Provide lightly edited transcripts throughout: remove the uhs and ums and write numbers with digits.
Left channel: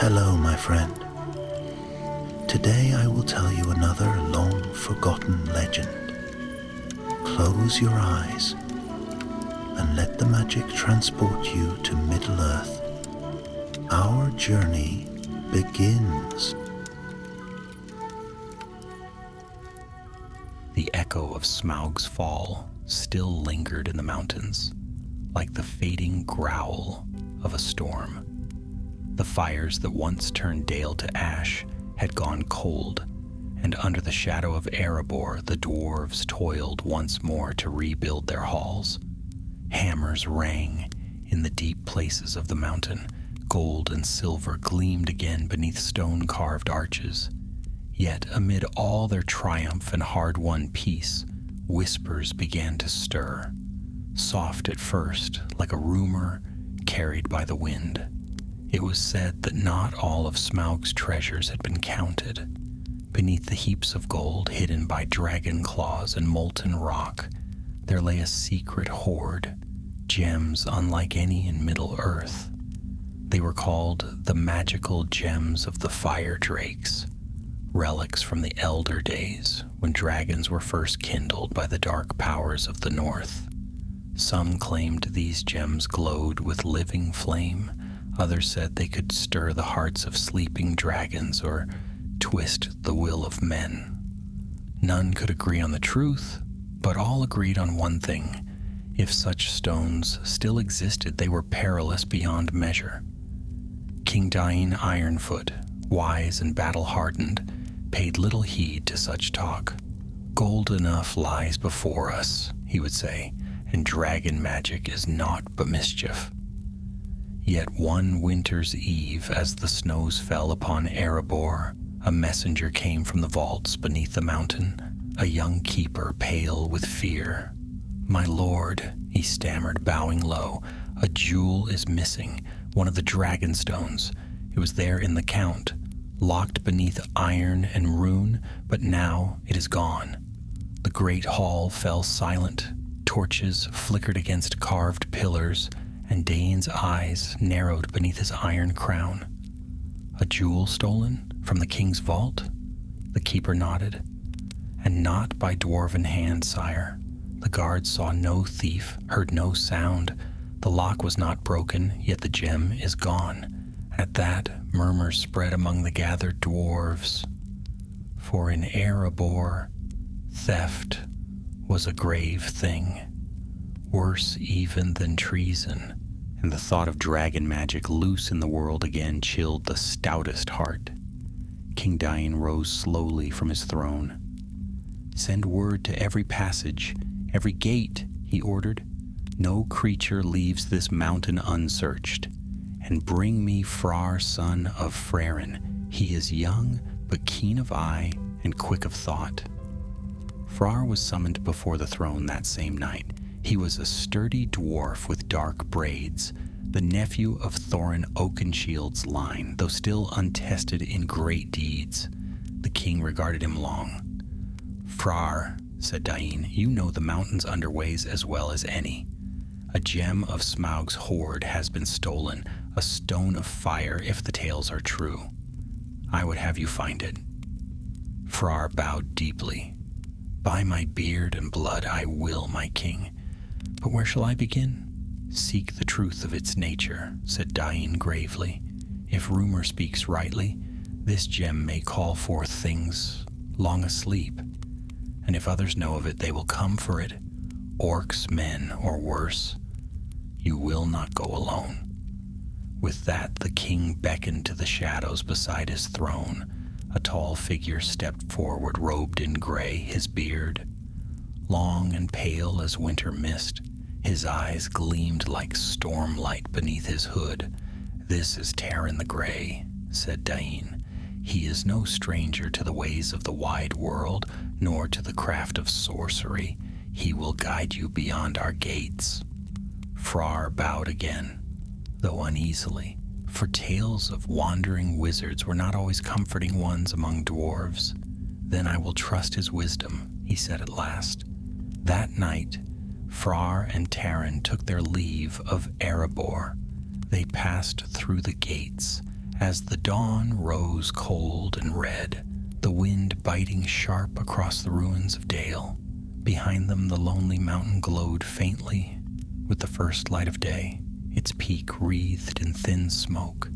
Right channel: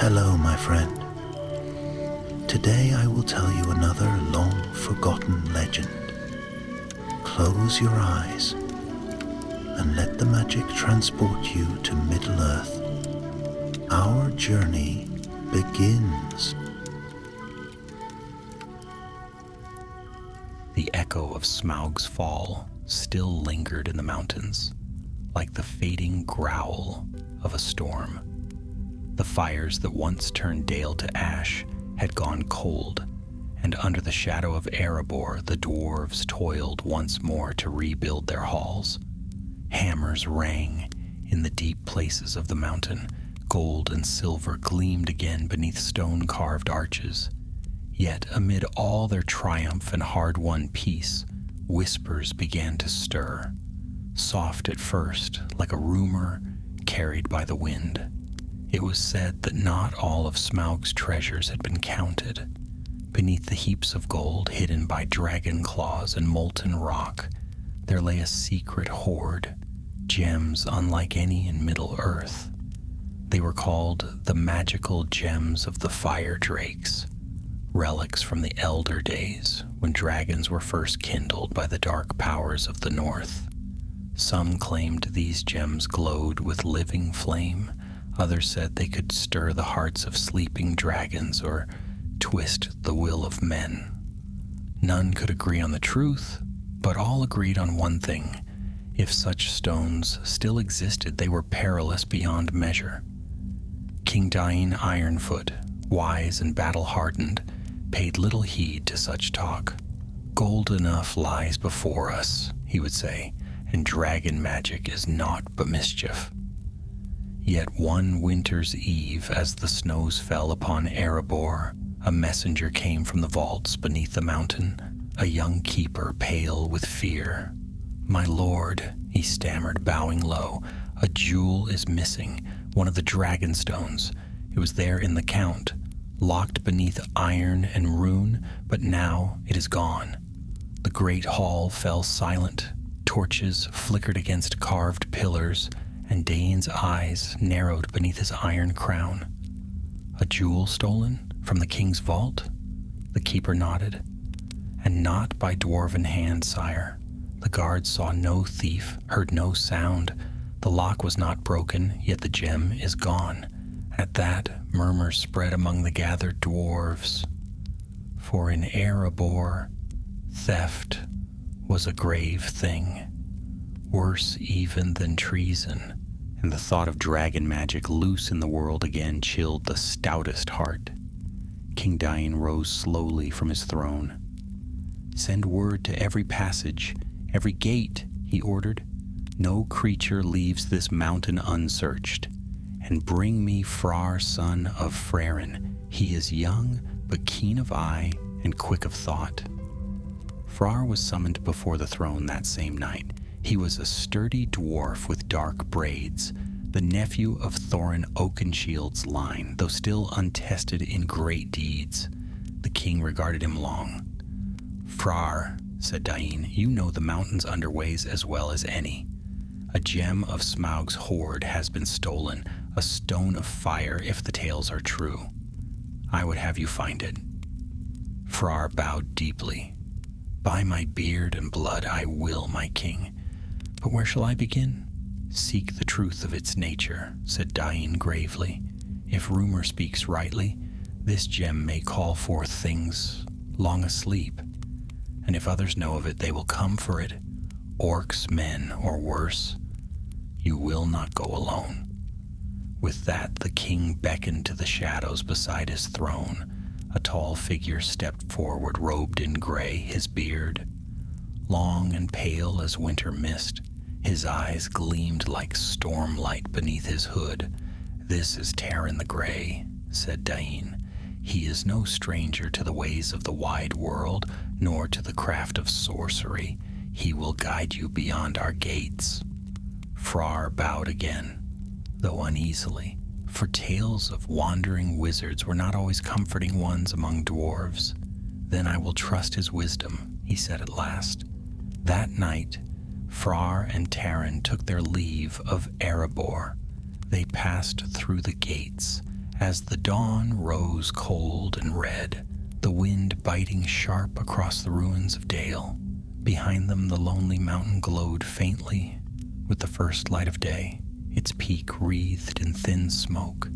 Hello, my friend. Today I will tell you another long-forgotten legend. Close your eyes and let the magic transport you to Middle-earth. Our journey begins. The echo of Smaug's fall still lingered in the mountains, like the fading growl of a storm. The fires that once turned Dale to ash had gone cold, and under the shadow of Erebor the dwarves toiled once more to rebuild their halls. Hammers rang in the deep places of the mountain. Gold and silver gleamed again beneath stone-carved arches. Yet amid all their triumph and hard-won peace, whispers began to stir, soft at first, like a rumor carried by the wind. It was said that not all of Smaug's treasures had been counted. Beneath the heaps of gold hidden by dragon claws and molten rock, there lay a secret hoard, gems unlike any in Middle-earth. They were called the magical gems of the fire drakes, relics from the elder days when dragons were first kindled by the dark powers of the north. Some claimed these gems glowed with living flame. Others said they could stir the hearts of sleeping dragons or twist the will of men. None could agree on the truth, but all agreed on one thing. If such stones still existed, they were perilous beyond measure. King Dain Ironfoot, wise and battle-hardened, paid little heed to such talk. "Gold enough lies before us," he would say, "and dragon magic is naught but mischief." Yet one winter's eve, as the snows fell upon Erebor, a messenger came from the vaults beneath the mountain, a young keeper pale with fear. "My lord," he stammered, bowing low, "a jewel is missing, one of the dragon stones. It was there in the count, locked beneath iron and rune, but now it is gone." The great hall fell silent. Torches flickered against carved pillars, and Dane's eyes narrowed beneath his iron crown. "A jewel stolen from the king's vault?" The keeper nodded. "And not by dwarven hand, sire. The guards saw no thief, heard no sound. The lock was not broken, yet the gem is gone." At that, murmurs spread among the gathered dwarves. For in Erebor, theft was a grave thing, worse even than treason, and the thought of dragon magic loose in the world again chilled the stoutest heart. King Dain rose slowly from his throne. "Send word to every passage, every gate," he ordered. "No creature leaves this mountain unsearched. And bring me Frar, son of Frerin. He is young, but keen of eye and quick of thought." Frar was summoned before the throne that same night. He was a sturdy dwarf with dark braids, the nephew of Thorin Oakenshield's line, though still untested in great deeds. The king regarded him long. "Frar," said Dain, "you know the mountain's underways as well as any. A gem of Smaug's hoard has been stolen, a stone of fire if the tales are true. I would have you find it." Frar bowed deeply. "By my beard and blood I will, my king. But where shall I begin?" "Seek the truth of its nature," said Dain gravely. "If rumor speaks rightly, this gem may call forth things long asleep. And if others know of it, they will come for it. Orcs, men, or worse. You will not go alone." With that, the king beckoned to the shadows beside his throne. A tall figure stepped forward, robed in gray, his beard long and pale as winter mist. His eyes gleamed like stormlight beneath his hood. "This is Taran the Grey," said Dain. "He is no stranger to the ways of the wide world, nor to the craft of sorcery. He will guide you beyond our gates." Frar bowed again, though uneasily, for tales of wandering wizards were not always comforting ones among dwarves. "Then I will trust his wisdom," he said at last. That night, Frar and Taran took their leave of Erebor. They passed through the gates, As the dawn rose cold and red, the wind biting sharp across the ruins of Dale, behind them the lonely mountain glowed faintly with the first light of day, its peak wreathed in thin smoke.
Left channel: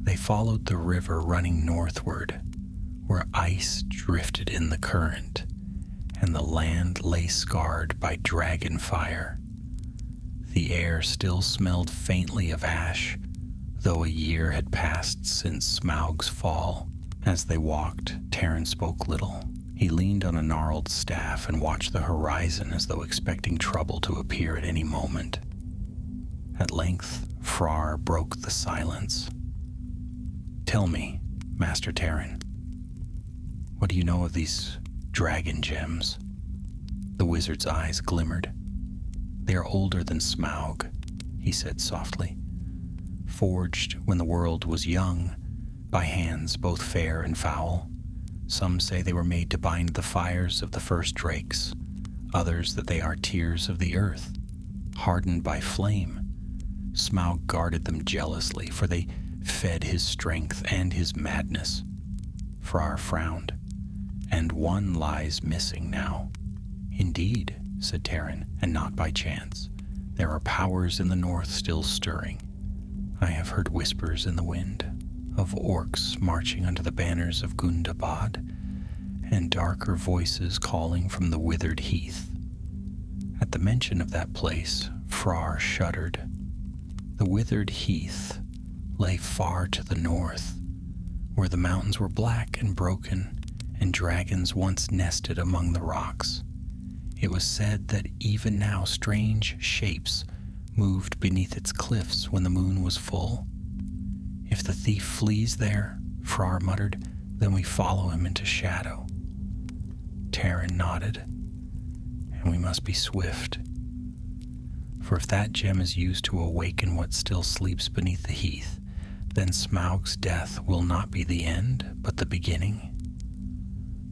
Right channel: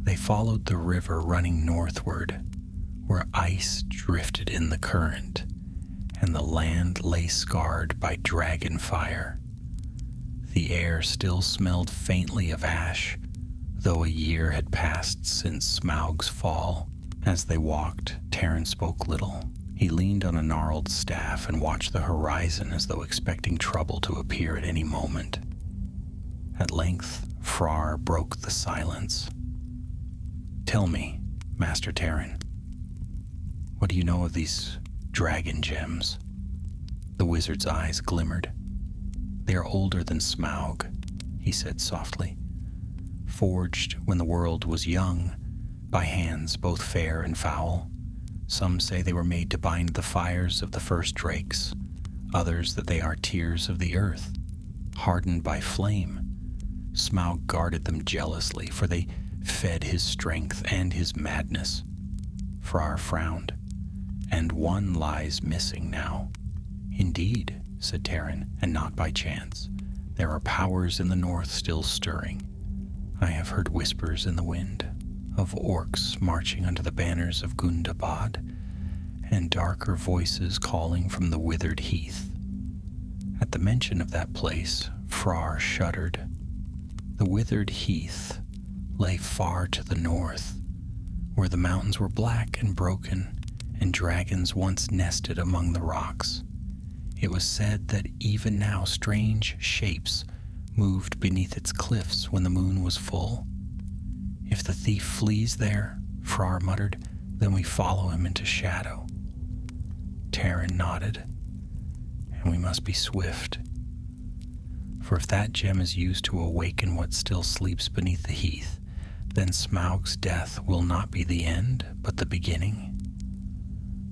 They followed the river running northward, where ice drifted in the current, and the land lay scarred by dragon fire. The air still smelled faintly of ash, though a year had passed since Smaug's fall. As they walked, Taran spoke little. He leaned on a gnarled staff and watched the horizon as though expecting trouble to appear at any moment. At length, Frar broke the silence. "Tell me, Master Taran, what do you know of these dragon gems?" The wizard's eyes glimmered. "They are older than Smaug," he said softly. "Forged when the world was young, by hands both fair and foul. Some say they were made to bind the fires of the first drakes, others that they are tears of the earth, hardened by flame. Smaug guarded them jealously, for they fed his strength and his madness." Frar frowned. "And one lies missing now." "Indeed," said Taran, "and not by chance. There are powers in the north still stirring. I have heard whispers in the wind of orcs marching under the banners of Gundabad, and darker voices calling from the withered heath." At the mention of that place, Frar shuddered. The withered heath lay far to the north, where the mountains were black and broken, and dragons once nested among the rocks. It was said that even now strange shapes moved beneath its cliffs when the moon was full. "If the thief flees there," Frar muttered, "then we follow him into shadow." Taran nodded. "And we must be swift. For if that gem is used to awaken what still sleeps beneath the heath, then Smaug's death will not be the end, but the beginning."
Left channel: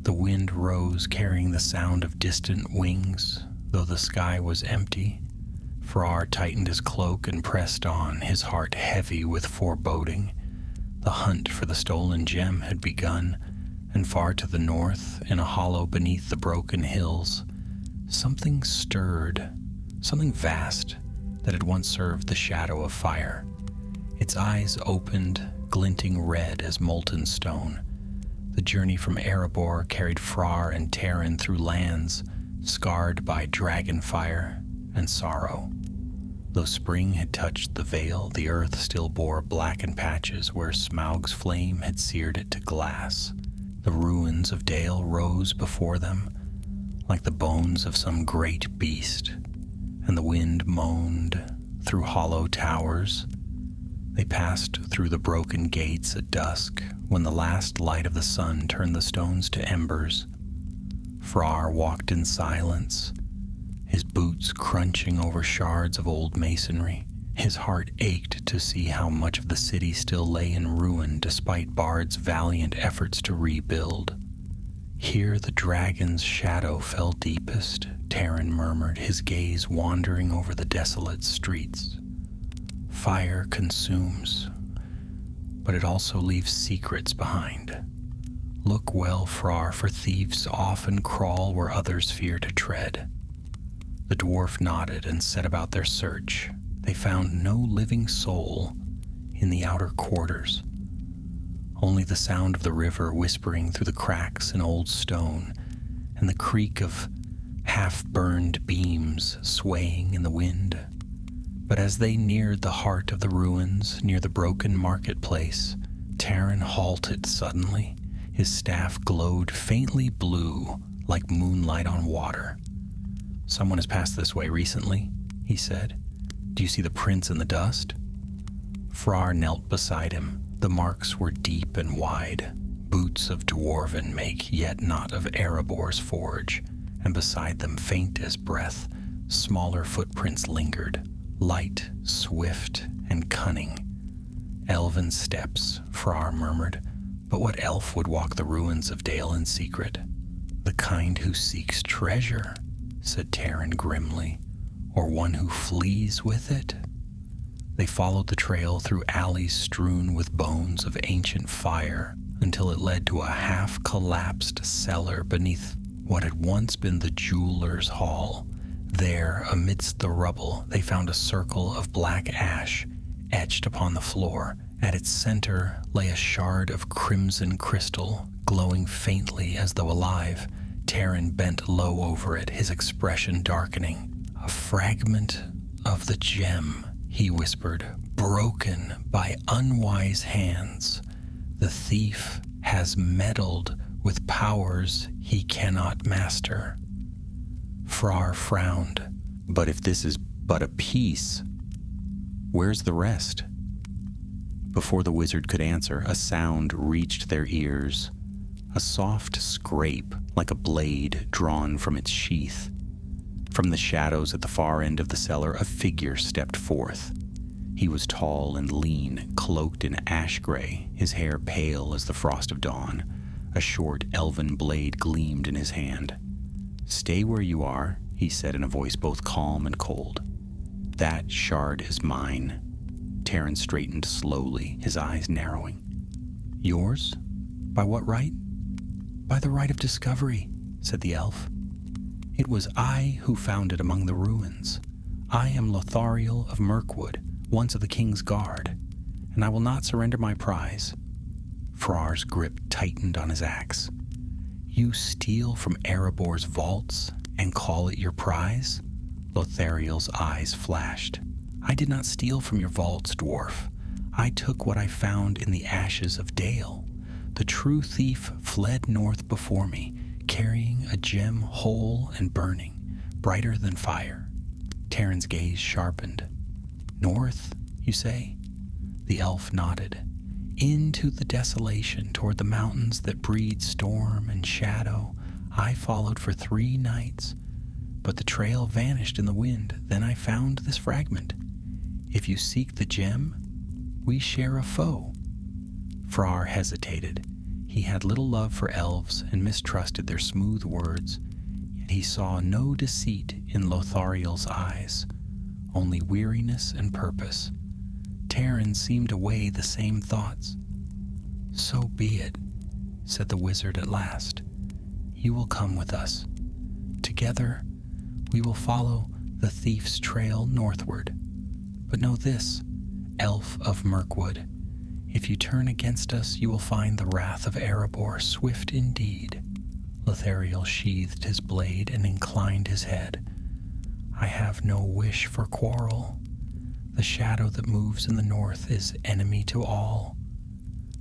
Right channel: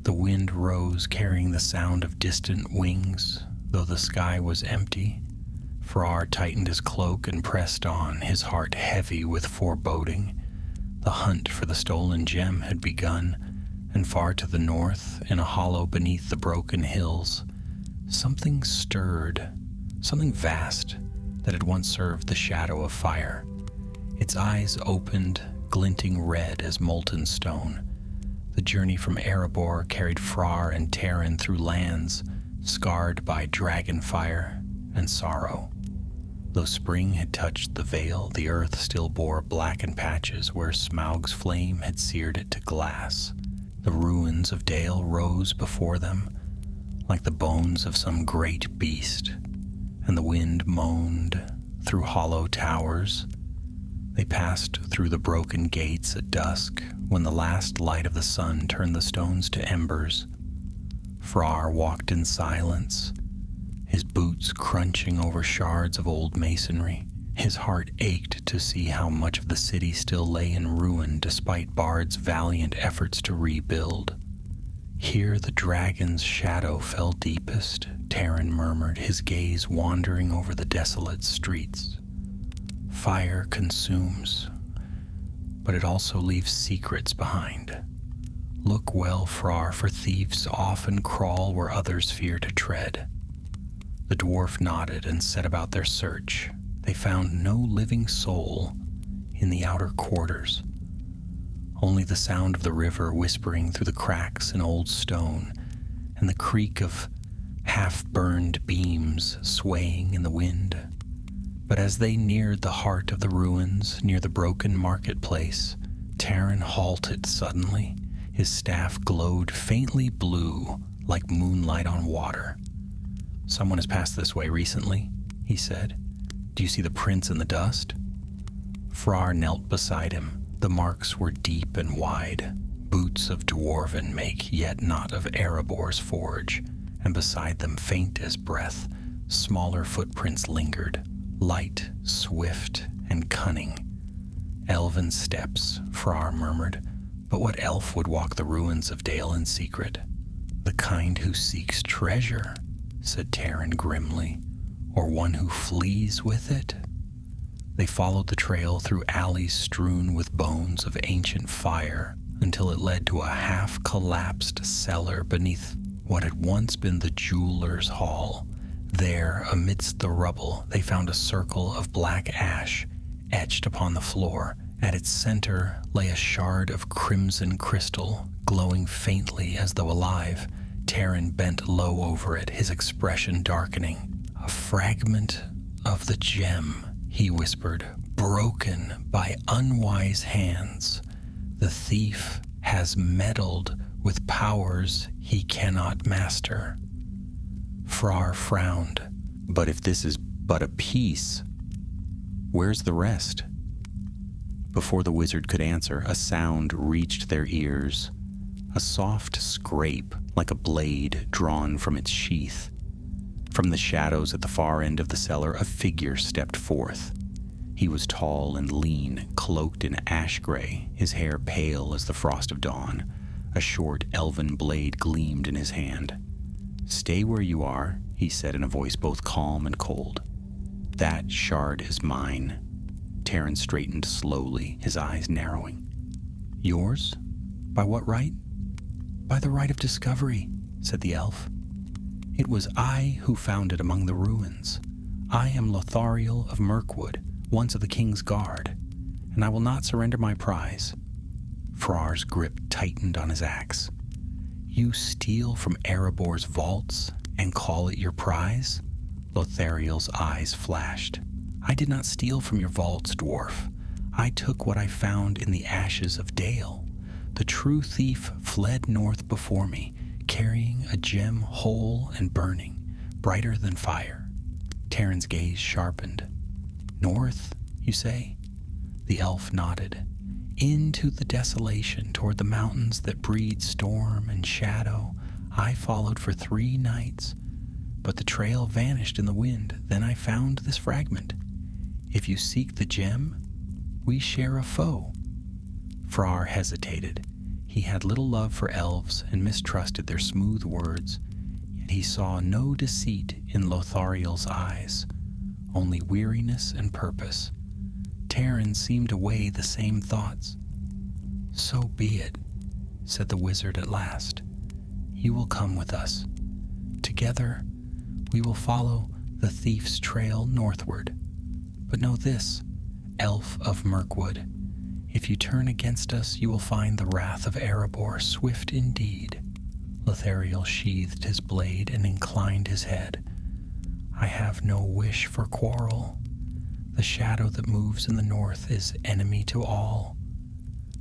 The wind rose, carrying the sound of distant wings, though the sky was empty. Frar tightened his cloak and pressed on, his heart heavy with foreboding. The hunt for the stolen gem had begun, and far to the north, in a hollow beneath the broken hills, something stirred, something vast that had once served the shadow of fire. Its eyes opened, glinting red as molten stone. The journey from Erebor carried Frar and Taran through lands scarred by dragon fire and sorrow. Though spring had touched the vale, the earth still bore blackened patches where Smaug's flame had seared it to glass. The ruins of Dale rose before them, like the bones of some great beast, and the wind moaned through hollow towers. They passed through the broken gates at dusk, when the last light of the sun turned the stones to embers. Frar walked in silence, his boots crunching over shards of old masonry. His heart ached to see how much of the city still lay in ruin despite Bard's valiant efforts to rebuild. "Here the dragon's shadow fell deepest," Taran murmured, his gaze wandering over the desolate streets. "Fire consumes, but it also leaves secrets behind. Look well, Frar, for thieves often crawl where others fear to tread." The dwarf nodded and set about their search. They found no living soul in the outer quarters, only the sound of the river whispering through the cracks in old stone, and the creak of half-burned beams swaying in the wind. But as they neared the heart of the ruins, near the broken marketplace, Taran halted suddenly. His staff glowed faintly blue, like moonlight on water. "Someone has passed this way recently," he said. "Do you see the prints in the dust?" Frar knelt beside him. The marks were deep and wide, boots of dwarven make, yet not of Erebor's forge, and beside them, faint as breath, smaller footprints lingered, light, swift, and cunning. "Elven steps," Frar murmured. "But what elf would walk the ruins of Dale in secret?" "The kind who seeks treasure," said Taran grimly. "Or one who flees with it?" They followed the trail through alleys strewn with bones of ancient fire until it led to a half-collapsed cellar beneath what had once been the jeweler's hall. There, amidst the rubble, they found a circle of black ash etched upon the floor. At its center lay a shard of crimson crystal, glowing faintly as though alive. Taran bent low over it, his expression darkening. "A fragment of the gem," he whispered, "broken by unwise hands. The thief has meddled with powers he cannot master." Frar frowned. "But if this is but a piece, where's the rest?" Before the wizard could answer, a sound reached their ears. A soft scrape, like a blade drawn from its sheath. From the shadows at the far end of the cellar, a figure stepped forth. He was tall and lean, cloaked in ash gray, his hair pale as the frost of dawn. A short elven blade gleamed in his hand. "Stay where you are," he said in a voice both calm and cold. "That shard is mine." Taran straightened slowly, his eyes narrowing. "Yours? By what right?" "By the right of discovery," said the elf. "It was I who found it among the ruins. I am Lothariel of Mirkwood, once of the King's Guard, and I will not surrender my prize." Frar's grip tightened on his axe. "You steal from Erebor's vaults and call it your prize?" Lothariel's eyes flashed. "I did not steal from your vaults, dwarf. I took what I found in the ashes of Dale. The true thief fled north before me, carrying a gem whole and burning, brighter than fire." Taran's gaze sharpened. "North, you say?" The elf nodded. "Into the desolation, toward the mountains that breed storm and shadow. I followed for 3 nights, but the trail vanished in the wind. Then I found this fragment. If you seek the gem, we share a foe." Frar hesitated. He had little love for elves and mistrusted their smooth words, yet he saw no deceit in Lothariel's eyes, only weariness and purpose. Taran seemed to weigh the same thoughts. "So be it," said the wizard at last. "You will come with us. Together, we will follow the thief's trail northward. But know this, elf of Mirkwood, if you turn against us, you will find the wrath of Erebor swift indeed." Lothariel sheathed his blade and inclined his head. "I have no wish for quarrel. The shadow that moves in the north is enemy to all."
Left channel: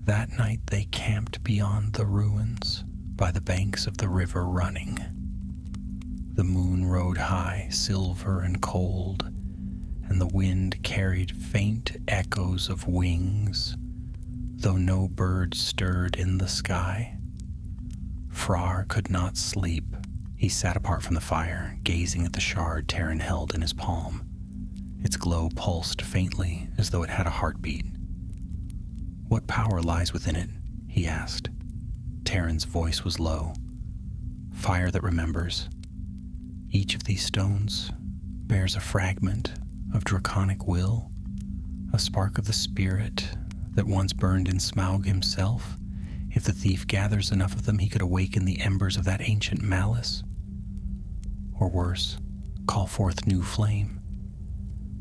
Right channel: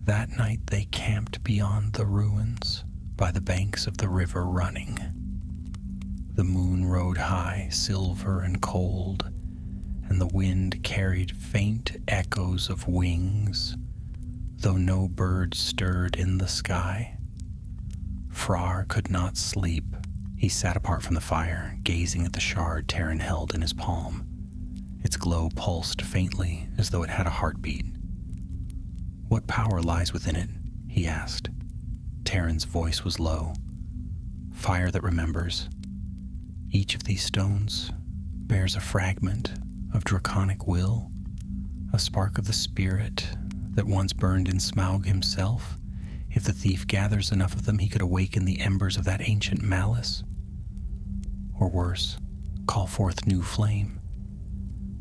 That night they camped beyond the ruins, by the banks of the river running. The moon rode high, silver and cold, and the wind carried faint echoes of wings, though no bird stirred in the sky. Frar could not sleep. He sat apart from the fire, gazing at the shard Taran held in his palm. Its glow pulsed faintly, as though it had a heartbeat. "What power lies within it?" he asked. Taran's voice was low. "Fire that remembers. Each of these stones bears a fragment of draconic will, a spark of the spirit that once burned in Smaug himself. If the thief gathers enough of them, he could awaken the embers of that ancient malice. Or worse, call forth new flame."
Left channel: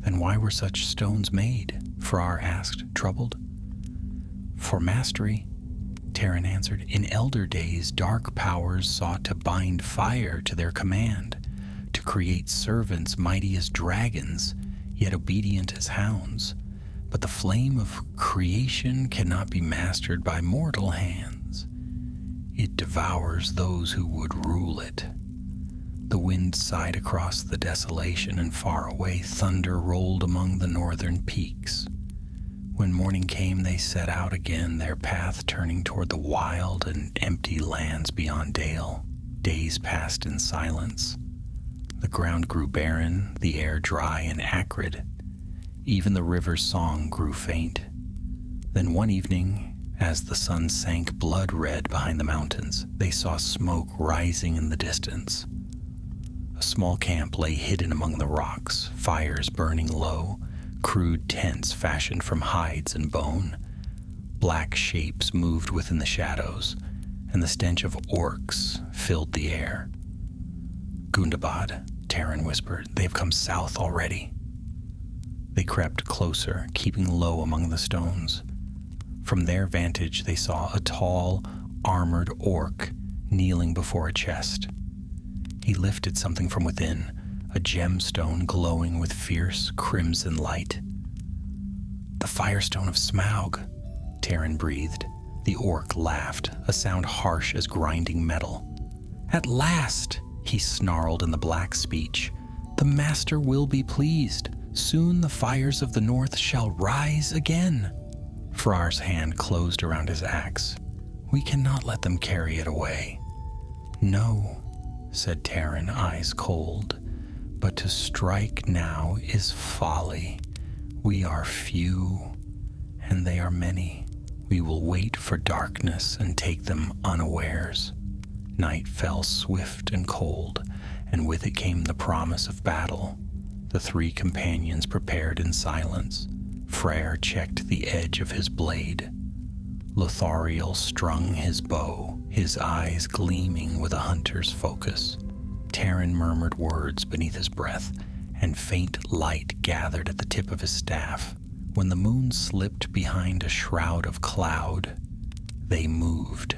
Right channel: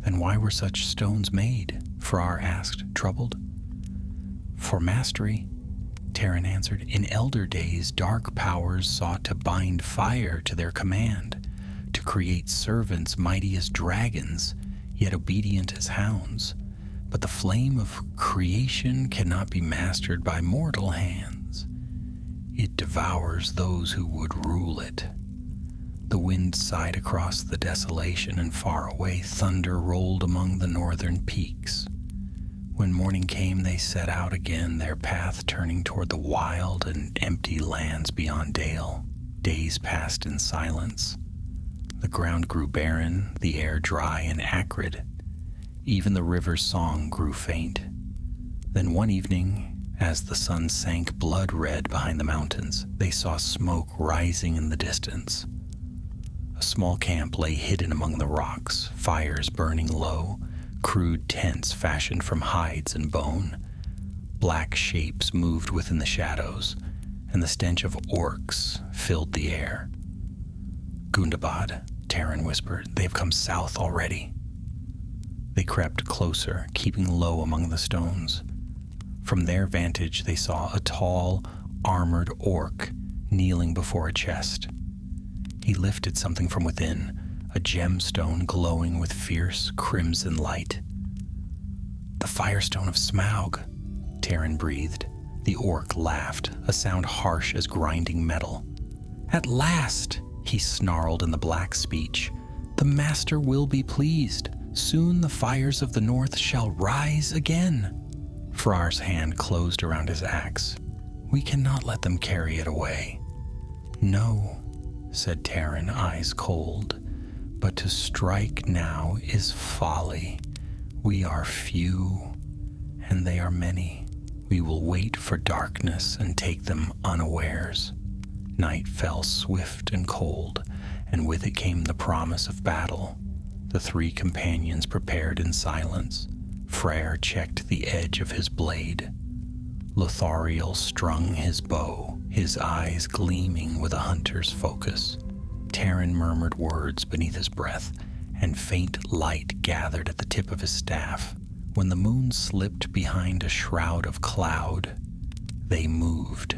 "Then why were such stones made?" Frar asked, troubled. "For mastery," Taran answered. "In elder days, dark powers sought to bind fire to their command, to create servants mighty as dragons, yet obedient as hounds. But the flame of creation cannot be mastered by mortal hands. It devours those who would rule it." The wind sighed across the desolation, and far away thunder rolled among the northern peaks. When morning came, they set out again, their path turning toward the wild and empty lands beyond Dale. Days passed in silence. The ground grew barren, the air dry and acrid. Even the river's song grew faint. Then one evening, as the sun sank blood-red behind the mountains, they saw smoke rising in the distance. A small camp lay hidden among the rocks, fires burning low, crude tents fashioned from hides and bone. Black shapes moved within the shadows, and the stench of orcs filled the air. "Gundabad," Taran whispered. "They've come south already." They crept closer, keeping low among the stones. From their vantage, they saw a tall, armored orc kneeling before a chest. He lifted something from within, a gemstone glowing with fierce crimson light. "The Firestone of Smaug," Taran breathed. The orc laughed, a sound harsh as grinding metal. "At last," he snarled in the black speech, "the master will be pleased. Soon the fires of the north shall rise again." Frar's hand closed around his axe. "We cannot let them carry it away." "No," said Taran, eyes cold, "but to strike now is folly. We are few, and they are many. We will wait for darkness and take them unawares." Night fell swift and cold, and with it came the promise of battle. The three companions prepared in silence. Freyr checked the edge of his blade. Lothariel strung his bow, his eyes gleaming with a hunter's focus. Taran murmured words beneath his breath, and faint light gathered at the tip of his staff. When the moon slipped behind a shroud of cloud, they moved.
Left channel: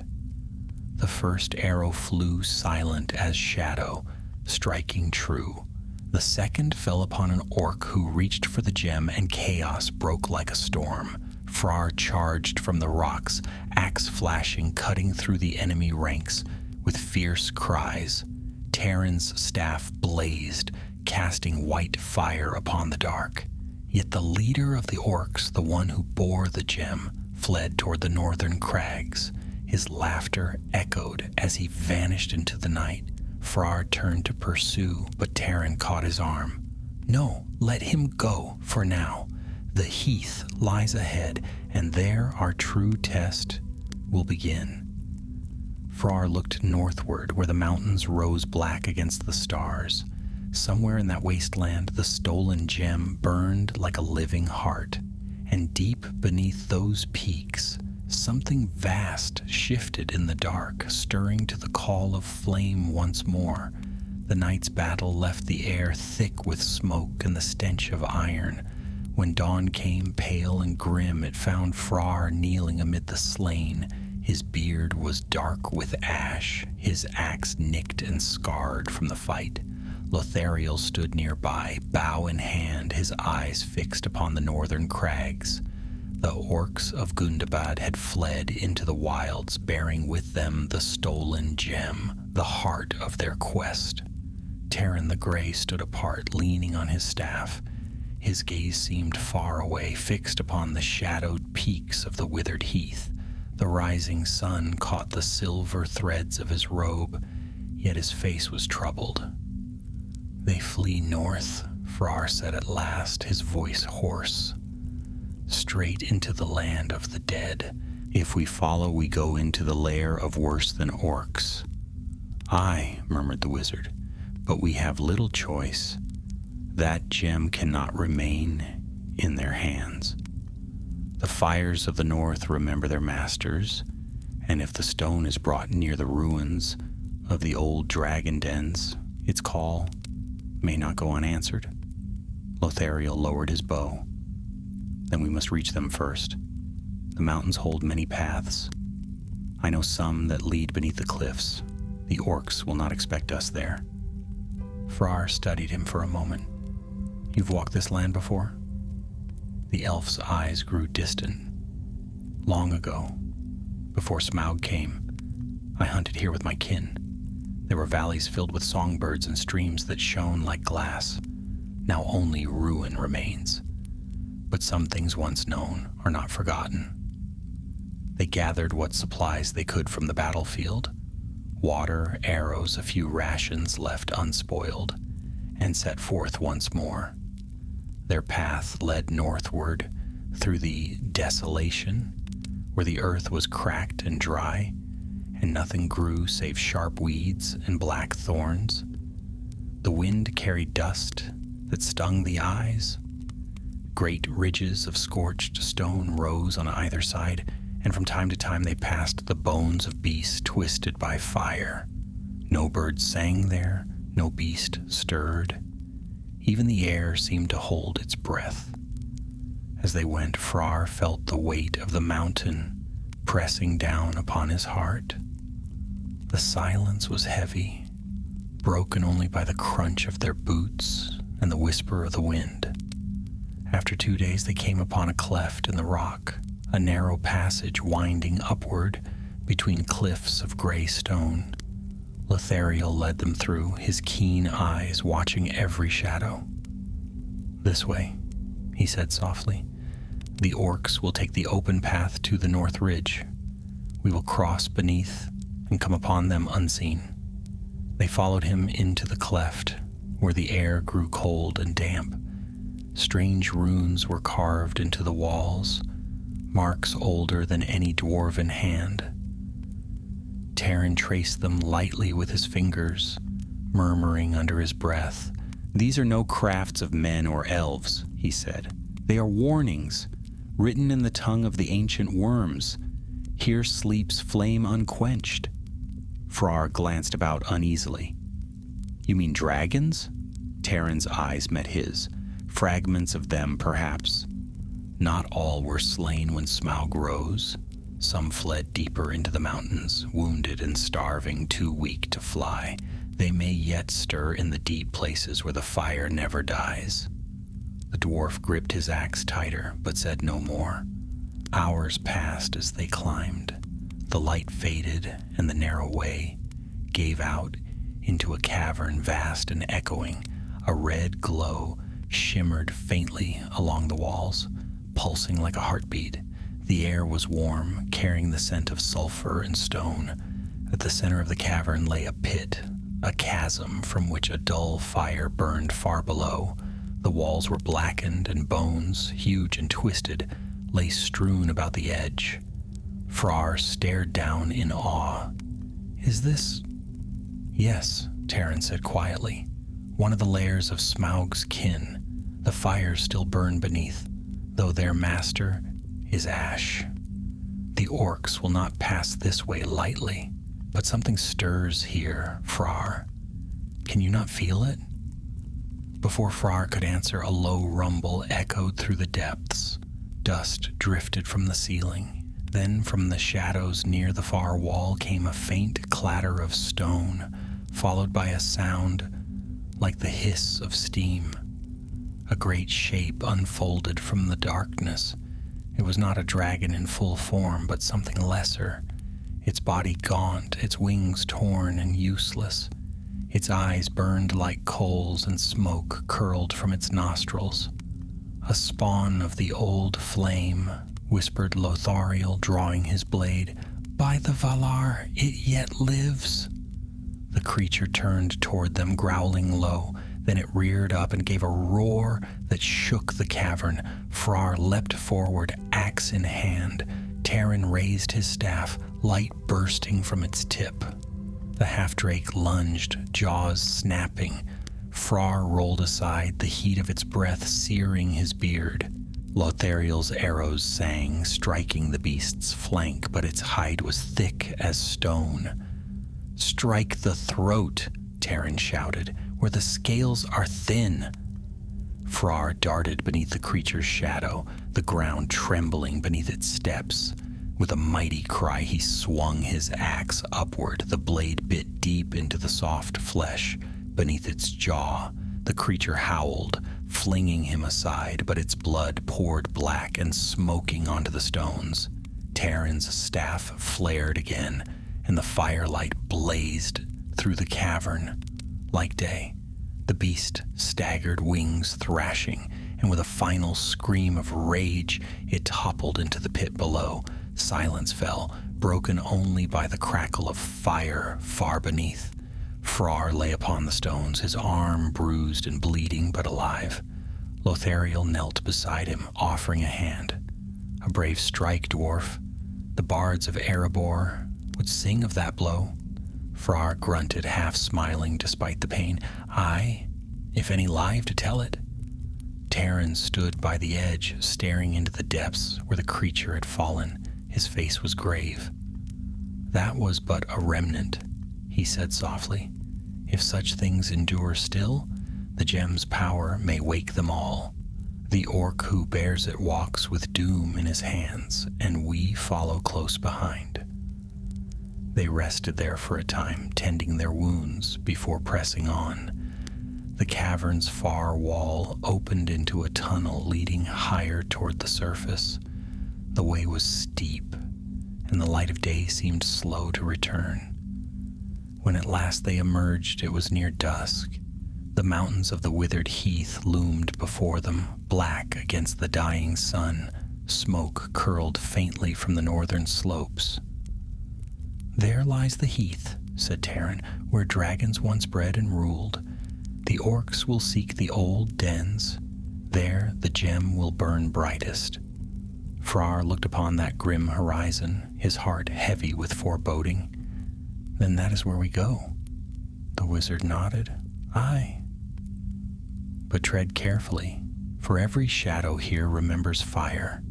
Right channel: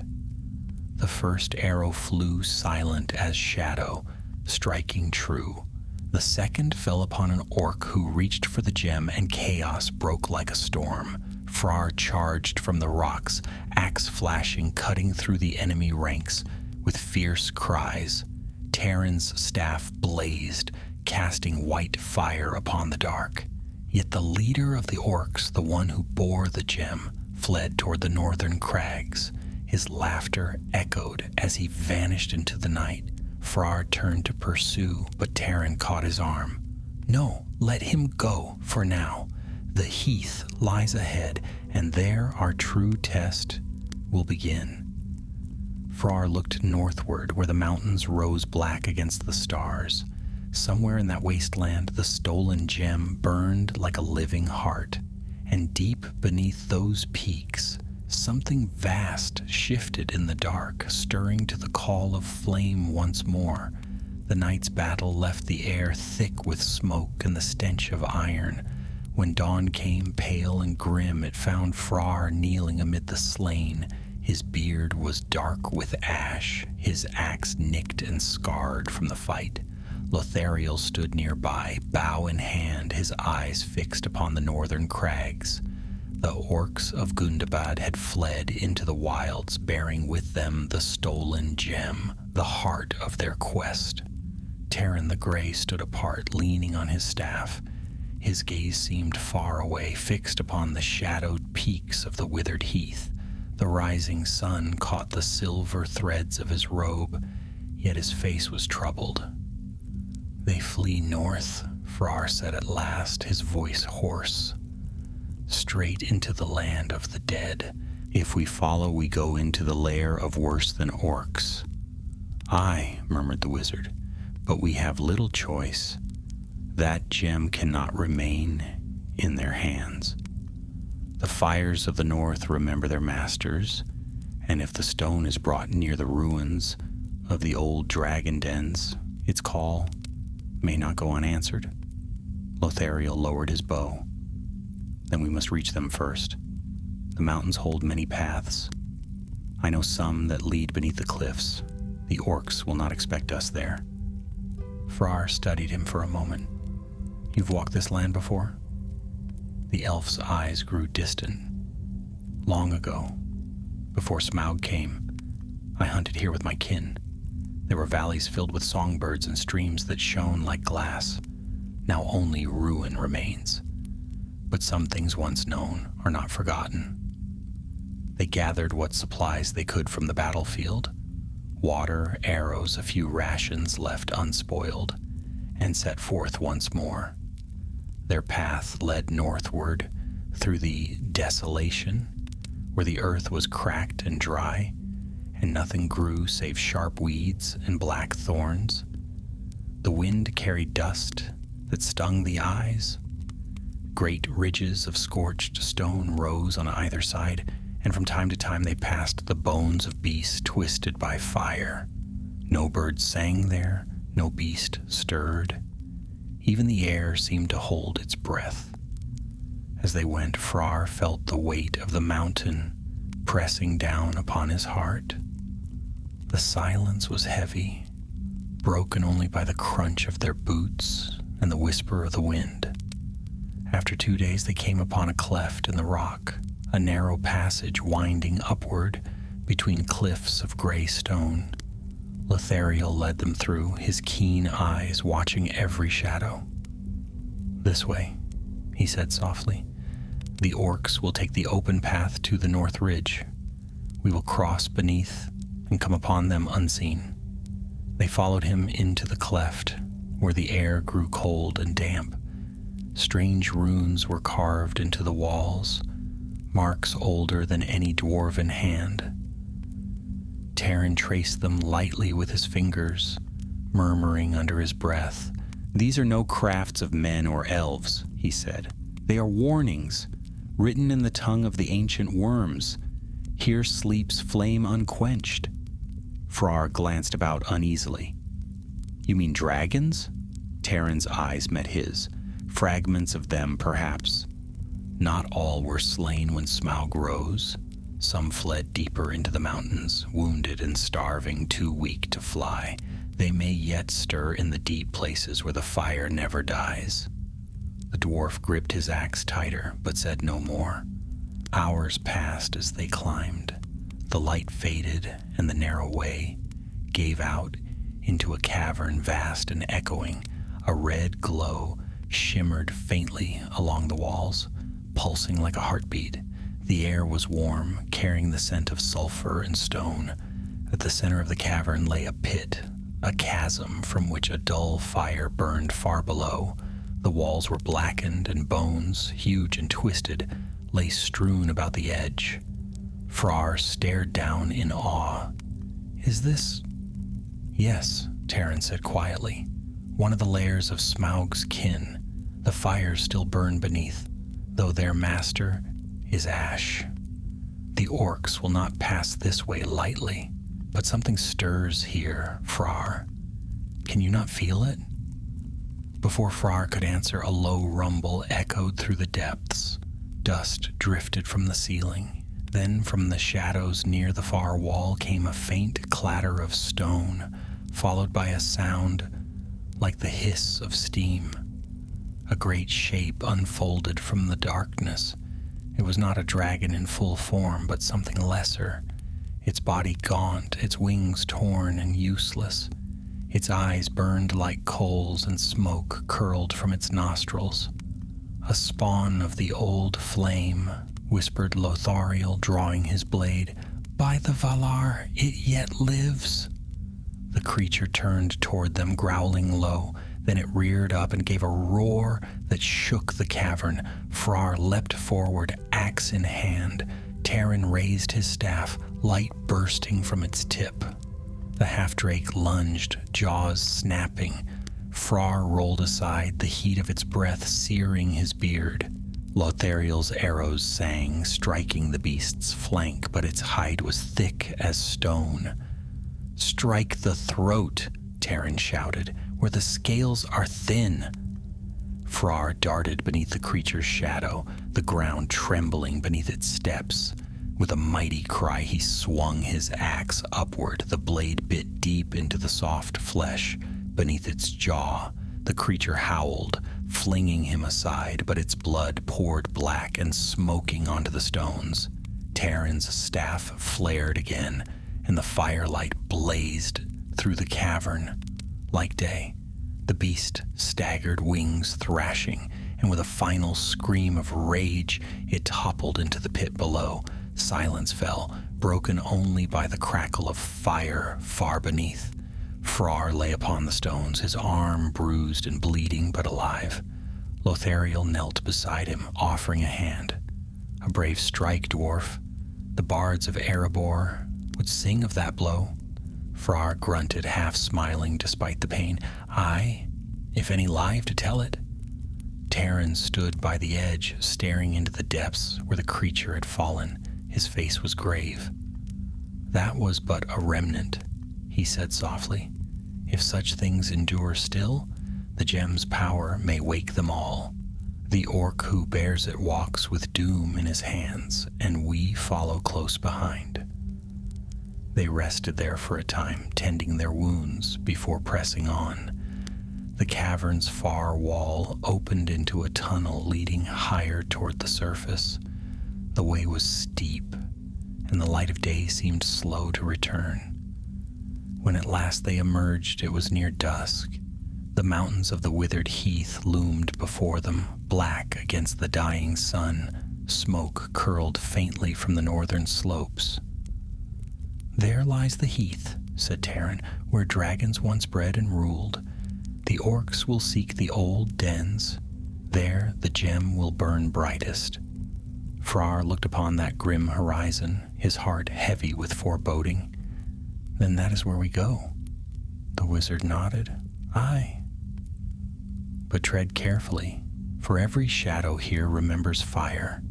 The first arrow flew silent as shadow, striking true. The second fell upon an orc who reached for the gem, and chaos broke like a storm. Frar charged from the rocks, axe flashing, cutting through the enemy ranks with fierce cries. Taran's staff blazed, casting white fire upon the dark. Yet the leader of the orcs, the one who bore the gem, fled toward the northern crags. His laughter echoed as he vanished into the night. Frar turned to pursue, but Taran caught his arm. "No, let him go for now. The heath lies ahead, and there our true test will begin." Frar looked northward, where the mountains rose black against the stars. Somewhere in that wasteland, the stolen gem burned like a living heart. And deep beneath those peaks, something vast shifted in the dark, stirring to the call of flame once more. The night's battle left the air thick with smoke and the stench of iron. When dawn came, pale and grim, it found Frar kneeling amid the slain. His beard was dark with ash, his axe nicked and scarred from the fight. Lothariel stood nearby, bow in hand, his eyes fixed upon the northern crags. The orcs of Gundabad had fled into the wilds, bearing with them the stolen gem, the heart of their quest. Taran the Grey stood apart, leaning on his staff. His gaze seemed far away, fixed upon the shadowed peaks of the withered heath. The rising sun caught the silver threads of his robe, yet his face was troubled. "They flee north," Frar said at last, his voice hoarse. "Straight into the land of the dead. If we follow, we go into the lair of worse than orcs." "Aye," murmured the wizard, "but we have little choice. That gem cannot remain in their hands. The fires of the north remember their masters, and if the stone is brought near the ruins of the old dragon dens, its call may not go unanswered." Lothariel lowered his bow. "Then we must reach them first. The mountains hold many paths. I know some that lead beneath the cliffs. The orcs will not expect us there." Frar studied him for a moment. "You've walked this land before?" The elf's eyes grew distant. "Long ago, before Smaug came, I hunted here with my kin. There were valleys filled with songbirds and streams that shone like glass. Now only ruin remains. But some things once known are not forgotten." They gathered what supplies they could from the battlefield, water, arrows, a few rations left unspoiled, and set forth once more. Their path led northward through the desolation, where the earth was cracked and dry, and nothing grew save sharp weeds and black thorns. The wind carried dust that stung the eyes. Great ridges of scorched stone rose on either side, and from time to time they passed the bones of beasts twisted by fire. No bird sang there, no beast stirred. Even the air seemed to hold its breath. As they went, Frar felt the weight of the mountain pressing down upon his heart. The silence was heavy, broken only by the crunch of their boots and the whisper of the wind. After 2 days, they came upon a cleft in the rock, a narrow passage winding upward between cliffs of gray stone. Lothariel led them through, his keen eyes watching every shadow. "This way," he said softly. "The orcs will take the open path to the north ridge. We will cross beneath and come upon them unseen." They followed him into the cleft, where the air grew cold and damp. Strange runes were carved into the walls, marks older than any dwarven hand. Taran traced them lightly with his fingers, murmuring under his breath. "These are no crafts of men or elves," he said. "They are warnings, written in the tongue of the ancient worms. Here sleeps flame unquenched." Frar glanced about uneasily. "You mean dragons?" Taran's eyes met his. "Fragments of them, perhaps. Not all were slain when Smaug rose. Some fled deeper into the mountains, wounded and starving, too weak to fly. They may yet stir in the deep places where the fire never dies." The dwarf gripped his axe tighter, but said no more. Hours passed as they climbed. The light faded, and the narrow way gave out into a cavern vast and echoing. A red glow shimmered faintly along the walls, pulsing like a heartbeat. The air was warm, carrying the scent of sulfur and stone. At the center of the cavern lay a pit, a chasm from which a dull fire burned far below. The walls were blackened, and bones, huge and twisted, lay strewn about the edge. Frar stared down in awe. "Is this—" "Yes," Taran said quietly. "One of the lairs of Smaug's kin. The fires still burn beneath, though their master is ash. The orcs will not pass this way lightly, but something stirs here, Frar. Can you not feel it?" Before Frar could answer, a low rumble echoed through the depths. Dust drifted from the ceiling. Then from the shadows near the far wall came a faint clatter of stone, followed by a sound like the hiss of steam. A great shape unfolded from the darkness. It was not a dragon in full form, but something lesser, its body gaunt, its wings torn and useless. Its eyes burned like coals, and smoke curled from its nostrils. "A spawn of the old flame," whispered Lothariel, drawing his blade. "By the Valar, it yet lives." The creature turned toward them, growling low. Then it reared up and gave a roar that shook the cavern. Frar leapt forward, axe in hand. Taran raised his staff, light bursting from its tip. The half-drake lunged, jaws snapping. Frar rolled aside, the heat of its breath searing his beard. Lothariel's arrows sang, striking the beast's flank, but its hide was thick as stone. "Strike the throat," Taran shouted, "where the scales are thin." Frar darted beneath the creature's shadow, the ground trembling beneath its steps. With a mighty cry, he swung his axe upward. The blade bit deep into the soft flesh beneath its jaw. The creature howled, flinging him aside, but its blood poured black and smoking onto the stones. Taran's staff flared again, and the firelight blazed through the cavern like day. The beast staggered, wings thrashing, and with a final scream of rage, it toppled into the pit below. Silence fell, broken only by the crackle of fire far beneath. Frar lay upon the stones, his arm bruised and bleeding but alive. Lothariel knelt beside him, offering a hand. "A brave strike, dwarf. The bards of Erebor would sing of that blow." Frar grunted, half smiling despite the pain. "Aye, if any live to tell it." Terran stood by the edge, staring into the depths where the creature had fallen. His face was grave. "That was but a remnant," he said softly. "If such things endure still, the gem's power may wake them all. The orc who bears it walks with doom in his hands, and we follow close behind." They rested there for a time, tending their wounds before pressing on. The cavern's far wall opened into a tunnel leading higher toward the surface. The way was steep, and the light of day seemed slow to return. When at last they emerged, it was near dusk. The mountains of the withered heath loomed before them, black against the dying sun. Smoke curled faintly from the northern slopes. "There lies the heath," said Terran, "where dragons once bred and ruled. The orcs will seek the old dens. There the gem will burn brightest." Frar looked upon that grim horizon, his heart heavy with foreboding. "Then that is where we go." The wizard nodded. "Aye. But tread carefully, for every shadow here remembers fire,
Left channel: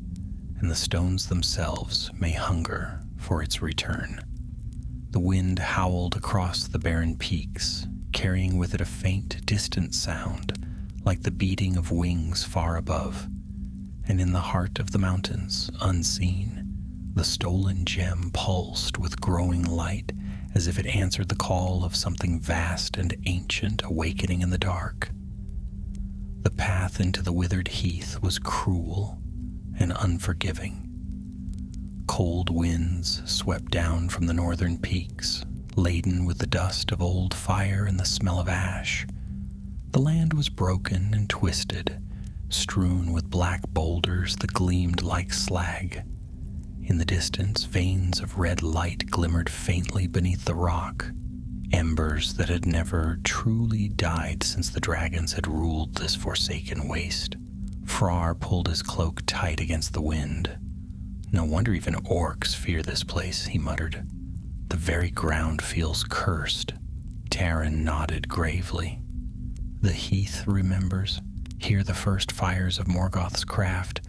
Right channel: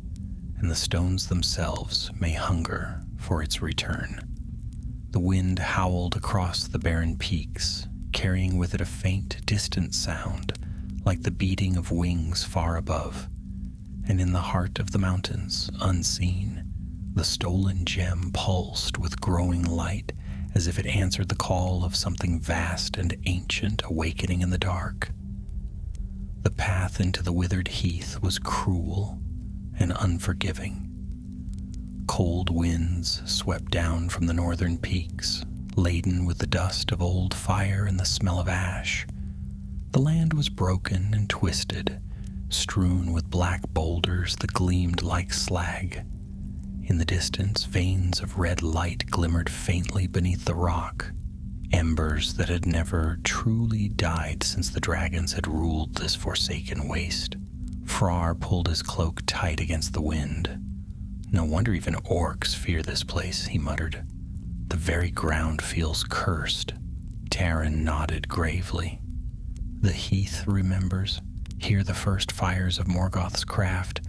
and the stones themselves may hunger for its return." The wind howled across the barren peaks, carrying with it a faint, distant sound, like the beating of wings far above. And in the heart of the mountains, unseen, the stolen gem pulsed with growing light, as if it answered the call of something vast and ancient awakening in the dark. The path into the withered heath was cruel and unforgiving. Cold winds swept down from the northern peaks, laden with the dust of old fire and the smell of ash. The land was broken and twisted, strewn with black boulders that gleamed like slag. In the distance, veins of red light glimmered faintly beneath the rock, embers that had never truly died since the dragons had ruled this forsaken waste. Frar pulled his cloak tight against the wind. "No wonder even orcs fear this place," he muttered. "The very ground feels cursed." Terran nodded gravely. "The heath remembers. Here the first fires of Morgoth's craft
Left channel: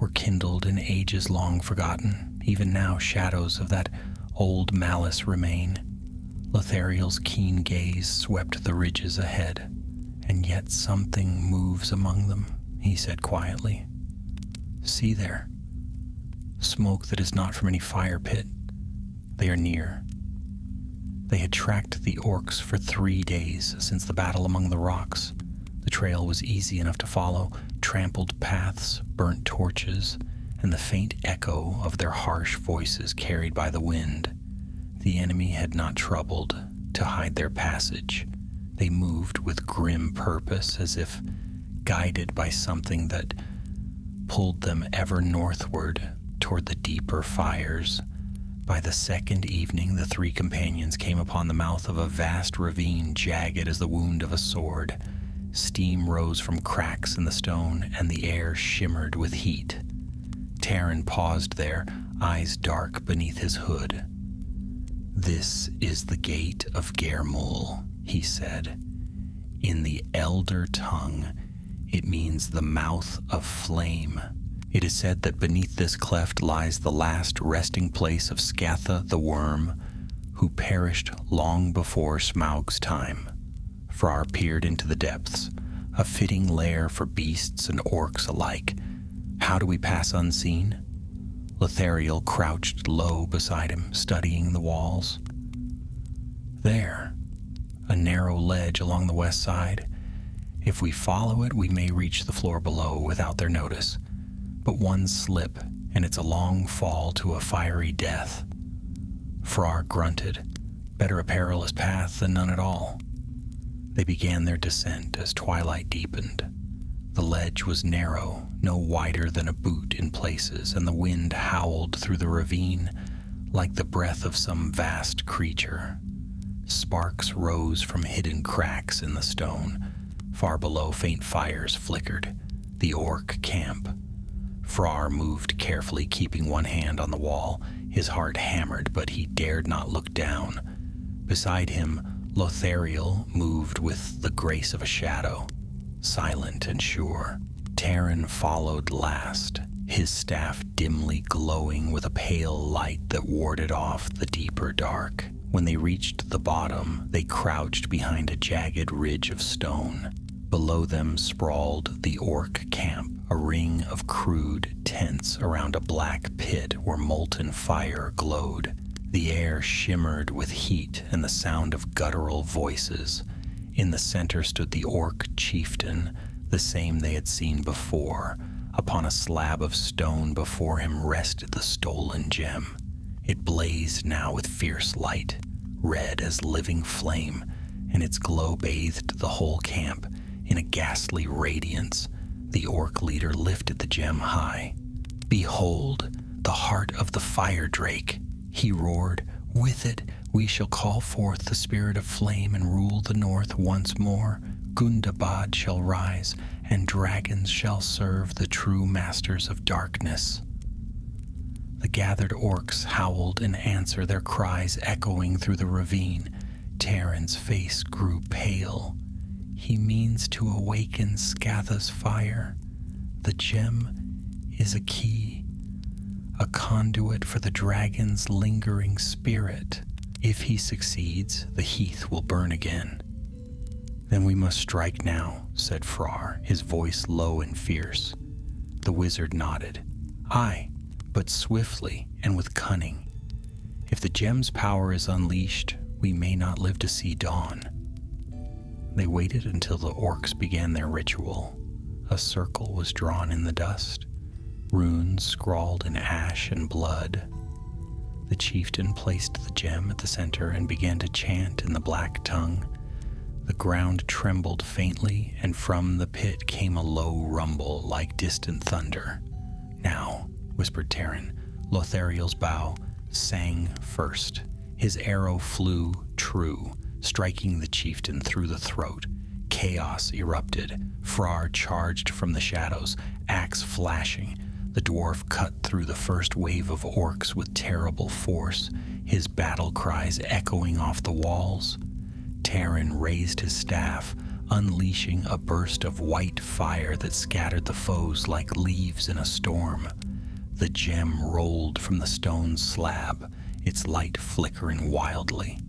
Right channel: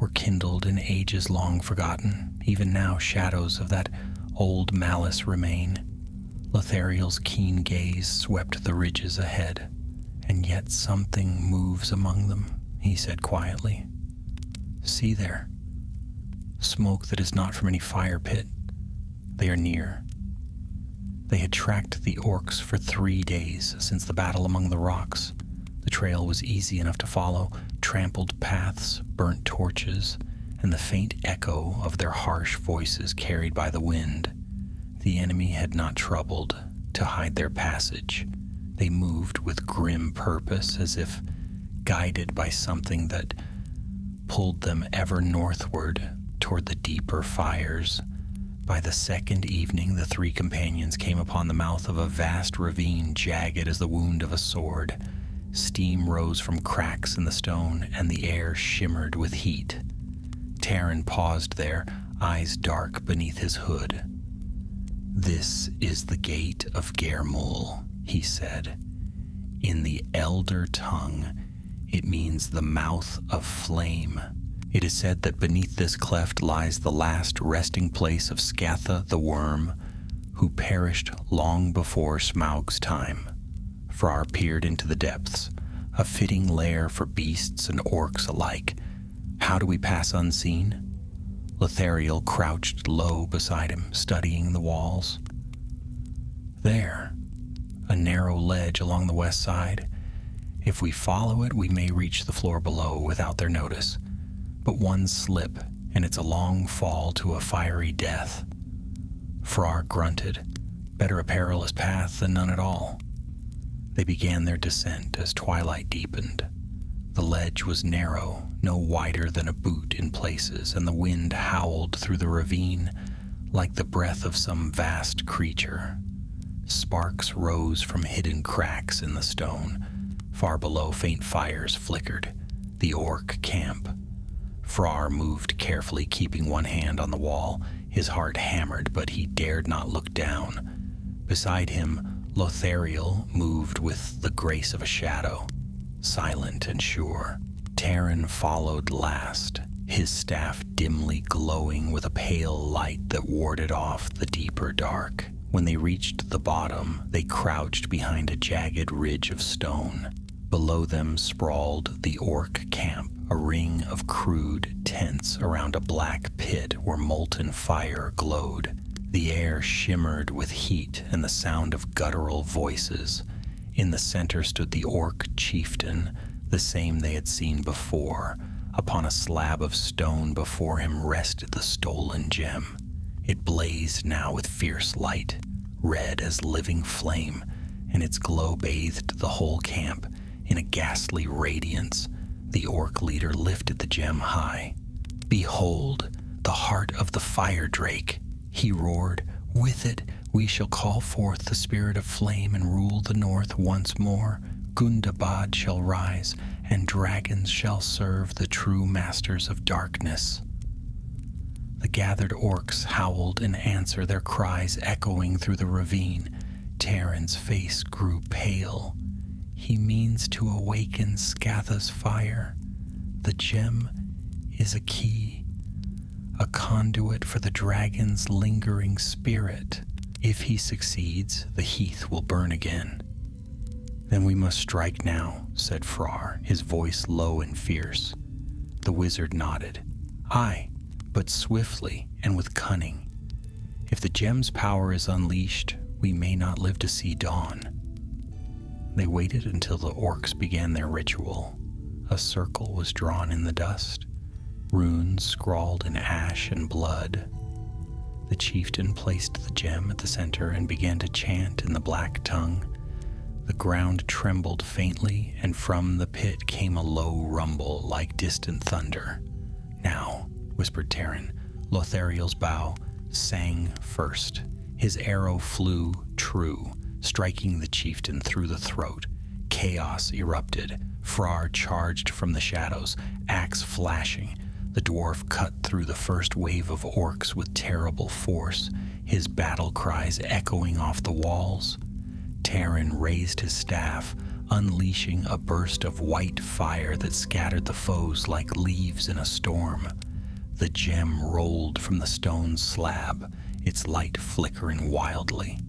were kindled in ages long forgotten. Even now shadows of that old malice remain." Lothariel's keen gaze swept the ridges ahead. "And yet something moves among them," he said quietly. "See there. Smoke that is not from any fire pit. They are near." They had tracked the orcs for 3 days since the battle among the rocks. The trail was easy enough to follow, trampled paths, burnt torches, and the faint echo of their harsh voices carried by the wind. The enemy had not troubled to hide their passage. They moved with grim purpose, as if guided by something that pulled them ever northward toward the deeper fires. By the second evening, the 3 companions came upon the mouth of a vast ravine, jagged as the wound of a sword. Steam rose from cracks in the stone, and the air shimmered with heat. Terran paused there, eyes dark beneath his hood. "This is the gate of Germul," he said. "In the Elder tongue, it means the mouth of flame. It is said that beneath this cleft lies the last resting place of Scatha the Worm, who perished long before Smaug's time." Frar peered into the depths, a fitting lair for beasts and orcs alike. "How do we pass unseen?" Lothariel crouched low beside him, studying the walls. "There, a narrow ledge along the west side. If we follow it, we may reach the floor below without their notice. But one slip, and it's a long fall to a fiery death." Frar grunted. Better a perilous path than none at all. They began their descent as twilight deepened. The ledge was narrow, no wider than a boot in places, and the wind howled through the ravine like the breath of some vast creature. Sparks rose from hidden cracks in the stone. Far below, faint fires flickered. The orc camp. Frar moved carefully, keeping one hand on the wall. His heart hammered, but he dared not look down. Beside him, Lothariel moved with the grace of a shadow, silent and sure. Terran followed last, his staff dimly glowing with a pale light that warded off the deeper dark. When they reached the bottom, they crouched behind a jagged ridge of stone. Below them sprawled the orc camp, a ring of crude tents around a black pit where molten fire glowed. The air shimmered with heat and the sound of guttural voices. In the center stood the orc chieftain, the same they had seen before. Upon a slab of stone before him rested the stolen gem. It blazed now with fierce light, red as living flame, and its glow bathed the whole camp in a ghastly radiance. The orc leader lifted the gem high. "Behold, the heart of the fire drake," he roared. "With it we shall call forth the spirit of flame and rule the north once more. Gundabad shall rise, and dragons shall serve the true masters of darkness." The gathered orcs howled in answer, their cries echoing through the ravine. Terran's face grew pale. "He means to awaken Scatha's fire. The gem is a key, a conduit for the dragon's lingering spirit. If he succeeds, the heath will burn again." "Then we must strike now," said Frar, his voice low and fierce. The wizard nodded. "Aye, but swiftly and with cunning. If the gem's power is unleashed, we may not live to see dawn." They waited until the orcs began their ritual. A circle was drawn in the dust, runes scrawled in ash and blood. The chieftain placed the gem at the center and began to chant in the black tongue. The ground trembled faintly, and from the pit came a low rumble like distant thunder. "Now," whispered Terran. Lothariel's bow sang first. His arrow flew true, striking the chieftain through the throat. Chaos erupted. Frar charged from the shadows, axe flashing. The dwarf cut through the first wave of orcs with terrible force, his battle cries echoing off the walls. Terran raised his staff, unleashing a burst of white fire that scattered the foes like leaves in a storm. The gem rolled from the stone slab, its light flickering wildly.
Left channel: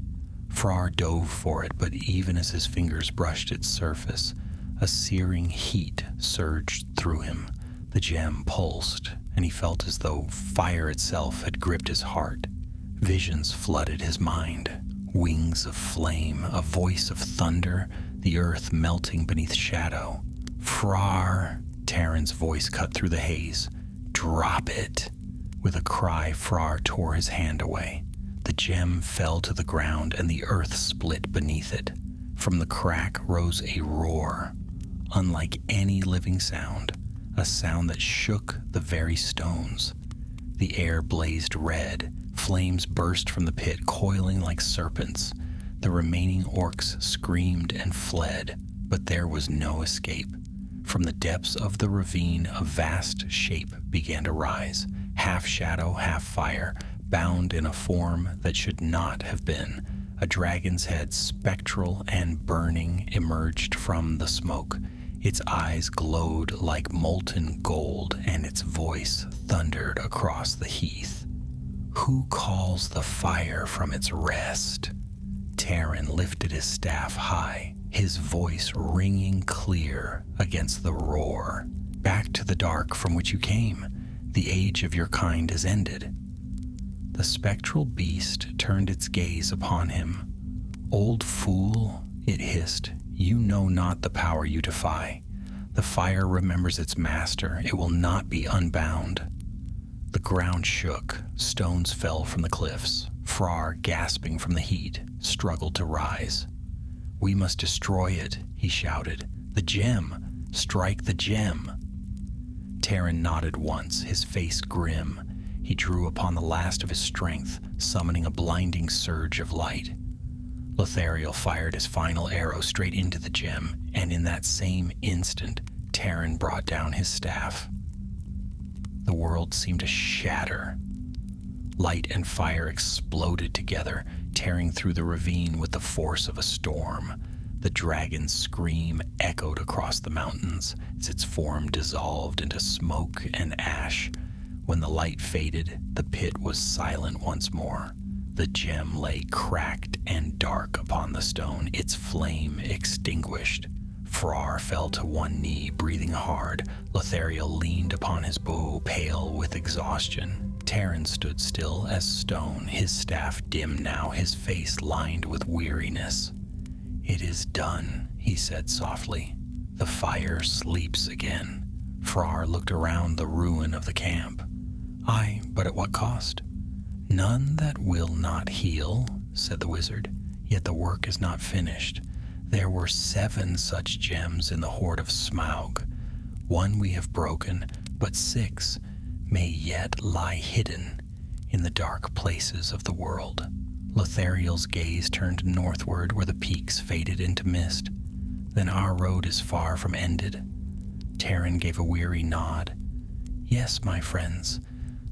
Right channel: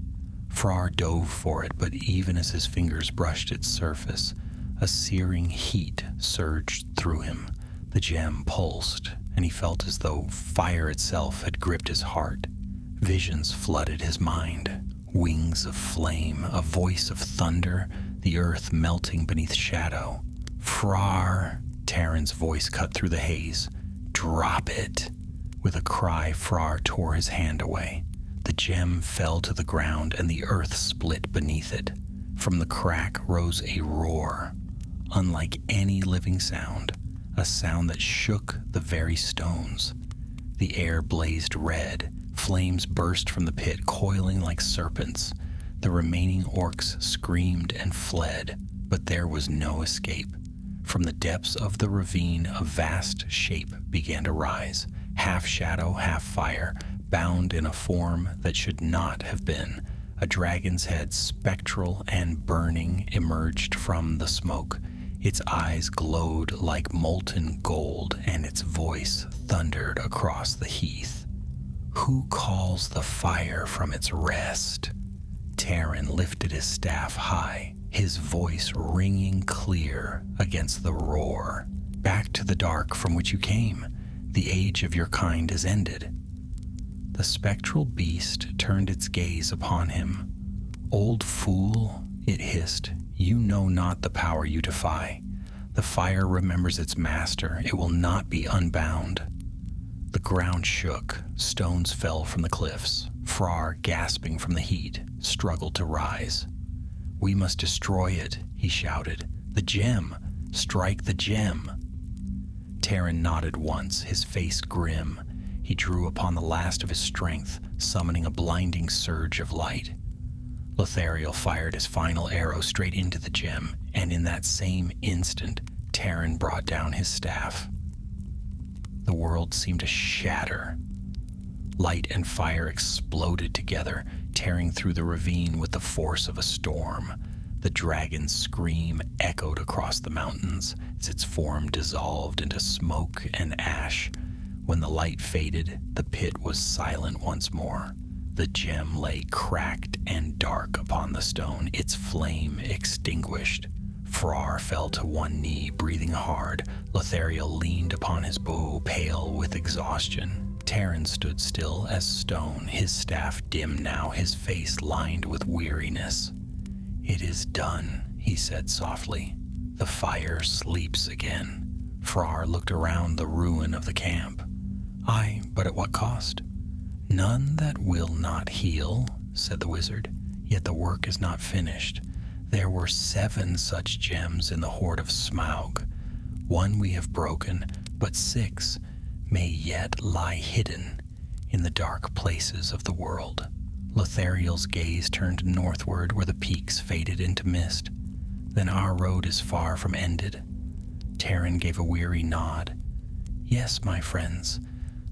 Frar dove for it, but even as his fingers brushed its surface, a searing heat surged through him. The gem pulsed, and he felt as though fire itself had gripped his heart. Visions flooded his mind. Wings of flame, a voice of thunder, the earth melting beneath shadow. "Frar!" Terran's voice cut through the haze. "Drop it!" With a cry, Frar tore his hand away. The gem fell to the ground, and the earth split beneath it. From the crack rose a roar, unlike any living sound, a sound that shook the very stones. The air blazed red. Flames burst from the pit, coiling like serpents. The remaining orcs screamed and fled, but there was no escape. From the depths of the ravine, a vast shape began to rise, half shadow, half fire, bound in a form that should not have been. A dragon's head, spectral and burning, emerged from the smoke. Its eyes glowed like molten gold, and its voice thundered across the heath. "Who calls the fire from its rest?" Terran lifted his staff high, his voice ringing clear against the roar. "Back to the dark from which you came. The age of your kind is ended." The spectral beast turned its gaze upon him. "Old fool," it hissed, "you know not the power you defy. The fire remembers its master. It will not be unbound." The ground shook. Stones fell from the cliffs. Frar, gasping from the heat, struggled to rise. "We must destroy it," he shouted. "The gem! Strike the gem!" Terran nodded once, his face grim. He drew upon the last of his strength, summoning a blinding surge of light. Lothariel fired his final arrow straight into the gem, and in that same instant, Terran brought down his staff. The world seemed to shatter. Light and fire exploded together, tearing through the ravine with the force of a storm. The dragon's scream echoed across the mountains as its form dissolved into smoke and ash. When the light faded, the pit was silent once more. The gem lay cracked and dark upon the stone, its flame extinguished. Frar fell to one knee, breathing hard. Lothariel leaned upon his bow, pale with exhaustion. Taran stood still as stone, his staff dim now, his face lined with weariness. "It is done," he said softly. "The fire sleeps again." Frar looked around the ruin of the camp. "Aye, but at what cost?" "None that will not heal," said the wizard. "Yet the work is not finished. There were 7 such gems in the hoard of Smaug. 1 we have broken, but 6 may yet lie hidden in the dark places of the world." Lothariel's gaze turned northward where the peaks faded into mist. "Then our road is far from ended." Taran gave a weary nod. "Yes, my friends,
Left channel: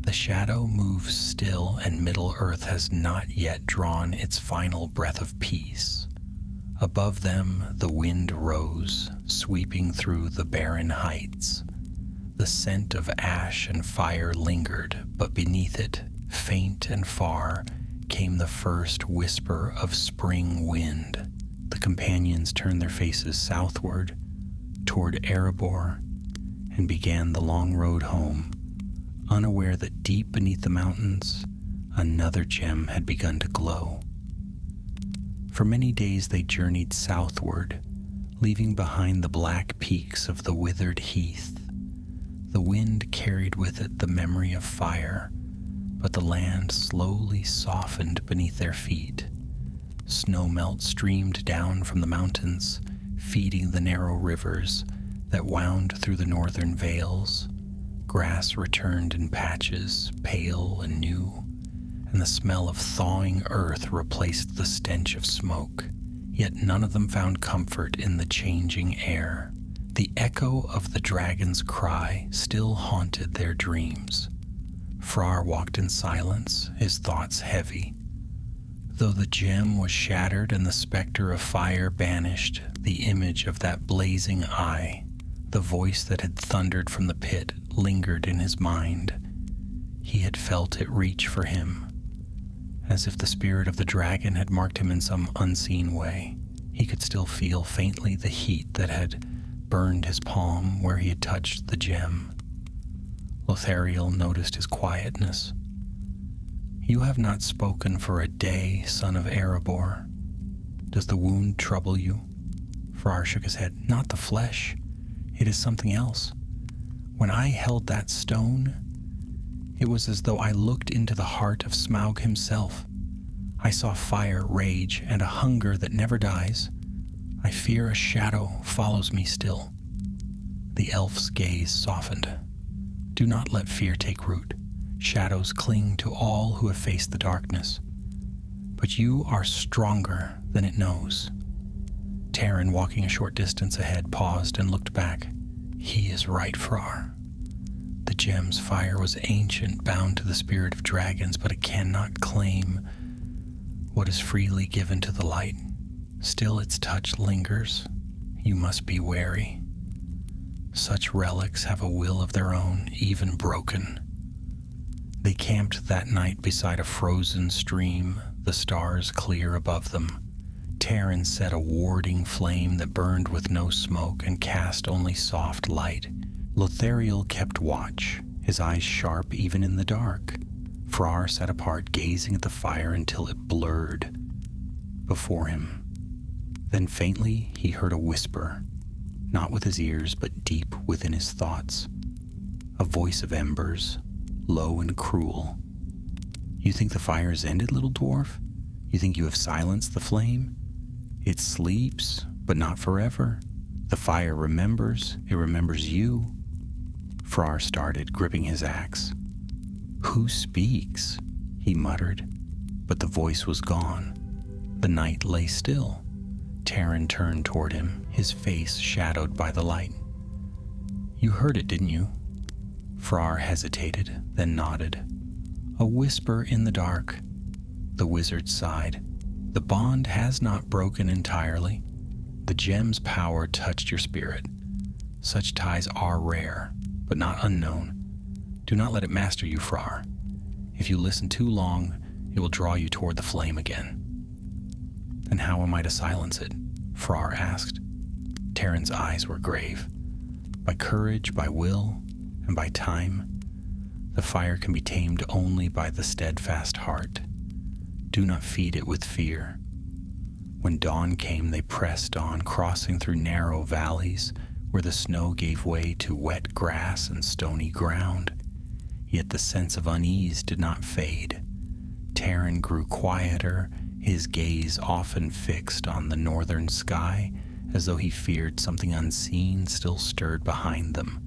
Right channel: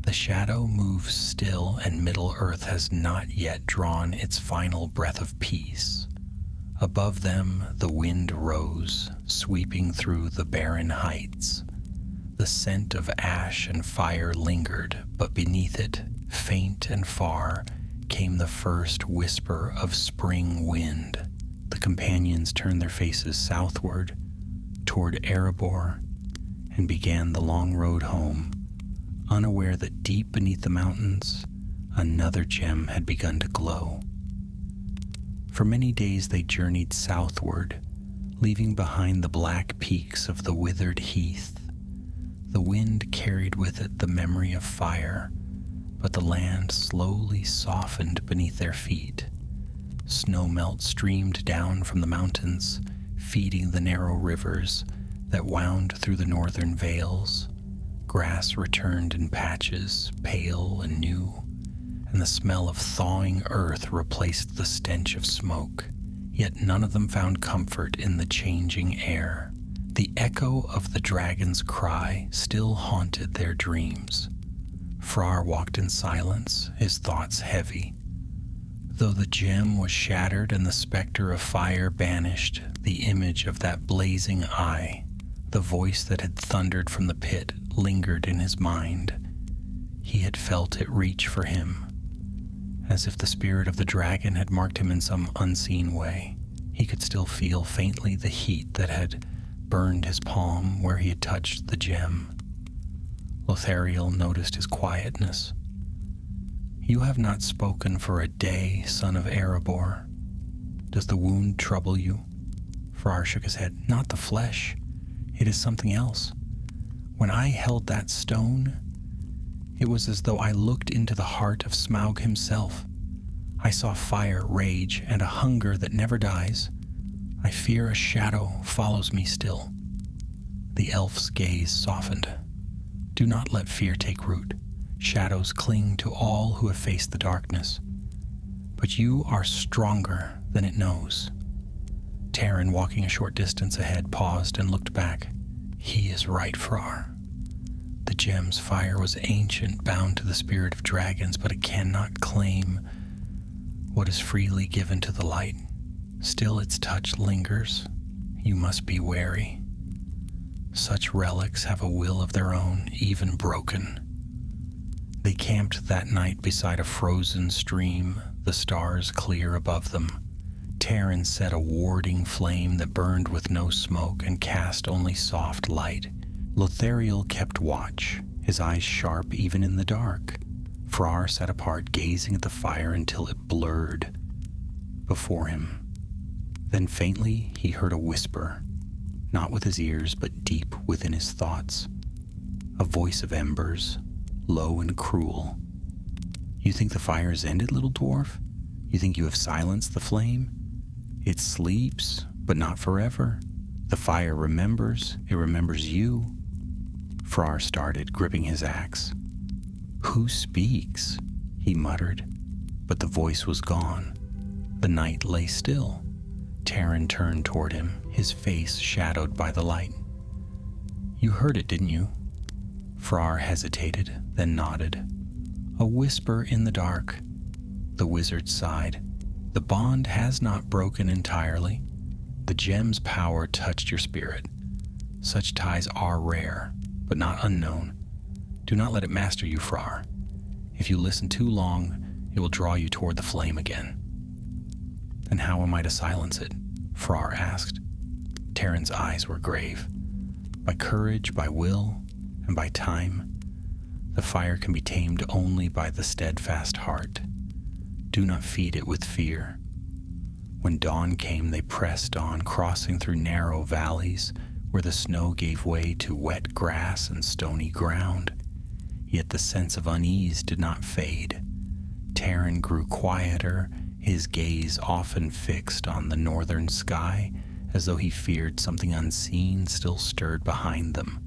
the shadow moves still, and Middle-earth has not yet drawn its final breath of peace." Above them the wind rose, sweeping through the barren heights. The scent of ash and fire lingered, but beneath it, faint and far, came the first whisper of spring wind. The companions turned their faces southward, toward Erebor, and began the long road home, unaware that deep beneath the mountains, another gem had begun to glow. For many days they journeyed southward, leaving behind the black peaks of the withered heath. The wind carried with it the memory of fire, but the land slowly softened beneath their feet. Snowmelt streamed down from the mountains, feeding the narrow rivers that wound through the northern vales. Grass returned in patches, pale and new, and the smell of thawing earth replaced the stench of smoke. Yet none of them found comfort in the changing air. The echo of the dragon's cry still haunted their dreams. Frar walked in silence, his thoughts heavy. Though the gem was shattered and the specter of fire banished, the image of that blazing eye, the voice that had thundered from the pit, lingered in his mind. He had felt it reach for him, as if the spirit of the dragon had marked him in some unseen way. He could still feel faintly the heat that had burned his palm where he had touched the gem. Lothariel noticed his quietness. "You have not spoken for a day, son of Erebor. Does the wound trouble you?" Frar shook his head. "Not the flesh. It is something else. When I held that stone, it was as though I looked into the heart of Smaug himself. I saw fire, rage, and a hunger that never dies. I fear a shadow follows me still." The elf's gaze softened. "Do not let fear take root. Shadows cling to all who have faced the darkness. But you are stronger than it knows." Taran, walking a short distance ahead, paused and looked back. "He is right, Frar. The gem's fire was ancient, bound to the spirit of dragons, but it cannot claim what is freely given to the light. Still its touch lingers. You must be wary. Such relics have a will of their own, even broken." They camped that night beside a frozen stream, the stars clear above them. Taran set a warding flame that burned with no smoke and cast only soft light. Lothariel kept watch, his eyes sharp even in the dark. Frar sat apart, gazing at the fire until it blurred before him. Then faintly he heard a whisper, not with his ears but deep within his thoughts. A voice of embers, low and cruel. "You think the fire is ended, little dwarf? You think you have silenced the flame? It sleeps, but not forever. The fire remembers, it remembers you." Frar started, gripping his axe. "Who speaks?" he muttered, but the voice was gone. The night lay still. Taran turned toward him, his face shadowed by the light. "You heard it, didn't you?" Frar hesitated, then nodded. "A whisper in the dark." The wizard sighed. "The bond has not broken entirely. The gem's power touched your spirit. Such ties are rare, but not unknown. Do not let it master you, Frar. If you listen too long, it will draw you toward the flame again. And how am I to silence it? Frar asked. Terran's eyes were grave. By courage, by will, and by time. The fire can be tamed only by the steadfast heart. Do not feed it with fear. When dawn came, they pressed on, crossing through narrow valleys where the snow gave way to wet grass and stony ground. Yet the sense of unease did not fade. Terran grew quieter, his gaze often fixed on the northern sky, as though he feared something unseen still stirred behind them.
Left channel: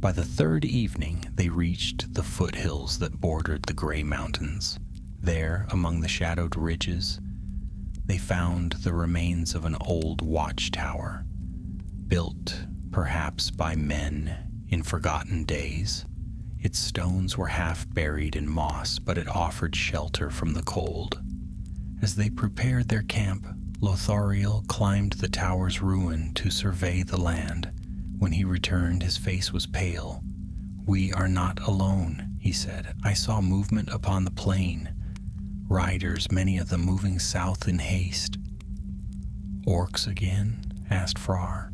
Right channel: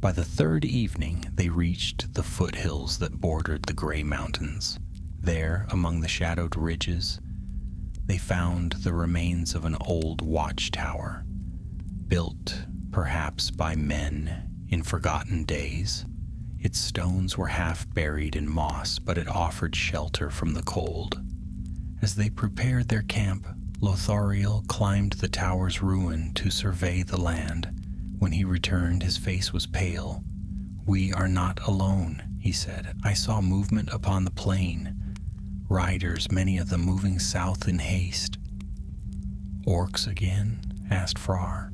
By the third evening, they reached the foothills that bordered the gray mountains. There, among the shadowed ridges, they found the remains of an old watchtower, built perhaps by men in forgotten days. Its stones were half buried in moss, but it offered shelter from the cold. As they prepared their camp, Lothariel climbed the tower's ruin to survey the land. When he returned, his face was pale. "We are not alone," he said. "I saw movement upon the plain. Riders, many of them moving south in haste." "Orcs again?" asked Frar.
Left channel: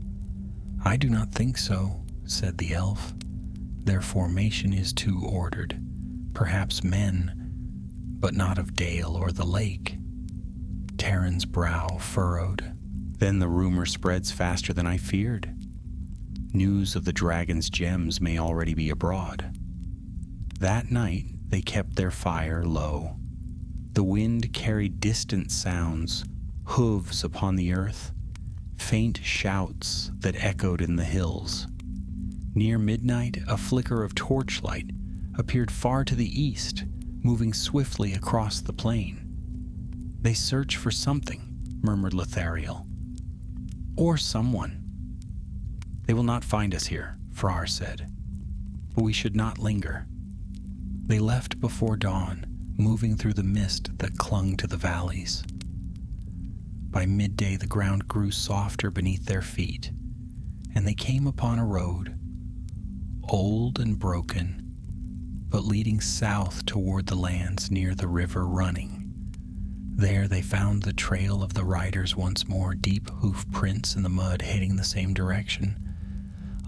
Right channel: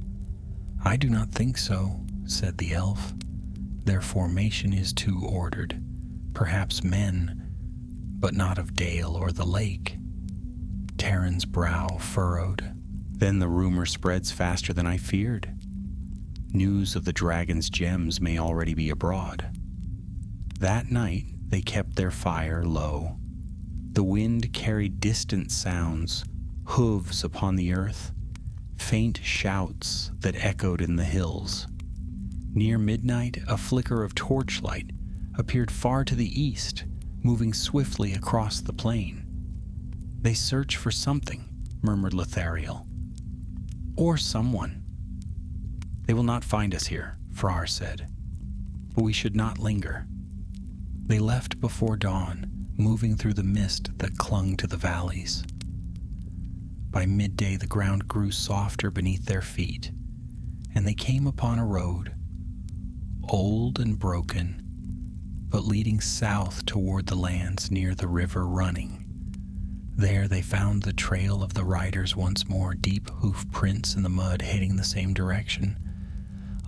"I do not think so," said the elf. "Their formation is too ordered. Perhaps men, but not of Dale or the lake." Terran's brow furrowed. "Then the rumor spreads faster than I feared. News of the dragon's gems may already be abroad." That night they kept their fire low. The wind carried distant sounds, hooves upon the earth, faint shouts that echoed in the hills. Near midnight, a flicker of torchlight appeared far to the east, moving swiftly across the plain. "They search for something," murmured Lothariel. "Or someone." "They will not find us here," Frar said. "But we should not linger." They left before dawn, moving through the mist that clung to the valleys. By midday, the ground grew softer beneath their feet, and they came upon a road, old and broken, but leading south toward the lands near the river running. There they found the trail of the riders once more, deep hoof prints in the mud heading the same direction.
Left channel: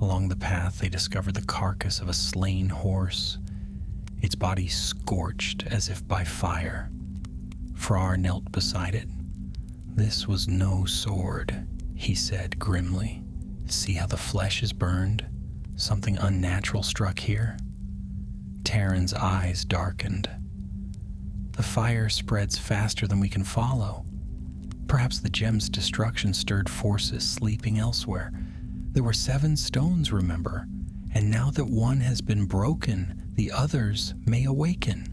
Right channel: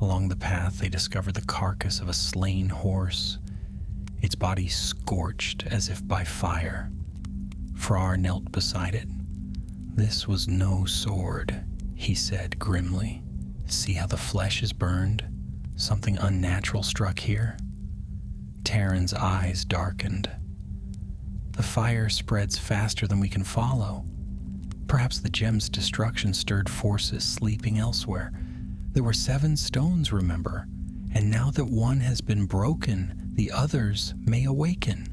Along the path they discovered the carcass of a slain horse, its body scorched as if by fire. Frar knelt beside it. "This was no sword," he said grimly. "See how the flesh is burned? Something unnatural struck here." Terran's eyes darkened. "The fire spreads faster than we can follow. Perhaps the gem's destruction stirred forces sleeping elsewhere. There were 7 stones, remember, and now that one has been broken, the others may awaken."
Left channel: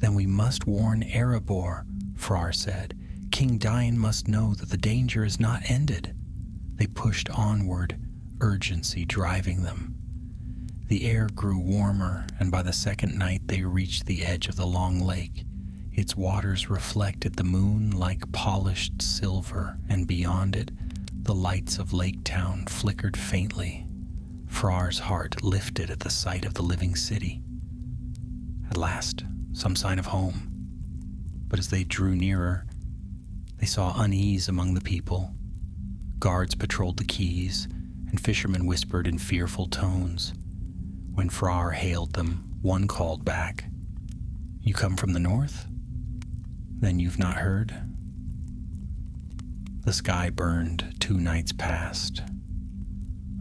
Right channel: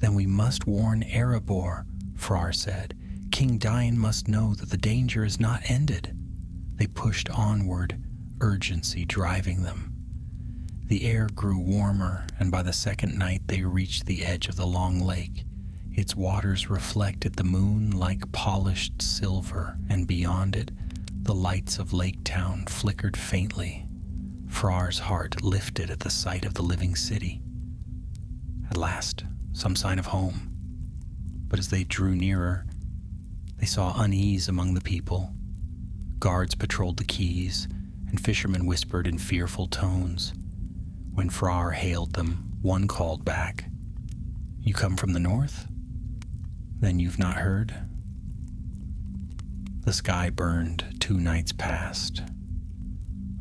"Then we must warn Erebor," Frar said. "King Dian must know that the danger is not ended." They pushed onward, urgency driving them. The air grew warmer, and by the second night they reached the edge of the long lake. Its waters reflected the moon like polished silver, and beyond it, the lights of Lake Town flickered faintly. Frar's heart lifted at the sight of the living city. At last, some sign of home. But as they drew nearer, they saw unease among the people. Guards patrolled the quays, and fishermen whispered in fearful tones. When Frar hailed them, one called back, "You come from the north? Then you've not heard?" The sky burned 2 nights past.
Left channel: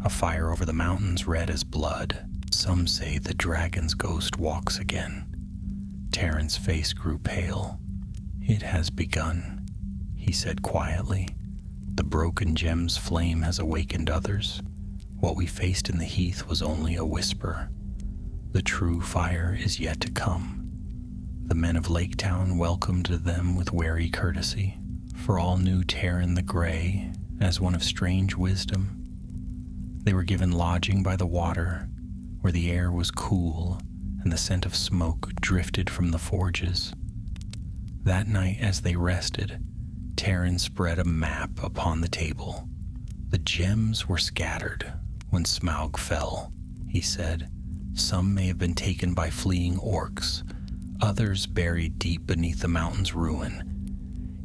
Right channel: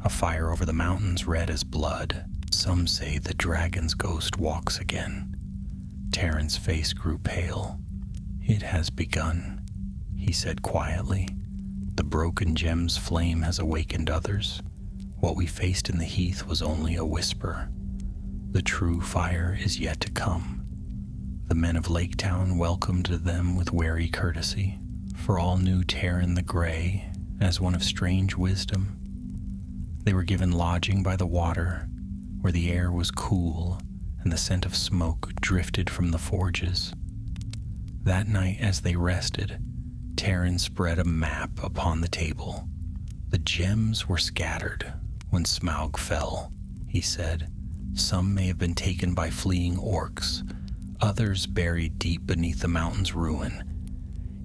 A fire over the mountains red as blood. Some say the dragon's ghost walks again. Terran's face grew pale. "It has begun," he said quietly. "The broken gem's flame has awakened others. What we faced in the heath was only a whisper. The true fire is yet to come." The men of Lake Town welcomed them with wary courtesy, for all knew Terran the Grey as one of strange wisdom. They were given lodging by the water, where the air was cool and the scent of smoke drifted from the forges. That night, as they rested, Terran spread a map upon the table. The gems were scattered when Smaug fell, he said. Some may have been taken by fleeing orcs, others buried deep beneath the mountain's ruin.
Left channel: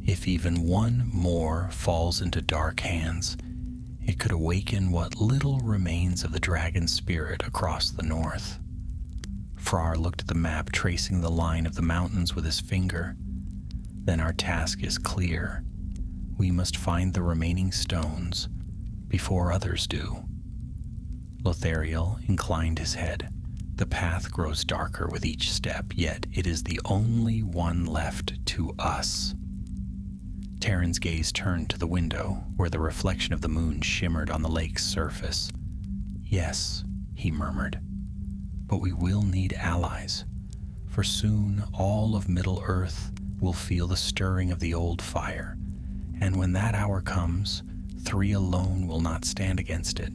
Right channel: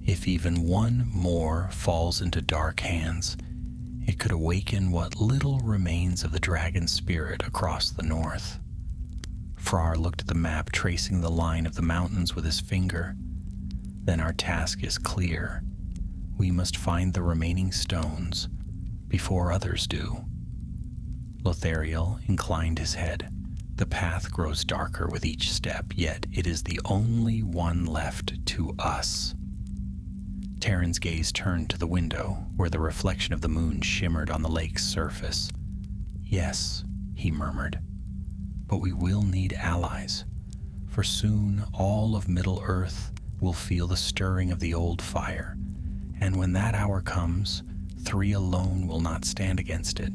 If even one more falls into dark hands, it could awaken what little remains of the dragon spirit across the north. Frar looked at the map, tracing the line of the mountains with his finger. Then our task is clear. We must find the remaining stones before others do. Lothariel inclined his head. The path grows darker with each step, yet it is the only one left to us. Terran's gaze turned to the window, where the reflection of the moon shimmered on the lake's surface. Yes, he murmured, but we will need allies, for soon all of Middle-earth will feel the stirring of the old fire, and when that hour comes, 3 alone will not stand against it.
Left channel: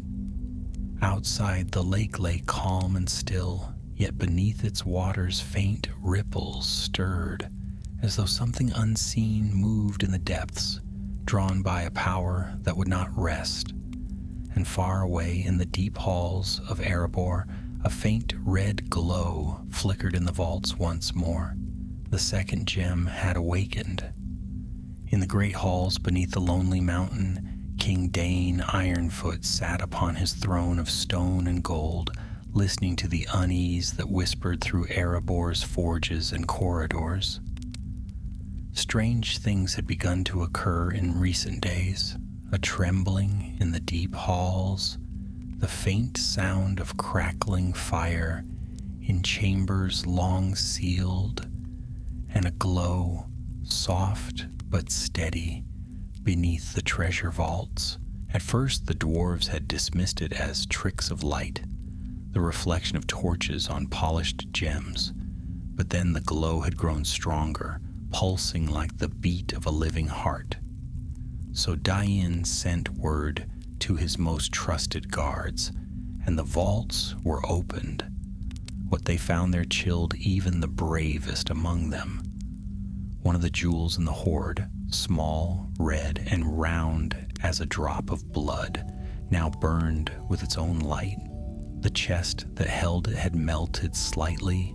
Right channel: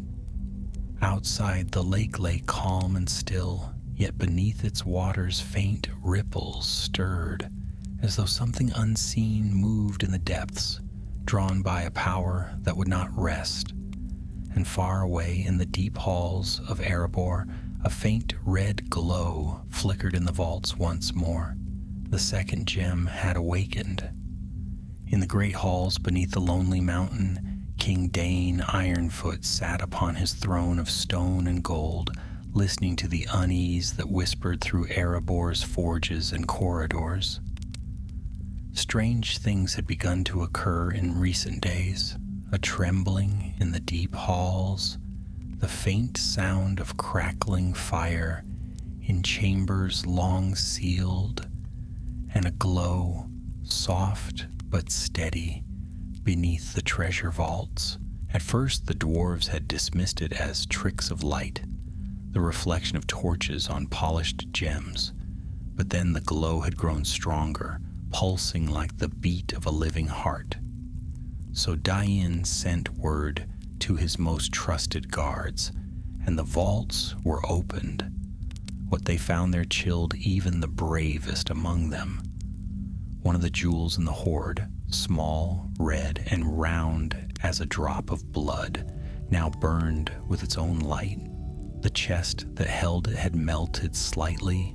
Outside, the lake lay calm and still, yet beneath its waters faint ripples stirred, as though something unseen moved in the depths, drawn by a power that would not rest. And far away in the deep halls of Erebor, a faint red glow flickered in the vaults once more. The second gem had awakened. In the great halls beneath the lonely mountain, King Dane Ironfoot sat upon his throne of stone and gold, listening to the unease that whispered through Erebor's forges and corridors. Strange things had begun to occur in recent days, a trembling in the deep halls, the faint sound of crackling fire in chambers long sealed, and a glow, soft but steady, beneath the treasure vaults. At first the dwarves had dismissed it as tricks of light, the reflection of torches on polished gems, but then the glow had grown stronger, pulsing like the beat of a living heart. So Dain sent word to his most trusted guards, and the vaults were opened. What they found there chilled even the bravest among them. One of the jewels in the hoard, small, red, and round as a drop of blood, now burned with its own light. The chest that held it had melted slightly.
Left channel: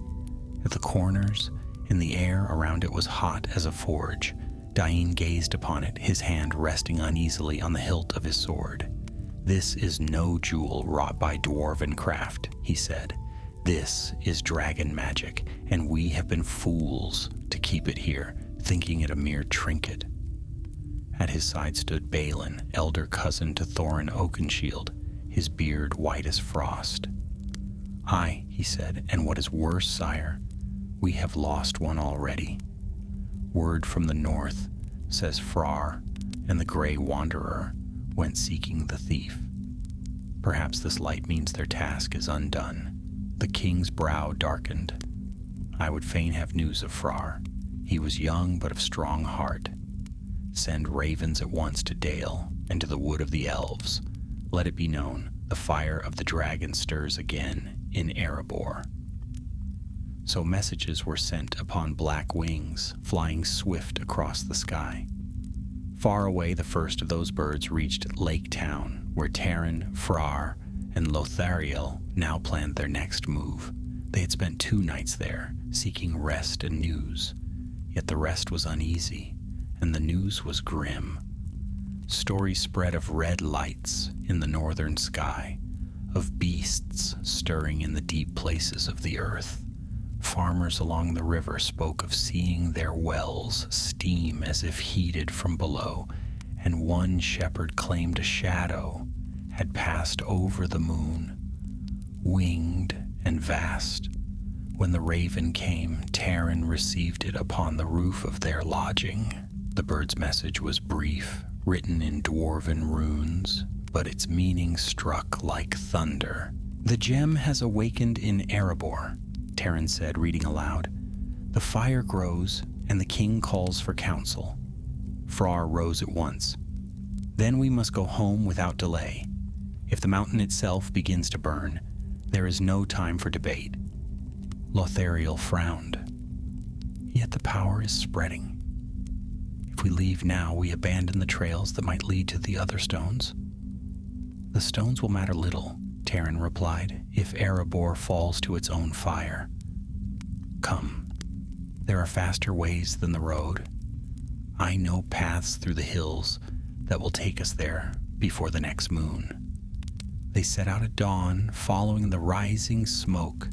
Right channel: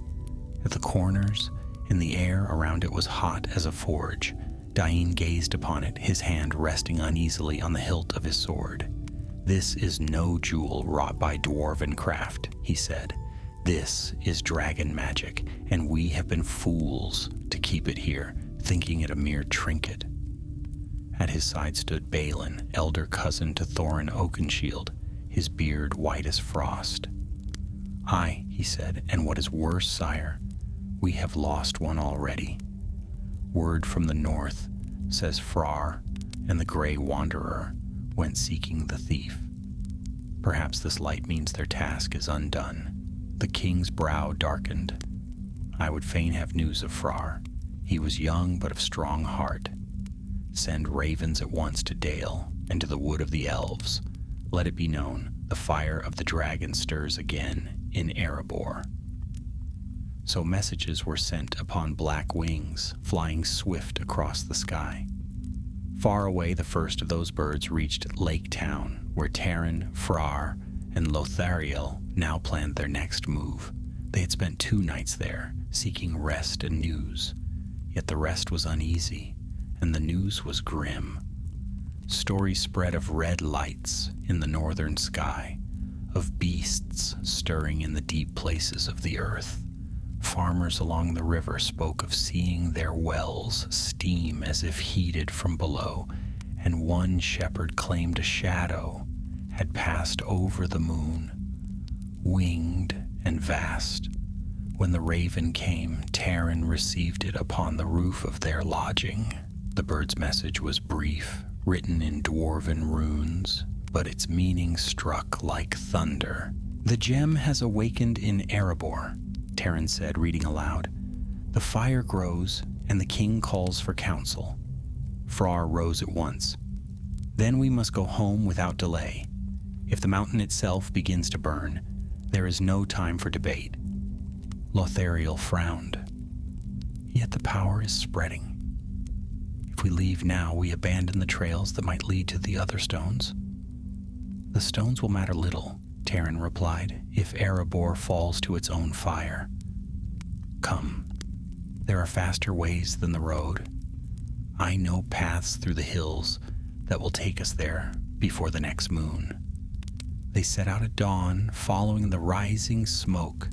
At the corners, and the air around it was hot as a forge. Dain gazed upon it, his hand resting uneasily on the hilt of his sword. "This is no jewel wrought by dwarven craft," he said. "This is dragon magic, and we have been fools to keep it here, thinking it a mere trinket." At his side stood Balin, elder cousin to Thorin Oakenshield, his beard white as frost. "Aye," he said, "and what is worse, sire, we have lost one already. Word from the north, says Frar, and the Grey Wanderer went seeking the thief. Perhaps this light means their task is undone." The king's brow darkened. "I would fain have news of Frar. He was young but of strong heart. Send ravens at once to Dale and to the wood of the elves. Let it be known, the fire of the dragon stirs again in Erebor." So messages were sent upon black wings, flying swift across the sky. Far away, the first of those birds reached Lake Town, where Terran, Frar, and Lothariel now planned their next move. They had spent 2 nights there, seeking rest and news. Yet the rest was uneasy, and the news was grim. Stories spread of red lights in the northern sky, of beasts stirring in the deep places of the earth. Farmers along the river spoke of seeing their wells steam as if heated from below, and one shepherd claimed a shadow had passed over the moon, winged and vast. When the raven came, Terran received it upon the roof of their lodging. The bird's message was brief, written in dwarven runes, but its meaning struck like thunder. "The gem has awakened in Erebor," Terran said, reading aloud. "The fire grows, and the king calls for counsel." Frar rose at once. "Then we must go home without delay. If the mountain itself begins to burn, there is no time for debate." Lothariel frowned. "Yet the power is spreading. If If we leave now, we abandon the trails that might lead to the other stones. The stones will matter little, Terran replied, if Erebor falls to its own fire. Come, there are faster ways than the road. I know paths through the hills that will take us there before the next moon. They set out at dawn, following the rising smoke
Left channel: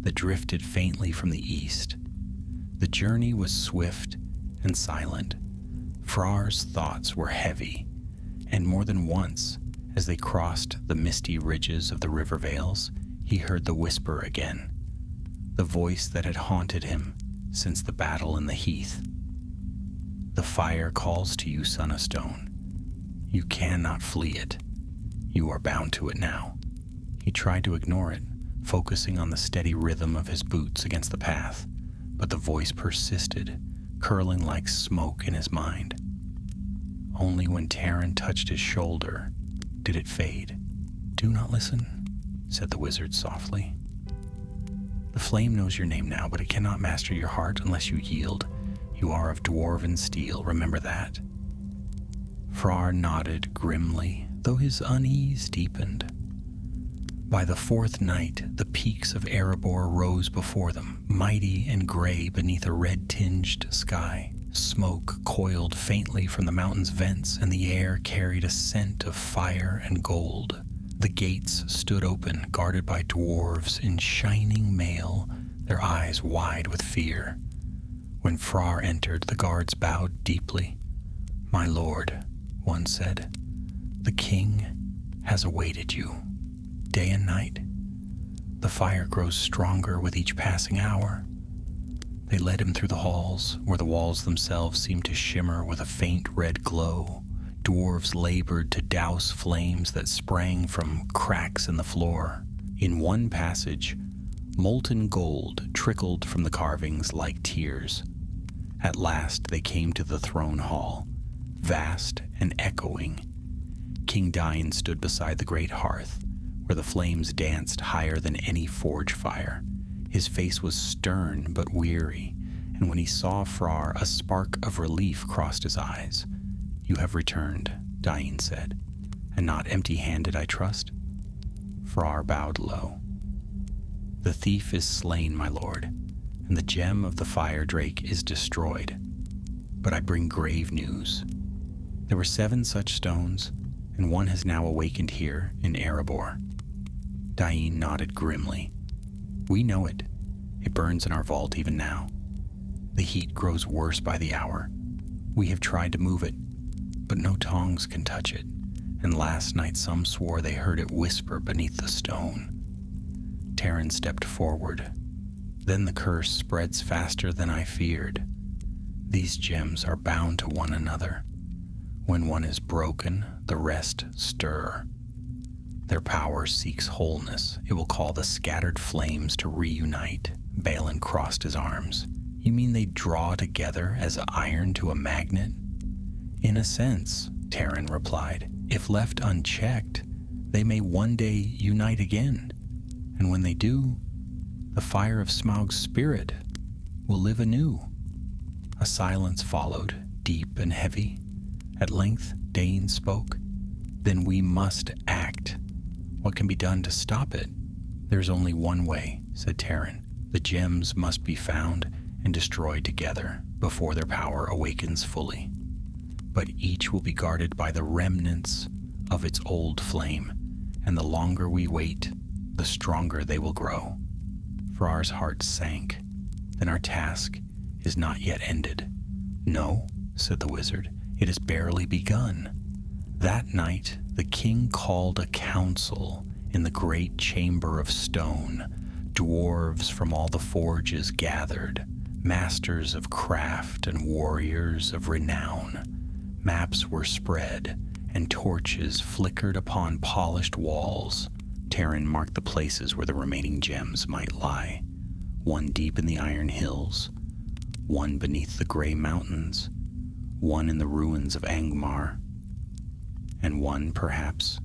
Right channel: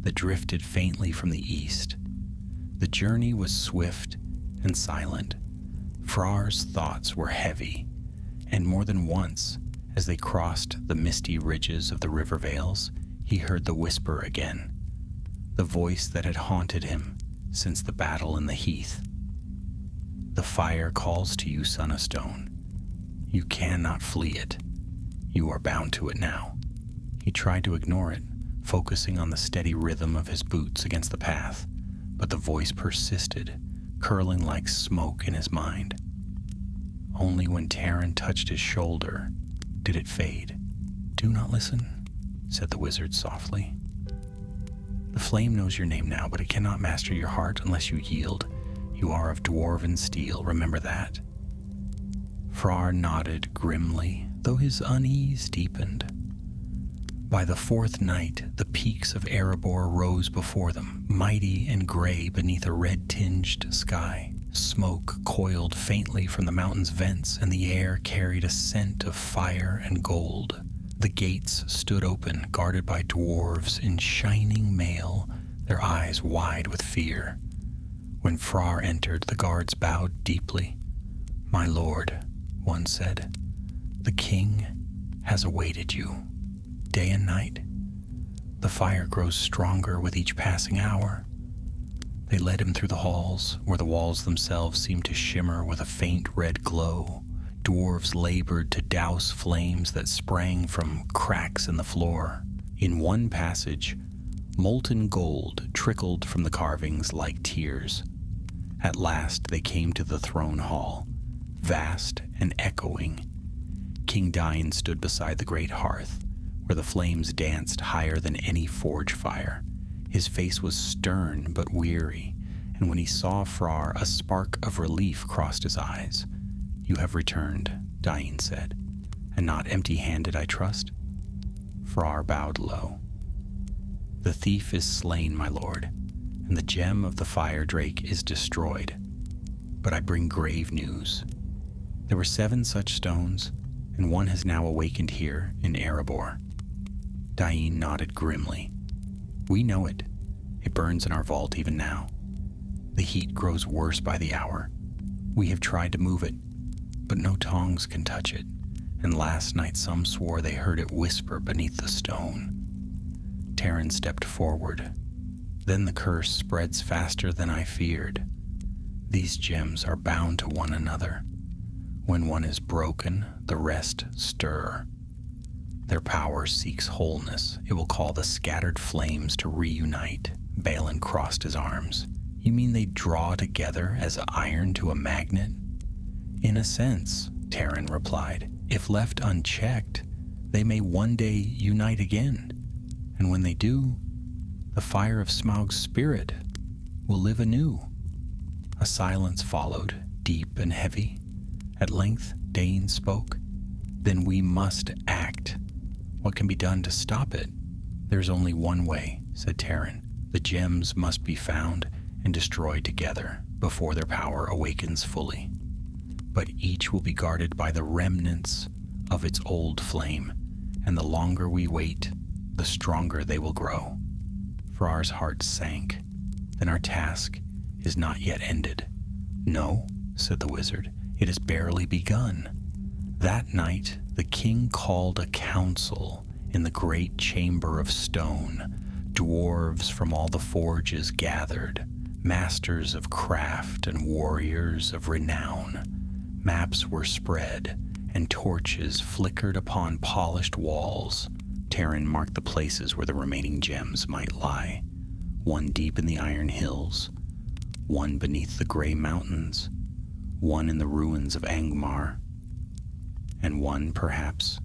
that drifted faintly from the east. The journey was swift and silent. Frar's thoughts were heavy, and more than once, as they crossed the misty ridges of the river vales, he heard the whisper again, the voice that had haunted him since the battle in the heath. The fire calls to you, son of stone. You cannot flee it. You are bound to it now. He tried to ignore it, focusing on the steady rhythm of his boots against the path, but the voice persisted, curling like smoke in his mind. Only when Terran touched his shoulder did it fade. Do not listen, said the wizard softly. The flame knows your name now, but it cannot master your heart unless you yield. You are of dwarven steel, remember that. Frar nodded grimly, though his unease deepened. By the fourth night, the peaks of Erebor rose before them, mighty and gray beneath a red-tinged sky. Smoke coiled faintly from the mountain's vents, and the air carried a scent of fire and gold. The gates stood open, guarded by dwarves in shining mail, their eyes wide with fear. When Frar entered, the guards bowed deeply. "My lord," one said, "the king has awaited you, day and night. The fire grows stronger with each passing hour." They led him through the halls, where the walls themselves seemed to shimmer with a faint red glow. Dwarves labored to douse flames that sprang from cracks in the floor. In one passage, molten gold trickled from the carvings like tears. At last they came to the throne hall, vast and echoing. King Dain stood beside the great hearth, where the flames danced higher than any forge fire. His face was stern but weary, and when he saw Frar, a spark of relief crossed his eyes. "You have returned," Dain said, "and not empty-handed, I trust?" Frar bowed low. "The thief is slain, my lord, and the gem of the fire drake is destroyed. But I bring grave news. There were 7 such stones, and one has now awakened here in Erebor." Dain nodded grimly. "We know it. It burns in our vault even now. The heat grows worse by the hour. We have tried to move it, but no tongs can touch it, and last night some swore they heard it whisper beneath the stone." Terran stepped forward. "Then the curse spreads faster than I feared. These gems are bound to one another. When one is broken, the rest stir. Their power seeks wholeness. It will call the scattered flames to reunite." Balin crossed his arms. "You mean they draw together as iron to a magnet?" "In a sense," Terran replied. "If left unchecked, they may one day unite again. And when they do, the fire of Smaug's spirit will live anew." A silence followed, deep and heavy. At length, Dain spoke. "Then we must act. What can be done to stop it?" "There's only one way," said Terran. "The gems must be found and destroyed together before their power awakens fully. But each will be guarded by the remnants of its old flame, and the longer we wait, the stronger they will grow." Frar's heart sank. "Then our task is not yet ended." "No," said the wizard. "It has barely begun." That night, the king called a council in the great chamber of stone. Dwarves from all the forges gathered, masters of craft and warriors of renown. Maps were spread, and torches flickered upon polished walls. Terran marked the places where the remaining gems might lie. One deep in the Iron Hills, one beneath the Grey Mountains, one in the ruins of Angmar, and one, perhaps,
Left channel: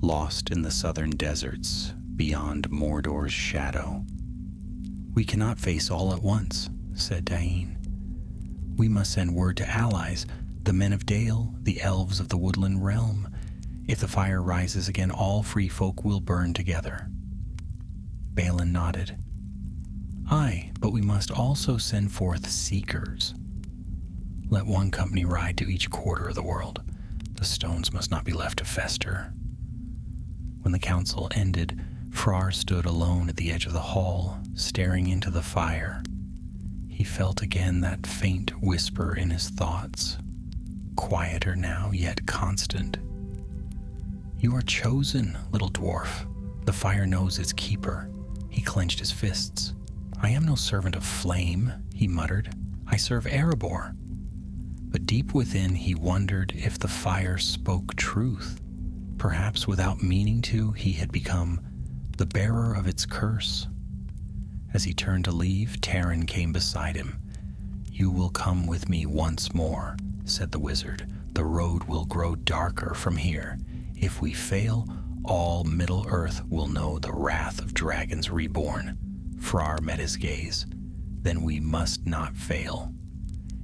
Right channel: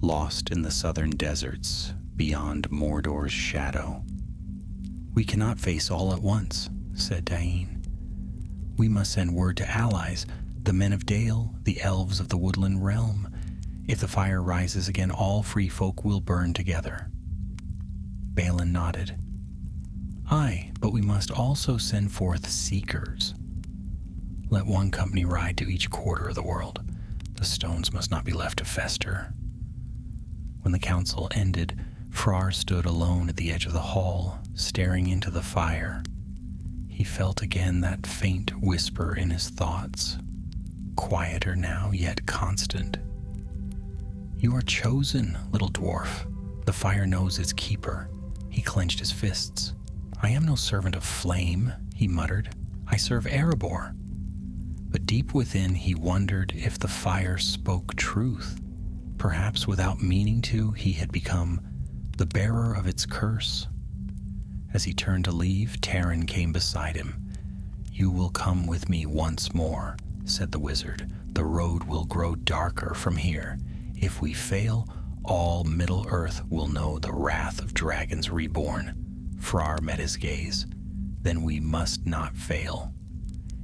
lost in the southern deserts beyond Mordor's shadow. "We cannot face all at once," said Dain. "We must send word to allies, The men of Dale, the elves of the woodland realm. If the fire rises again, all free folk will burn together. Balin nodded. Aye, but we must also send forth seekers. Let one company ride to each quarter of the world. The stones must not be left to fester. When the council ended, Frar stood alone at the edge of the hall, staring into the fire. He felt again that faint whisper in his thoughts, quieter now, yet constant. You are chosen, little dwarf. The fire knows its keeper. He clenched his fists. I am no servant of flame, he muttered. I serve Erebor. But deep within he wondered if the fire spoke truth. Perhaps without meaning to, he had become the bearer of its curse. As he turned to leave, Taran came beside him. You will come with me once more, said the wizard. The road will grow darker from here. If we fail, all Middle-earth will know the wrath of dragons reborn. Frar met his gaze. Then we must not fail.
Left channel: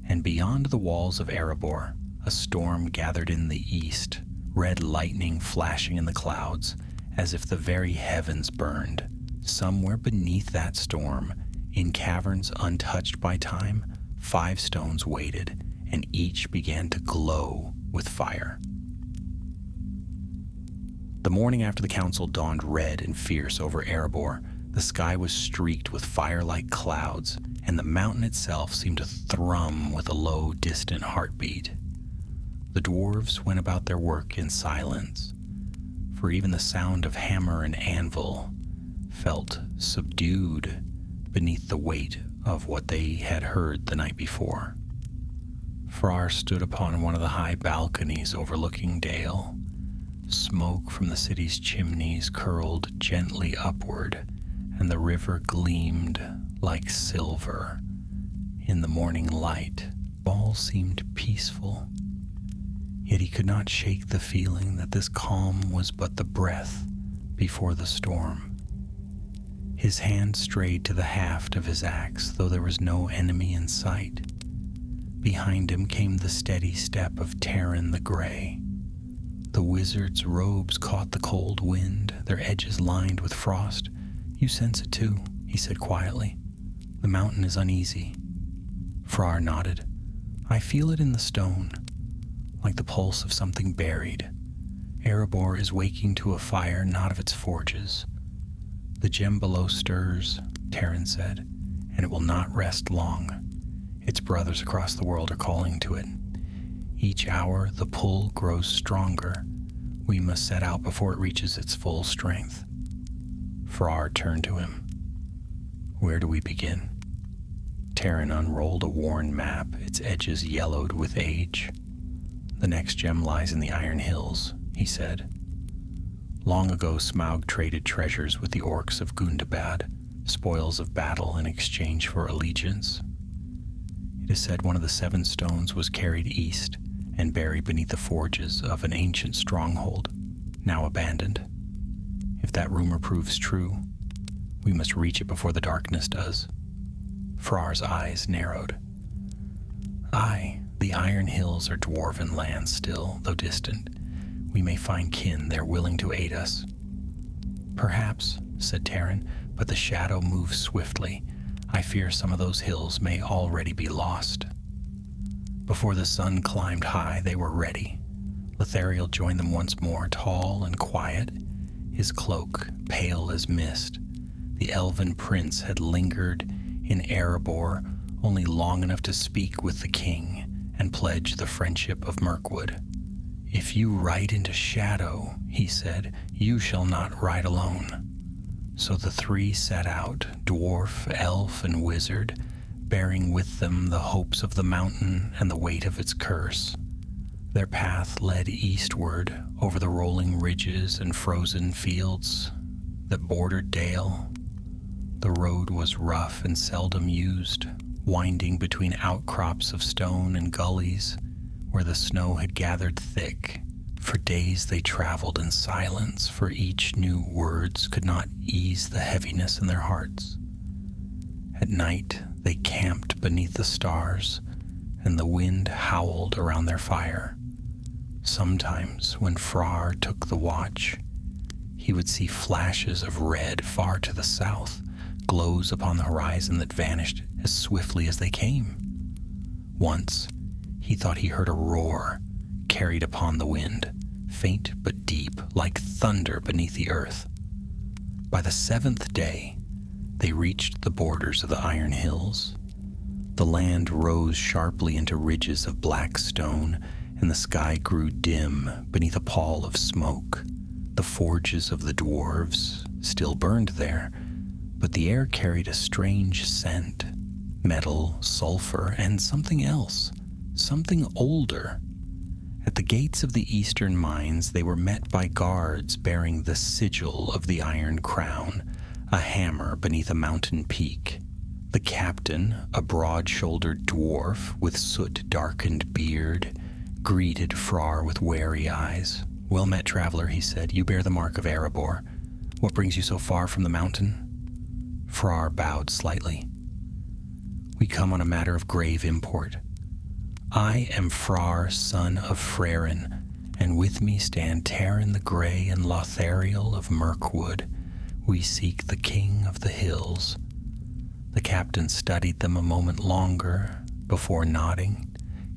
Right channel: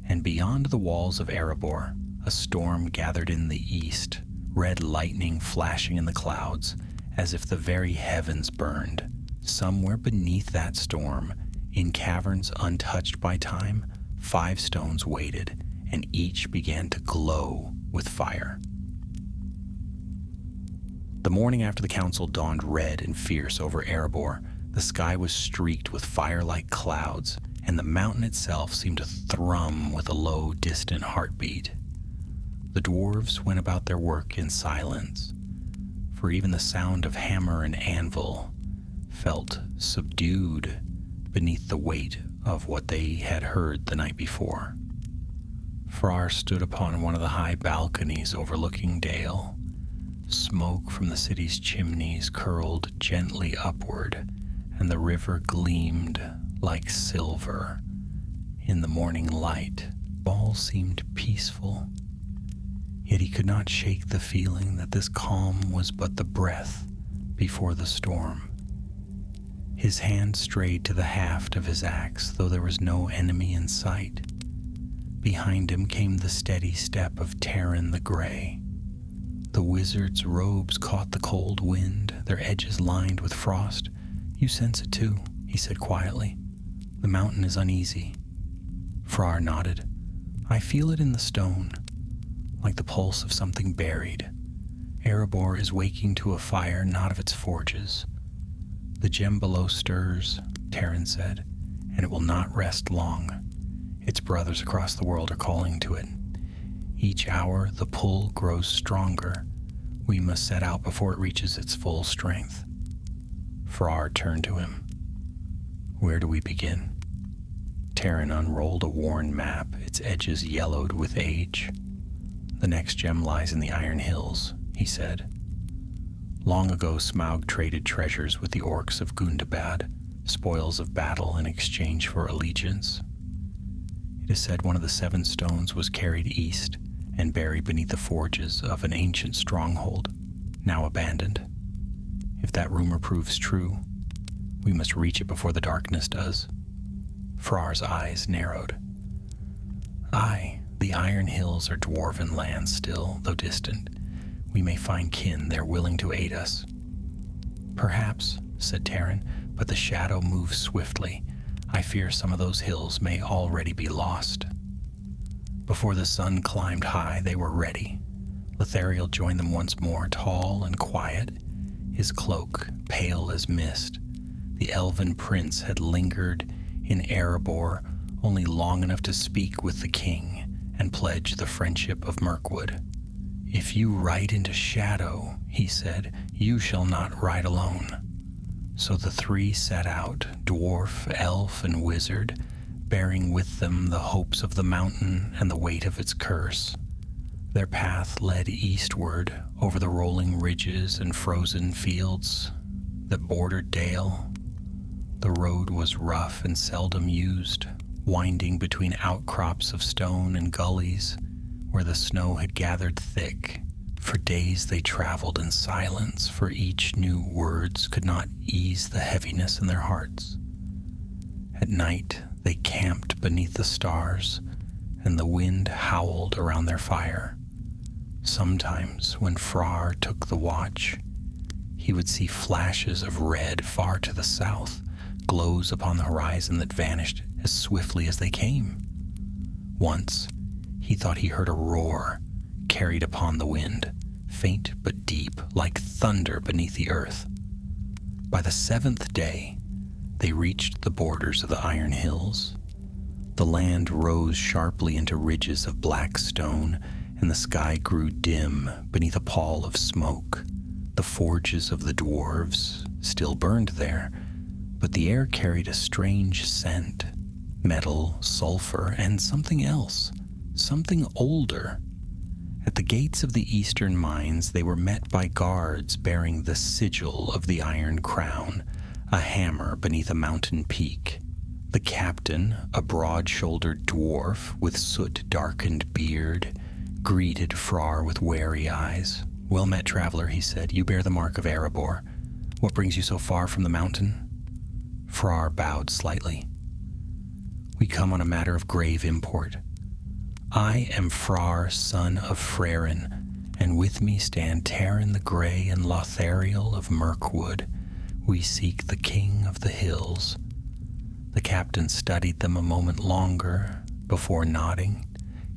And beyond the walls of Erebor, a storm gathered in the east, red lightning flashing in the clouds, as if the very heavens burned. Somewhere beneath that storm, in caverns untouched by time, 5 stones waited, and each began to glow with fire. The morning after the council dawned red and fierce over Erebor. The sky was streaked with fire-like clouds, and the mountain itself seemed to thrum with a low, distant heartbeat. The dwarves went about their work in silence, for even the sound of hammer and anvil felt subdued beneath the weight of what they had heard the night before. Frar stood upon one of the high balconies overlooking Dale. Smoke from the city's chimneys curled gently upward, and the river gleamed like silver in the morning light. All seemed peaceful, yet he could not shake the feeling that this calm was but the breath before the storm. His hand strayed to the haft of his axe, though there was no enemy in sight. Behind him came the steady step of Taran the Grey. The wizard's robes caught the cold wind, their edges lined with frost. You sense it too, he said quietly. The mountain is uneasy. Frar nodded. I feel it in the stone, like the pulse of something buried. Erebor is waking to a fire not of its forges. The gem below stirs, Taran said, and it will not rest long. Its brothers across the world are calling to it. Each hour the pull grows stronger. We must set out before it reaches its full strength. Frar turned to him. Where do we begin? Taran unrolled a worn map, its edges yellowed with age. The next gem lies in the Iron Hills, he said. Long ago Smaug traded treasures with the orcs of Gundabad, spoils of battle in exchange for allegiance. It is said one of the 7 stones was carried east and buried beneath the forges of an ancient stronghold, now abandoned. If that rumor proves true, we must reach it before the darkness does. Frar's eyes narrowed. Aye, the Iron Hills are dwarven lands still, though distant. We may find kin there willing to aid us. Perhaps, said Taran, but the shadow moves swiftly. I fear some of those hills may already be lost. Before the sun climbed high, they were ready. Lethariel joined them once more, tall and quiet, his cloak pale as mist. The elven prince had lingered in Erebor only long enough to speak with the king and pledge the friendship of Mirkwood. If you ride into shadow, he said, you shall not ride alone. So the 3 set out, dwarf, elf, and wizard, bearing with them the hopes of the mountain and the weight of its curse. Their path led eastward over the rolling ridges and frozen fields that bordered Dale. The road was rough and seldom used, winding between outcrops of stone and gullies where the snow had gathered thick. For days they traveled in silence, for each new words could not ease the heaviness in their hearts. At night they camped beneath the stars, and the wind howled around their fire. Sometimes, when Frar took the watch, he would see flashes of red far to the south, glows upon the horizon that vanished as swiftly as they came. Once, he thought he heard a roar carried upon the wind, faint but deep, like thunder beneath the earth. By the 7th day, they reached the borders of the Iron Hills. The land rose sharply into ridges of black stone, and the sky grew dim beneath a pall of smoke. The forges of the dwarves still burned there, but the air carried a strange scent, metal, sulfur, and something else, something older. At the gates of the eastern mines, they were met by guards bearing the sigil of the Iron Crown, a hammer beneath a mountain peak. The captain, a broad-shouldered dwarf with soot-darkened beard, greeted Frar with wary eyes. "Well met, traveler," he said. "You bear the mark of Erebor. What brings you so far from the mountain?" Frar bowed slightly. "We come on a matter of grave import. I am Frar, son of Frerin, and with me stand Taran the Grey and Lothariel of Mirkwood. We seek the King of the Hills." The captain studied them a moment longer before nodding.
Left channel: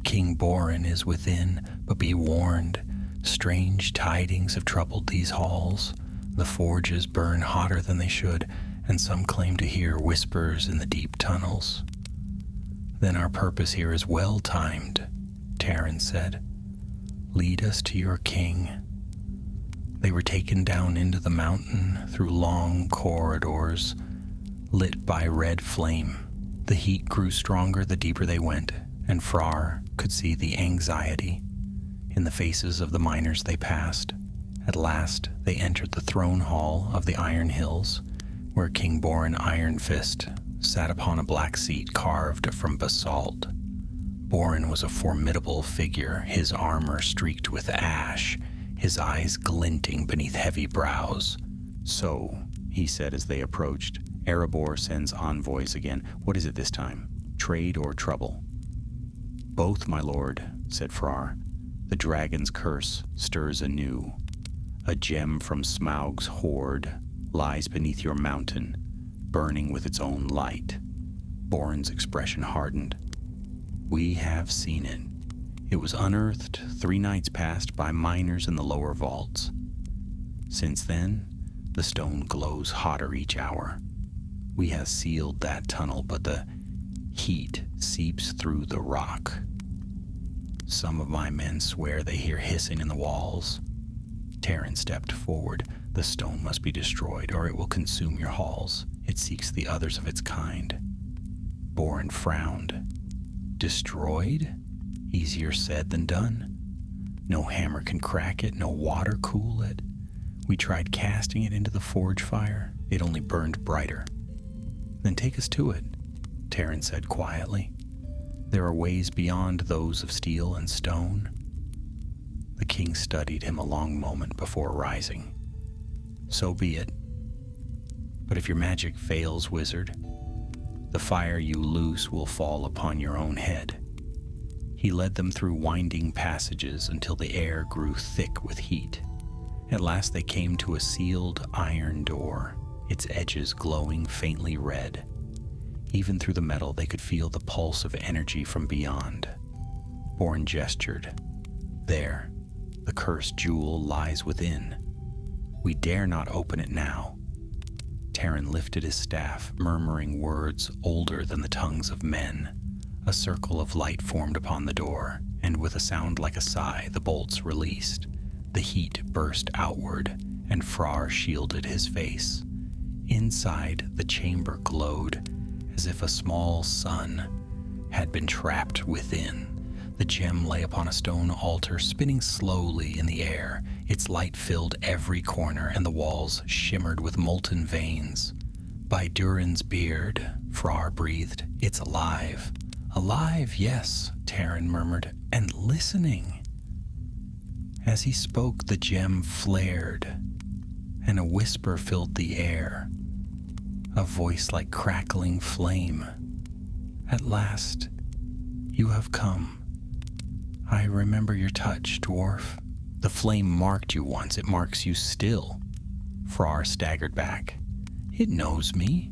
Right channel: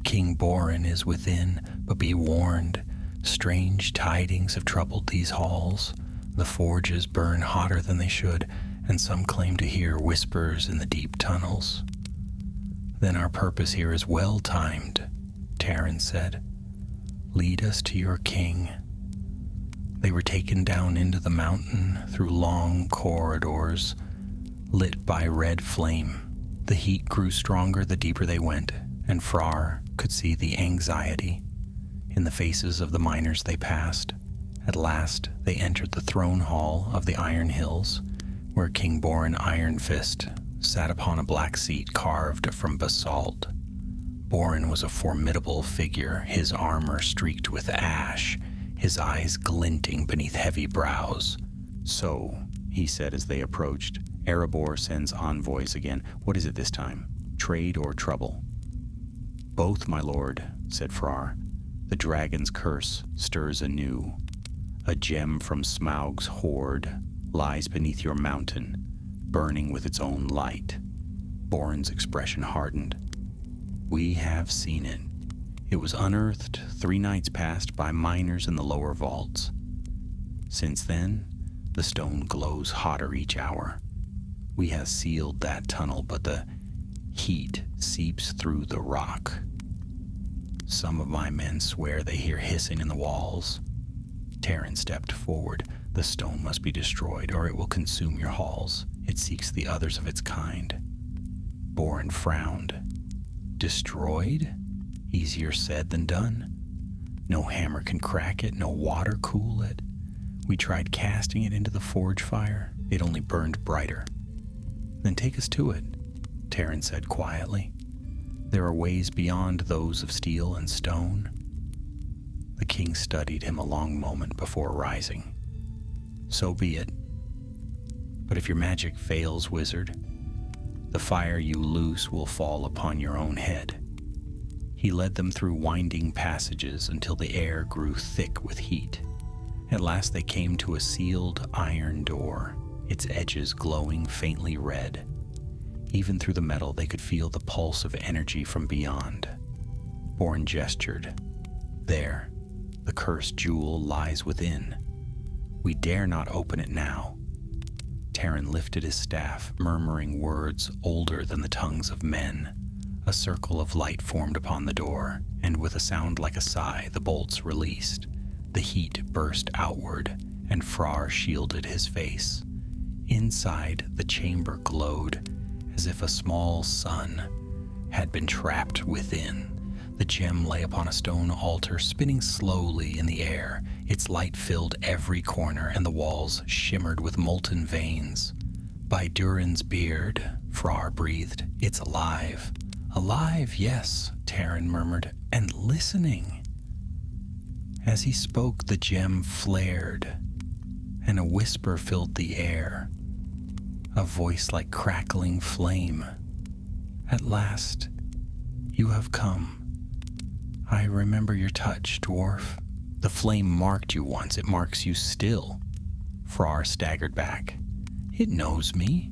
"King Borin is within, but be warned. Strange tidings have troubled these halls. The forges burn hotter than they should, and some claim to hear whispers in the deep tunnels." "Then our purpose here is well timed," Taran said. "Lead us to your king." They were taken down into the mountain through long corridors lit by red flame. The heat grew stronger the deeper they went, and Frar could see the anxiety in the faces of the miners they passed. At last, they entered the throne hall of the Iron Hills, where King Borin Ironfist sat upon a black seat carved from basalt. Borin was a formidable figure, his armor streaked with ash, his eyes glinting beneath heavy brows. "So," he said as they approached, "Erebor sends envoys again. What is it this time? Trade or trouble?" "Both, my lord," said Frar. "The dragon's curse stirs anew. A gem from Smaug's hoard lies beneath your mountain, burning with its own light." Borin's expression hardened. "We have seen it. It was unearthed 3 nights past by miners in the lower vaults. Since then, the stone glows hotter each hour. We have sealed that tunnel, but the heat seeps through the rock. Some of my men swear they hear hissing in the walls." Taran stepped forward. "The stone must be destroyed, or it will consume your halls. It seeks the others of its kind." Borin frowned. "Destroyed? Easier said than done. No hammer can crack it, no water cool it. We tried casting it into the forge fire. It only burned brighter." "Then take us to it," Taran said quietly. "There are ways beyond those of steel and stone." The king studied him a long moment before rising. "So be it. But if your magic fails, wizard, the fire you loose will fall upon your own head." He led them through winding passages until the air grew thick with heat. At last they came to a sealed iron door, its edges glowing faintly red. Even through the metal they could feel the pulse of energy from beyond. Borin gestured. "There, the cursed jewel lies within. We dare not open it now." Taran lifted his staff, murmuring words older than the tongues of men. A circle of light formed upon the door, and with a sound like a sigh, the bolts released. The heat burst outward, and Frar shielded his face. Inside, the chamber glowed, as if a small sun had been trapped within. The gem lay upon a stone altar, spinning slowly in the air. Its light filled every corner, and the walls shimmered with molten veins. "By Durin's beard," Frar breathed, "it's alive." "Alive, yes," Taran murmured, "and listening." As he spoke, the gem flared, and a whisper filled the air, a voice like crackling flame. "At last, You have come. I remember your touch, dwarf. The flame marked you once. It marks you still. Frar staggered back. It knows me.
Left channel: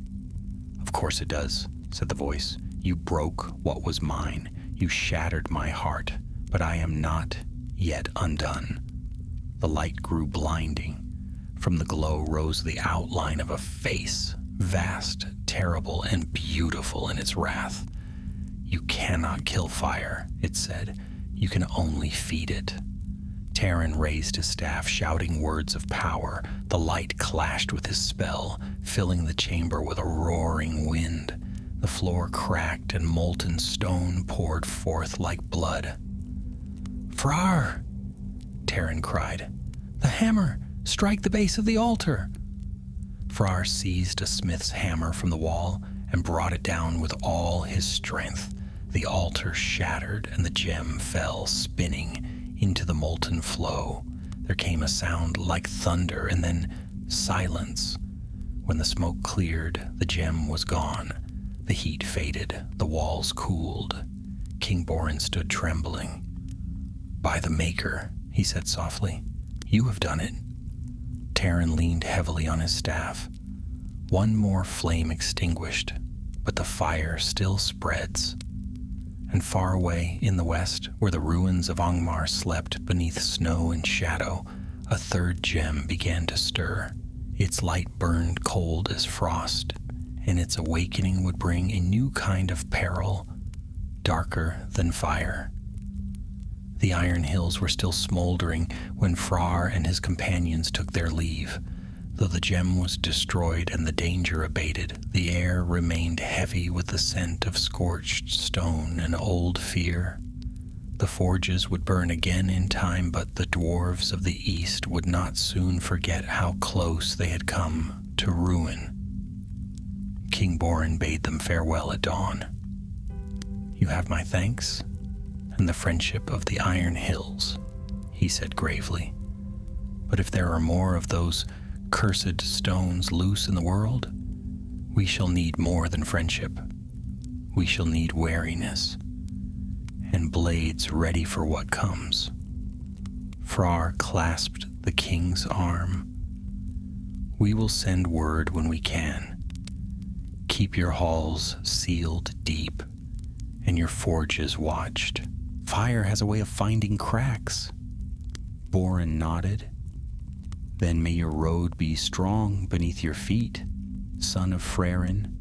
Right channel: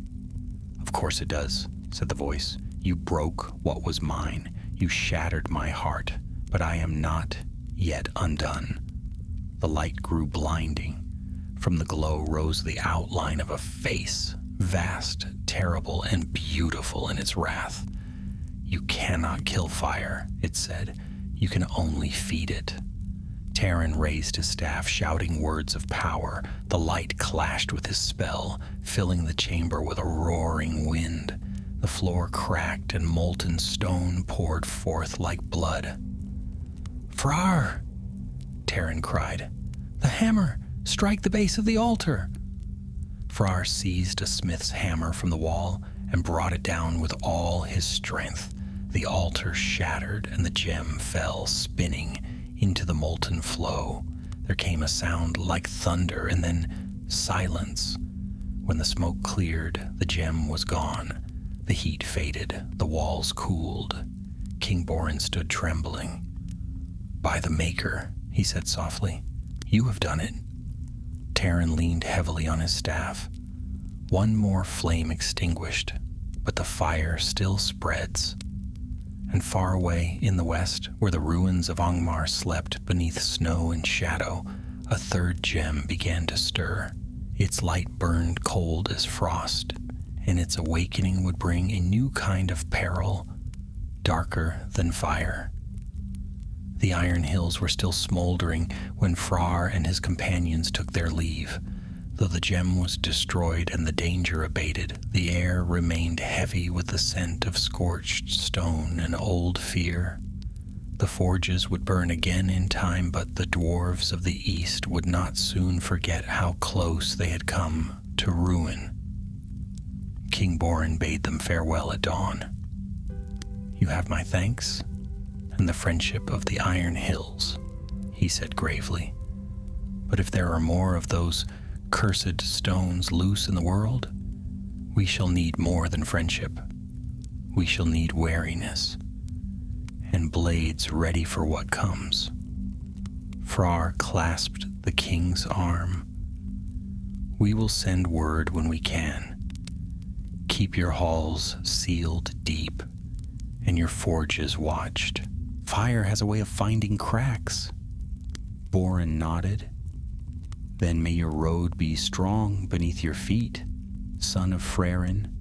Of course it does, said the voice. You broke what was mine. You shattered my heart. But I am not yet undone. The light grew blinding. From the glow rose the outline of a face, vast, terrible, and beautiful in its wrath. You cannot kill fire, it said. You can only feed it. Taran raised his staff, shouting words of power. The light clashed with his spell, filling the chamber with a roaring wind. The floor cracked and molten stone poured forth like blood. Frar! Taran cried. The hammer! Strike the base of the altar! Frar seized a smith's hammer from the wall and brought it down with all his strength. The altar shattered and the gem fell, spinning into the molten flow. There came a sound like thunder and then silence. When the smoke cleared, the gem was gone. The heat faded, the walls cooled. King Borin stood trembling. By the Maker, he said softly, you have done it. Taran leaned heavily on his staff. One more flame extinguished, but the fire still spreads. And far away in the west, where the ruins of Angmar slept beneath snow and shadow, a third gem began to stir. Its light burned cold as frost, and its awakening would bring a new kind of peril, darker than fire. The Iron Hills were still smoldering when Frar and his companions took their leave. Though the gem was destroyed and the danger abated, the air remained heavy with the scent of scorched stone and old fear. The forges would burn again in time, but the dwarves of the east would not soon forget how close they had come to ruin. King Borin bade them farewell at dawn. You have my thanks and the friendship of the Iron Hills, he said gravely. But if there are more of those cursed stones loose in the world, we shall need more than friendship. We shall need wariness, and blades ready for what comes. Frar clasped the king's arm. We will send word when we can. Keep your halls sealed deep, and your forges watched. Fire has a way of finding cracks. Borin nodded. Then may your road be strong beneath your feet, son of Frerin.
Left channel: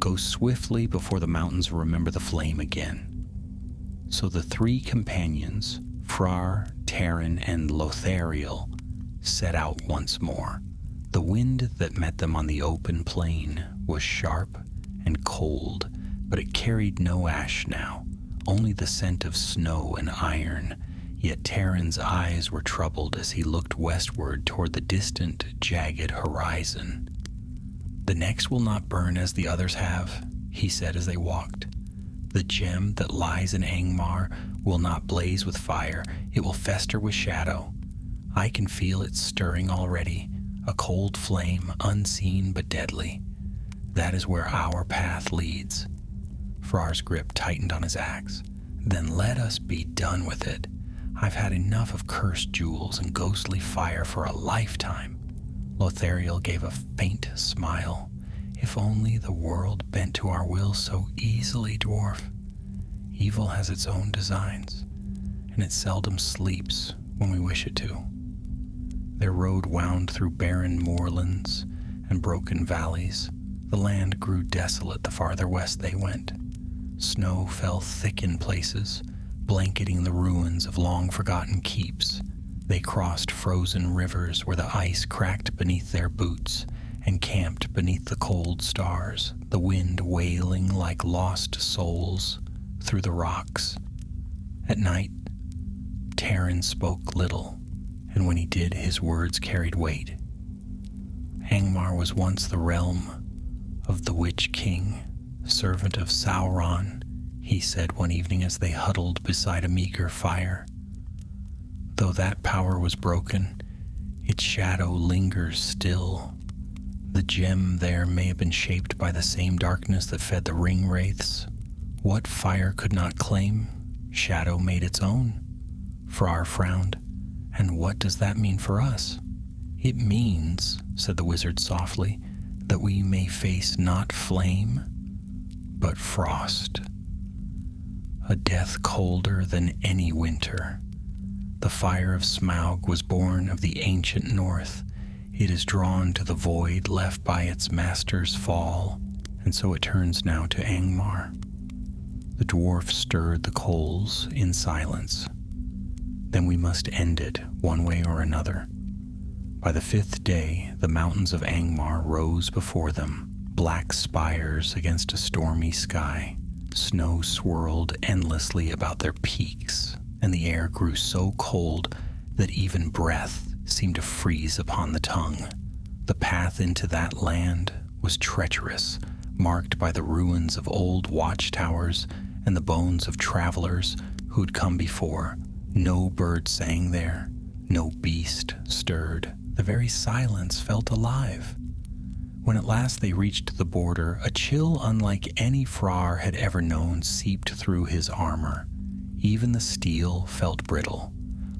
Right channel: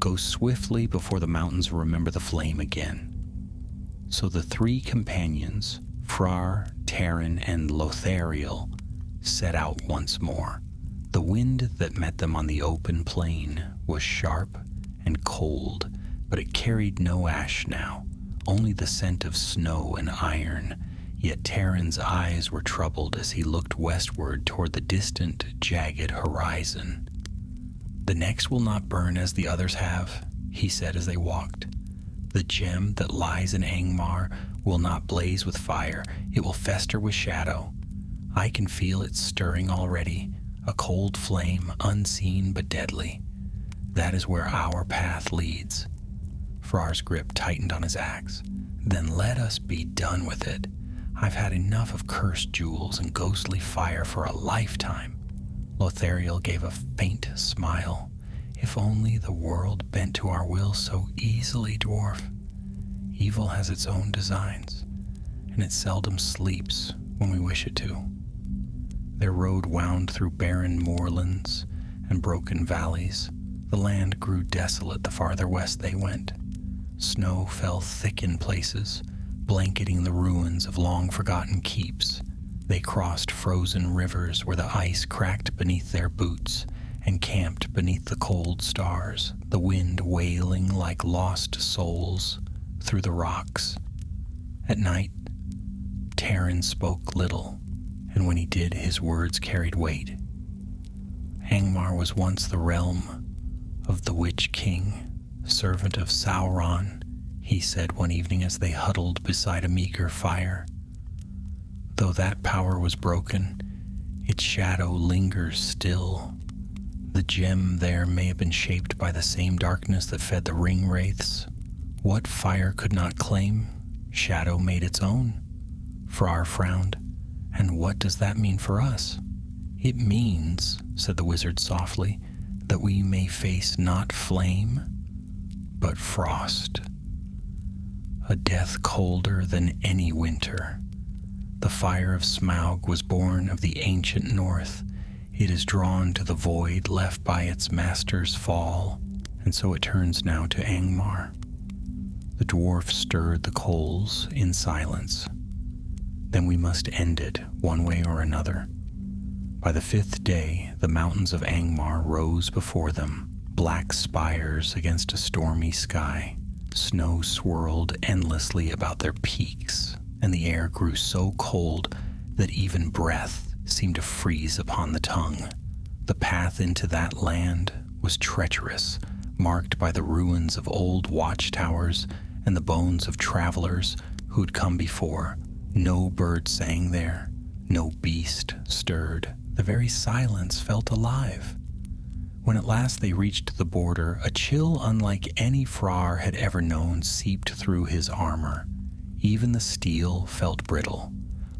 Go swiftly before the mountains remember the flame again. So the three companions, Frar, Taran, and Lothariel, set out once more. The wind that met them on the open plain was sharp and cold, but it carried no ash now, only the scent of snow and iron. Yet Taran's eyes were troubled as he looked westward toward the distant, jagged horizon. The next will not burn as the others have, he said as they walked. The gem that lies in Angmar will not blaze with fire, it will fester with shadow. I can feel it stirring already, a cold flame, unseen but deadly. That is where our path leads. Frar's grip tightened on his axe. Then let us be done with it. I've had enough of cursed jewels and ghostly fire for a lifetime. Lothariel gave a faint smile. If only the world bent to our will so easily, dwarf. Evil has its own designs, and it seldom sleeps when we wish it to. Their road wound through barren moorlands and broken valleys. The land grew desolate the farther west they went. Snow fell thick in places, blanketing the ruins of long-forgotten keeps. They crossed frozen rivers where the ice cracked beneath their boots and camped beneath the cold stars, the wind wailing like lost souls through the rocks. At night, Taran spoke little, and when he did, his words carried weight. Angmar was once the realm of the Witch King, servant of Sauron, he said one evening as they huddled beside a meager fire. Though that power was broken, its shadow lingers still. The gem there may have been shaped by the same darkness that fed the ring wraiths, What fire could not claim, shadow made its own. Frar frowned. And what does that mean for us? It means, said the wizard softly, that we may face not flame, but frost. A death colder than any winter. The fire of Smaug was born of the ancient north. It is drawn to the void left by its master's fall, and so it turns now to Angmar. The dwarf stirred the coals in silence. Then we must end it one way or another. By the 5th day, the mountains of Angmar rose before them, black spires against a stormy sky. Snow swirled endlessly about their peaks, and the air grew so cold that even breath seemed to freeze upon the tongue. The path into that land was treacherous, marked by the ruins of old watchtowers and the bones of travelers who had come before. No bird sang there, no beast stirred. The very silence felt alive. When at last they reached the border, a chill unlike any Frar had ever known seeped through his armor. Even the steel felt brittle.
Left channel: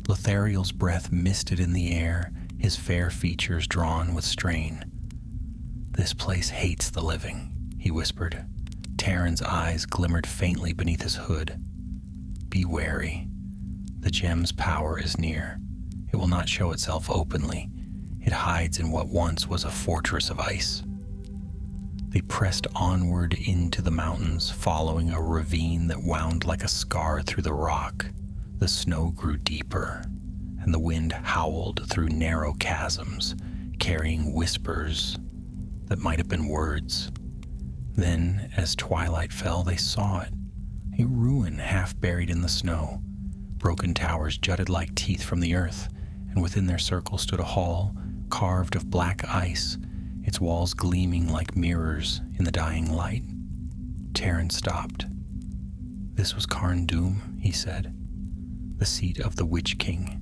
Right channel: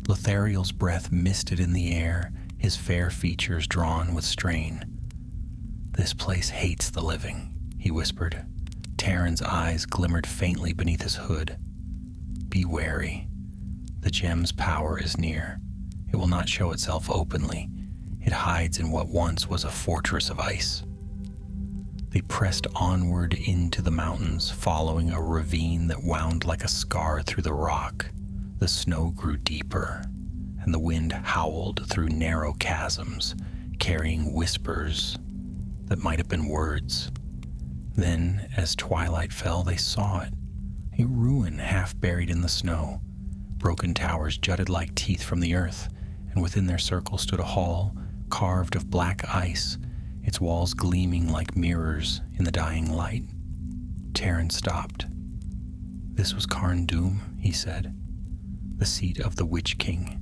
Lothariel's breath misted in the air, his fair features drawn with strain. "This place hates the living," he whispered. Taran's eyes glimmered faintly beneath his hood. "Be wary. The gem's power is near. It will not show itself openly. It hides in what once was a fortress of ice." They pressed onward into the mountains, following a ravine that wound like a scar through the rock. The snow grew deeper, and the wind howled through narrow chasms, carrying whispers that might have been words. Then, as twilight fell, they saw it, a ruin half buried in the snow. Broken towers jutted like teeth from the earth, and within their circle stood a hall carved of black ice, its walls gleaming like mirrors in the dying light. Taran stopped. "This was Carn Dûm," he said, "the seat of the Witch King.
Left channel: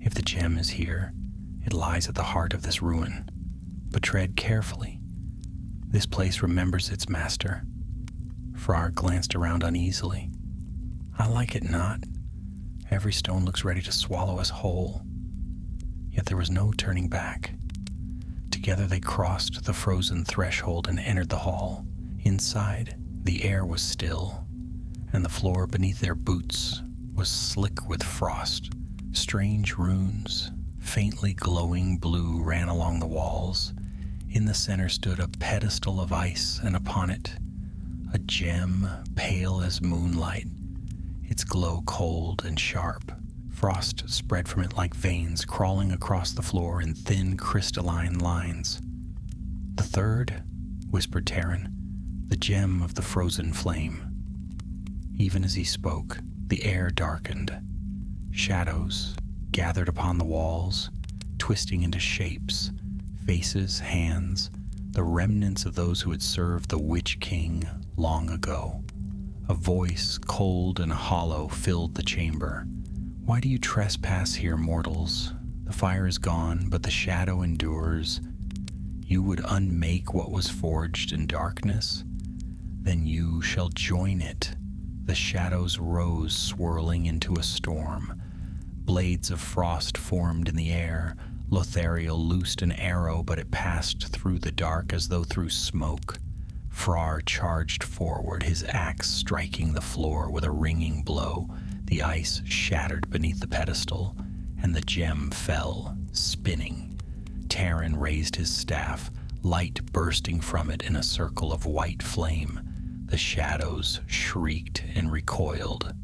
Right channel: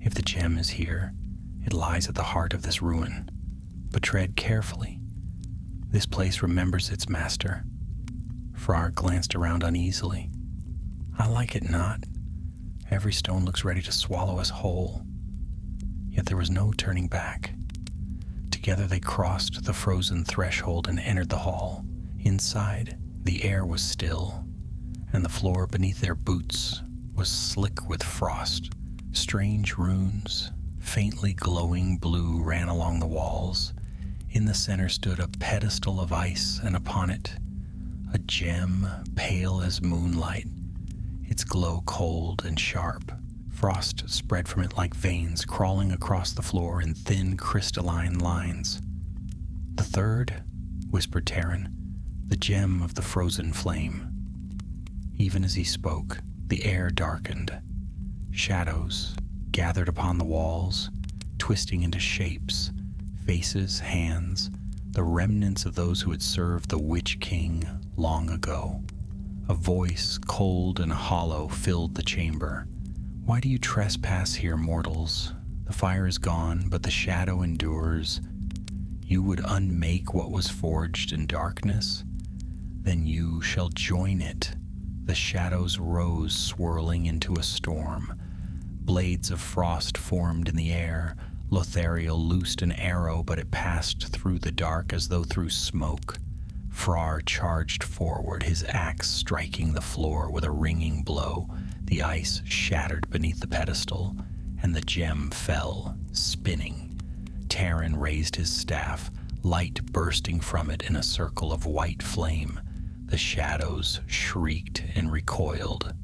If the gem is here, it lies at the heart of this ruin. But tread carefully. This place remembers its master." Frar glanced around uneasily. "I like it not. Every stone looks ready to swallow us whole." Yet there was no turning back. Together they crossed the frozen threshold and entered the hall. Inside, the air was still, and the floor beneath their boots was slick with frost. Strange runes, faintly glowing blue, ran along the walls. In the center stood a pedestal of ice, and upon it, a gem pale as moonlight, its glow cold and sharp. Frost spread from it like veins crawling across the floor in thin crystalline lines. "The third," whispered Taran, "the gem of the frozen flame." Even as he spoke, the air darkened. Shadows gathered upon the walls, twisting into shapes, faces, hands, the remnants of those who had served the Witch King long ago. A voice, cold and hollow, filled the chamber. "Why do you trespass here, mortals? The fire is gone, but the shadow endures. You would unmake what was forged in darkness? Then you shall join it." The shadows rose, swirling into a storm. Blades of frost formed in the air. Lothariel loosed an arrow, but it passed through the dark as though through smoke. Frar charged forward, his axe striking the floor with a ringing blow. The ice shattered beneath the pedestal, and the gem fell, spinning. Taran raised his staff, light bursting from it in a circle of white flame. The shadows shrieked and recoiled.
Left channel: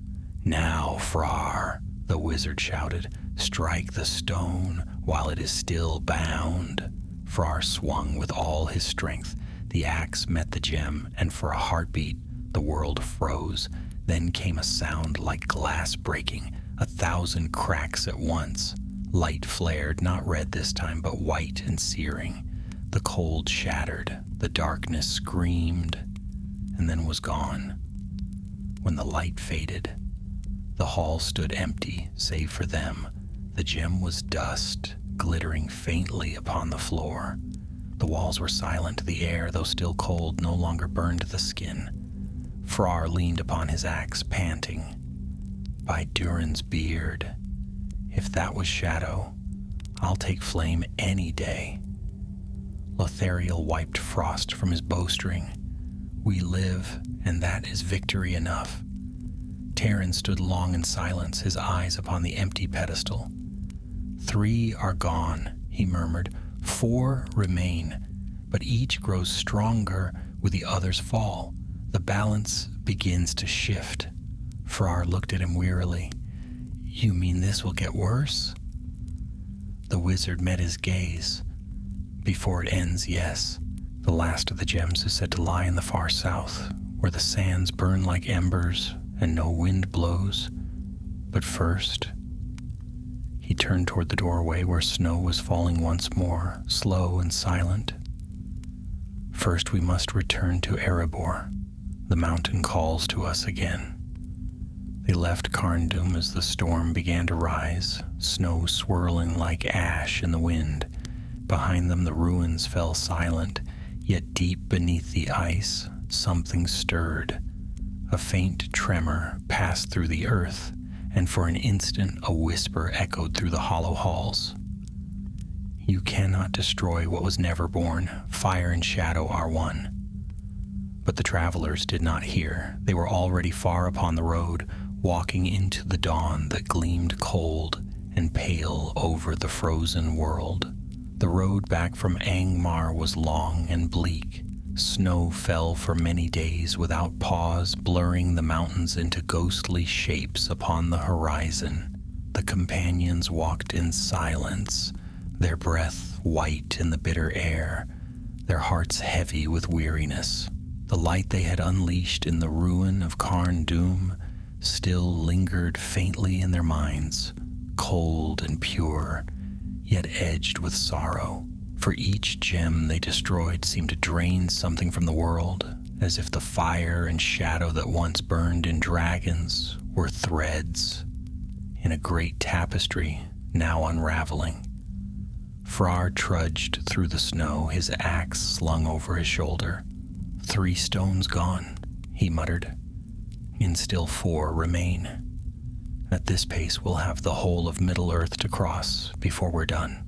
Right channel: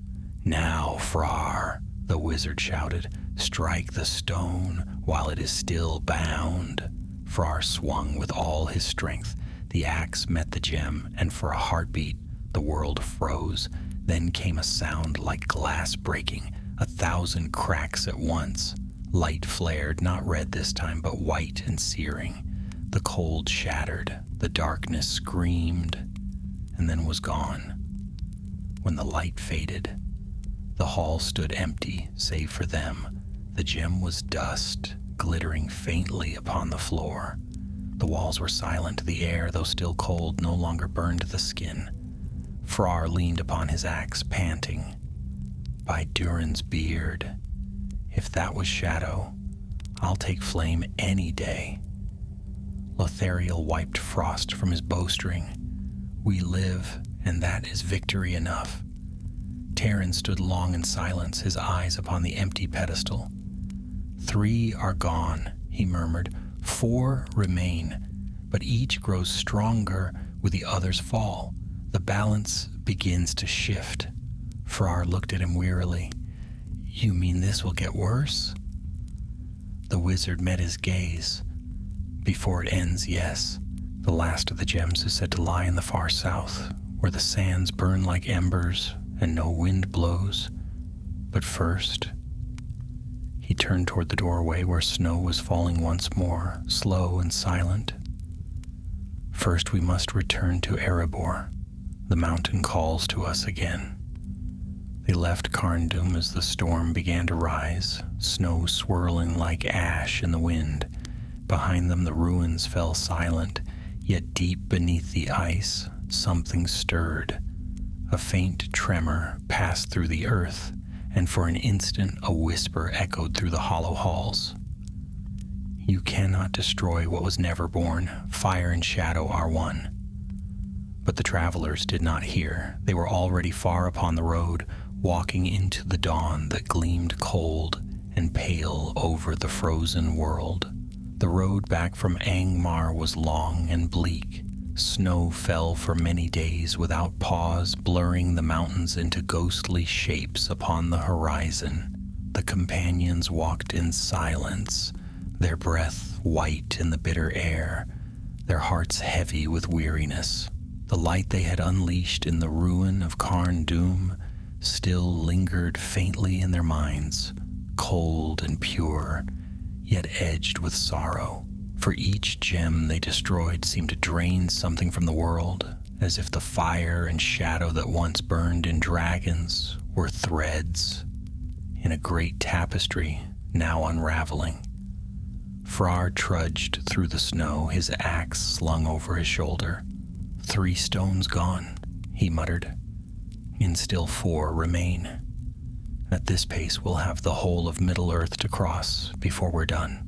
"Now, Frar," the wizard shouted, "strike the stone while it is still bound." Frar swung with all his strength. The axe met the gem, and for a heartbeat, the world froze. Then came a sound like glass breaking, 1,000 cracks at once. Light flared, not red this time, but white and searing. The cold shattered, the darkness screamed, and then was gone. When the light faded, the hall stood empty, save for them. The gem was dust, glittering faintly upon the floor. The walls were silent. The air, though still cold, no longer burned the skin. Frar leaned upon his axe, panting. By Durin's beard, if that was shadow, I'll take flame any day. Lothariel wiped frost from his bowstring. We live, and that is victory enough. Taran stood long in silence, his eyes upon the empty pedestal. 3 are gone, he murmured. 4 remain, but each grows stronger with the other's fall. The balance begins to shift. Frar looked at him wearily. You mean this will get worse? The wizard met his gaze. Before it ends, yes. The last of the gems is said to lie in the far south, where the sands burn like embers and no wind blows. But first, he turned toward the doorway where snow was falling once more, slow and silent. First we must return to Erebor. The mountain calls to us again. They left Carndum as the storm began to rise, snow swirling like ash in the wind. Behind them the ruins fell silent, yet deep beneath the ice something stirred. A faint tremor passed through the earth, and for an instant a whisper echoed through the hollow halls. You cannot destroy what was never born. Fire and shadow are one. But the travelers did not hear. They were already far upon the road, walking into the dawn that gleamed cold and pale over the frozen world. The road back from Angmar was long and bleak. Snow fell for many days without pause, blurring the mountains into ghostly shapes upon the horizon. The companions walked in silence, their breath white in the bitter air, their hearts heavy with weariness. The light they had unleashed in the ruin of Carndum still lingered faintly in their minds, cold and pure, yet edged with sorrow. For each gem they destroyed seemed to drain something from the world, as if the fire and shadow that once burned in dragons were threads in a great tapestry now unraveling. Frar trudged through the snow, his axe slung over his shoulder. 3 stones gone, he muttered, and still 4 remain. At this pace we'll have the whole of Middle-earth to cross before we're done.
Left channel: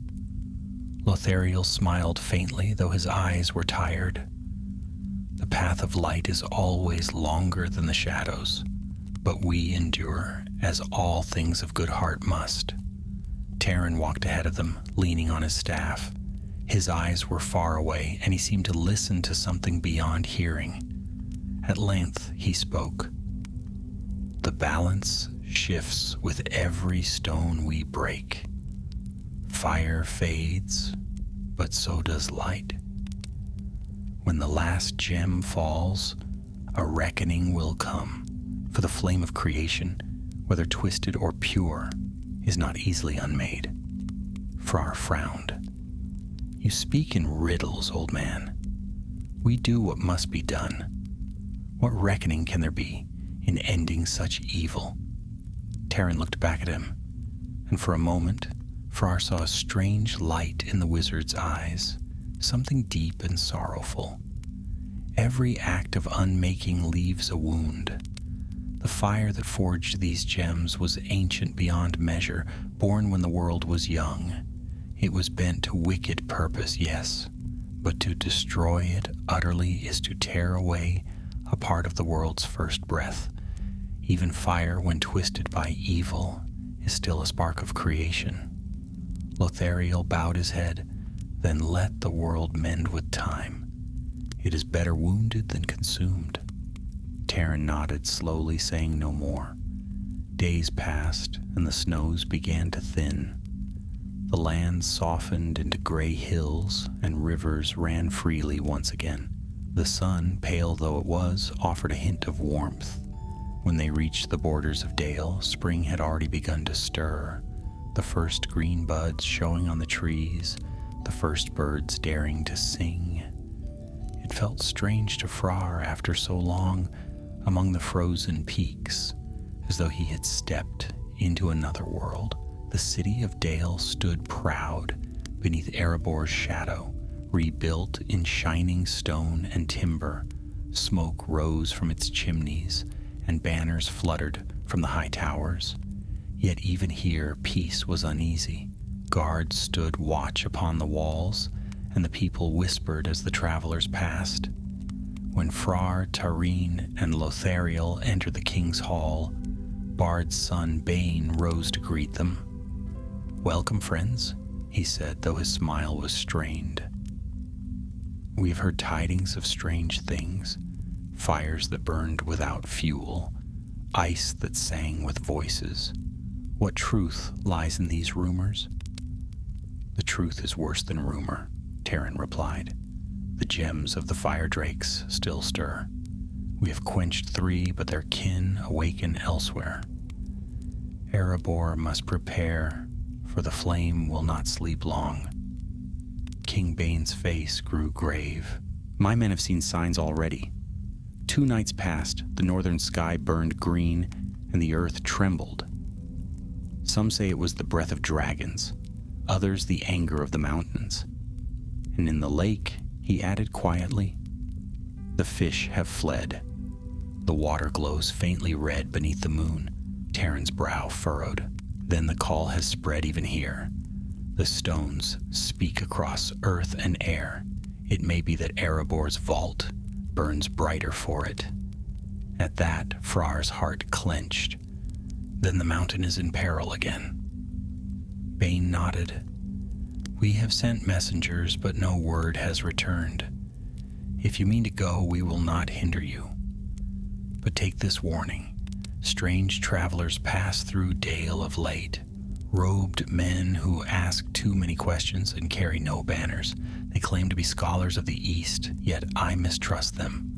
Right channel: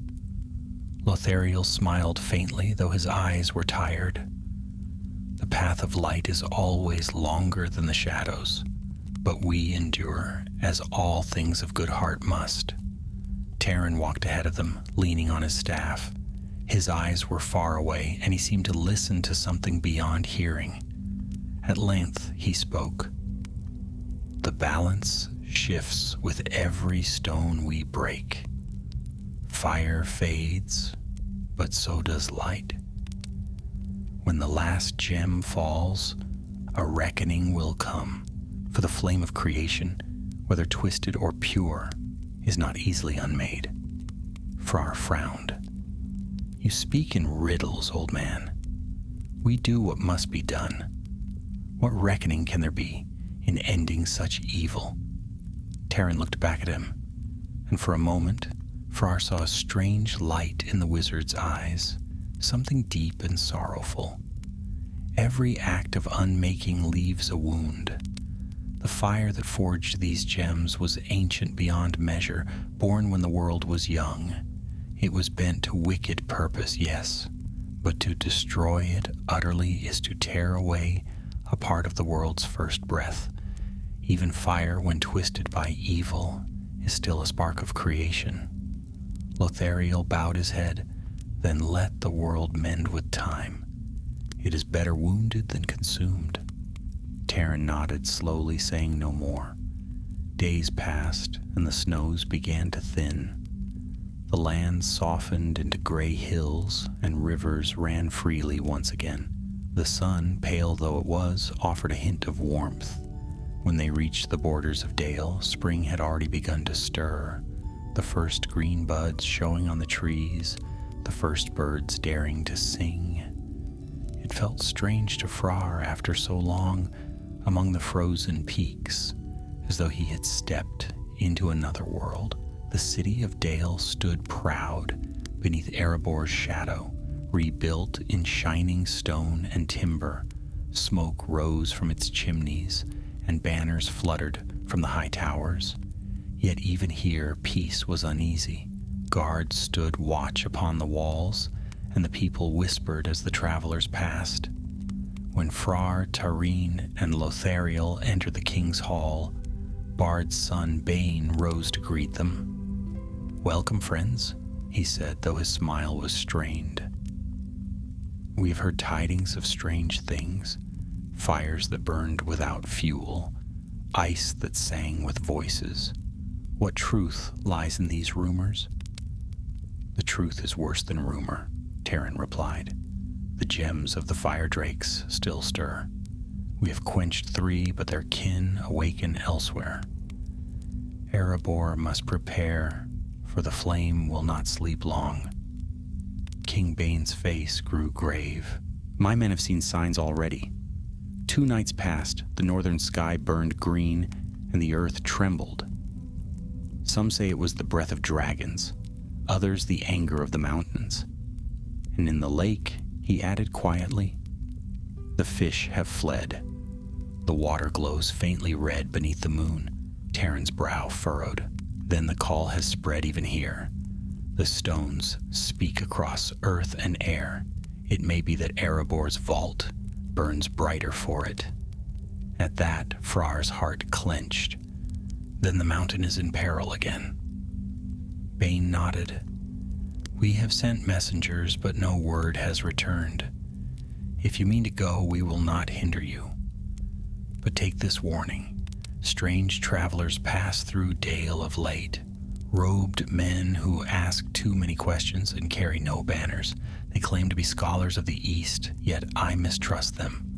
Lothariel smiled faintly, though his eyes were tired. The path of light is always longer than the shadows, but we endure, as all things of good heart must. Taran walked ahead of them, leaning on his staff. His eyes were far away, and he seemed to listen to something beyond hearing. At length he spoke. The balance shifts with every stone we break. Fire fades, but so does light. When the last gem falls, a reckoning will come, for the flame of creation, whether twisted or pure, is not easily unmade. Frar frowned. You speak in riddles, old man. We do what must be done. What reckoning can there be in ending such evil? Taran looked back at him, and for a moment, Frar saw a strange light in the wizard's eyes, something deep and sorrowful. Every act of unmaking leaves a wound. The fire that forged these gems was ancient beyond measure, born when the world was young. It was bent to wicked purpose, yes, but to destroy it utterly is to tear away a part of the world's first breath. Even fire, when twisted by evil, is still a spark of creation. Lothariel bowed his head, then let the world mend with time. It is better wounded than consumed. Taran nodded slowly, saying no more. Days passed, and the snows began to thin. The land softened into gray hills, and rivers ran freely once again. The sun, pale though it was, offered a hint of warmth. When they reached the borders of Dale, spring had already begun to stir, the first green buds showing on the trees, the first birds daring to sing. It felt strange to Frar after so long among the frozen peaks, as though he had stepped into another world. The city of Dale stood proud beneath Erebor's shadow, rebuilt in shining stone and timber, Smoke rose from its chimneys, and banners fluttered from the high towers. Yet even here peace was uneasy. Guards stood watch upon the walls, and the people whispered as the travelers passed. When Frar, Tareen, and Lothariel entered the king's hall, Bard's son Bane rose to greet them. "Welcome, friends," he said, though his smile was strained. "We have heard tidings of strange things, fires that burned without fuel, ice that sang with voices. What truth lies in these rumors?" "The truth is worse than rumor," Terran replied. "The gems of the fire drakes still stir. We have quenched 3, but their kin awaken elsewhere. Erebor must prepare, for the flame will not sleep long." King Bane's face grew grave. "My men have seen signs already. 2 nights past, the northern sky burned green, and the earth trembled. Some say it was the breath of dragons, others the anger of the mountains. And in the lake," he added quietly, "the fish have fled. The water glows faintly red beneath the moon." Terran's brow furrowed. "Then the call has spread even here. The stones speak across earth and air. It may be that Erebor's vault burns brighter for it." At that, Frar's heart clenched. "Then the mountain is in peril again." Bane nodded. "We have sent messengers, but no word has returned. If you mean to go, we will not hinder you. But take this warning. Strange travelers pass through Dale of late. Robed men who ask too many questions and carry no banners. They claim to be scholars of the East, yet I mistrust them."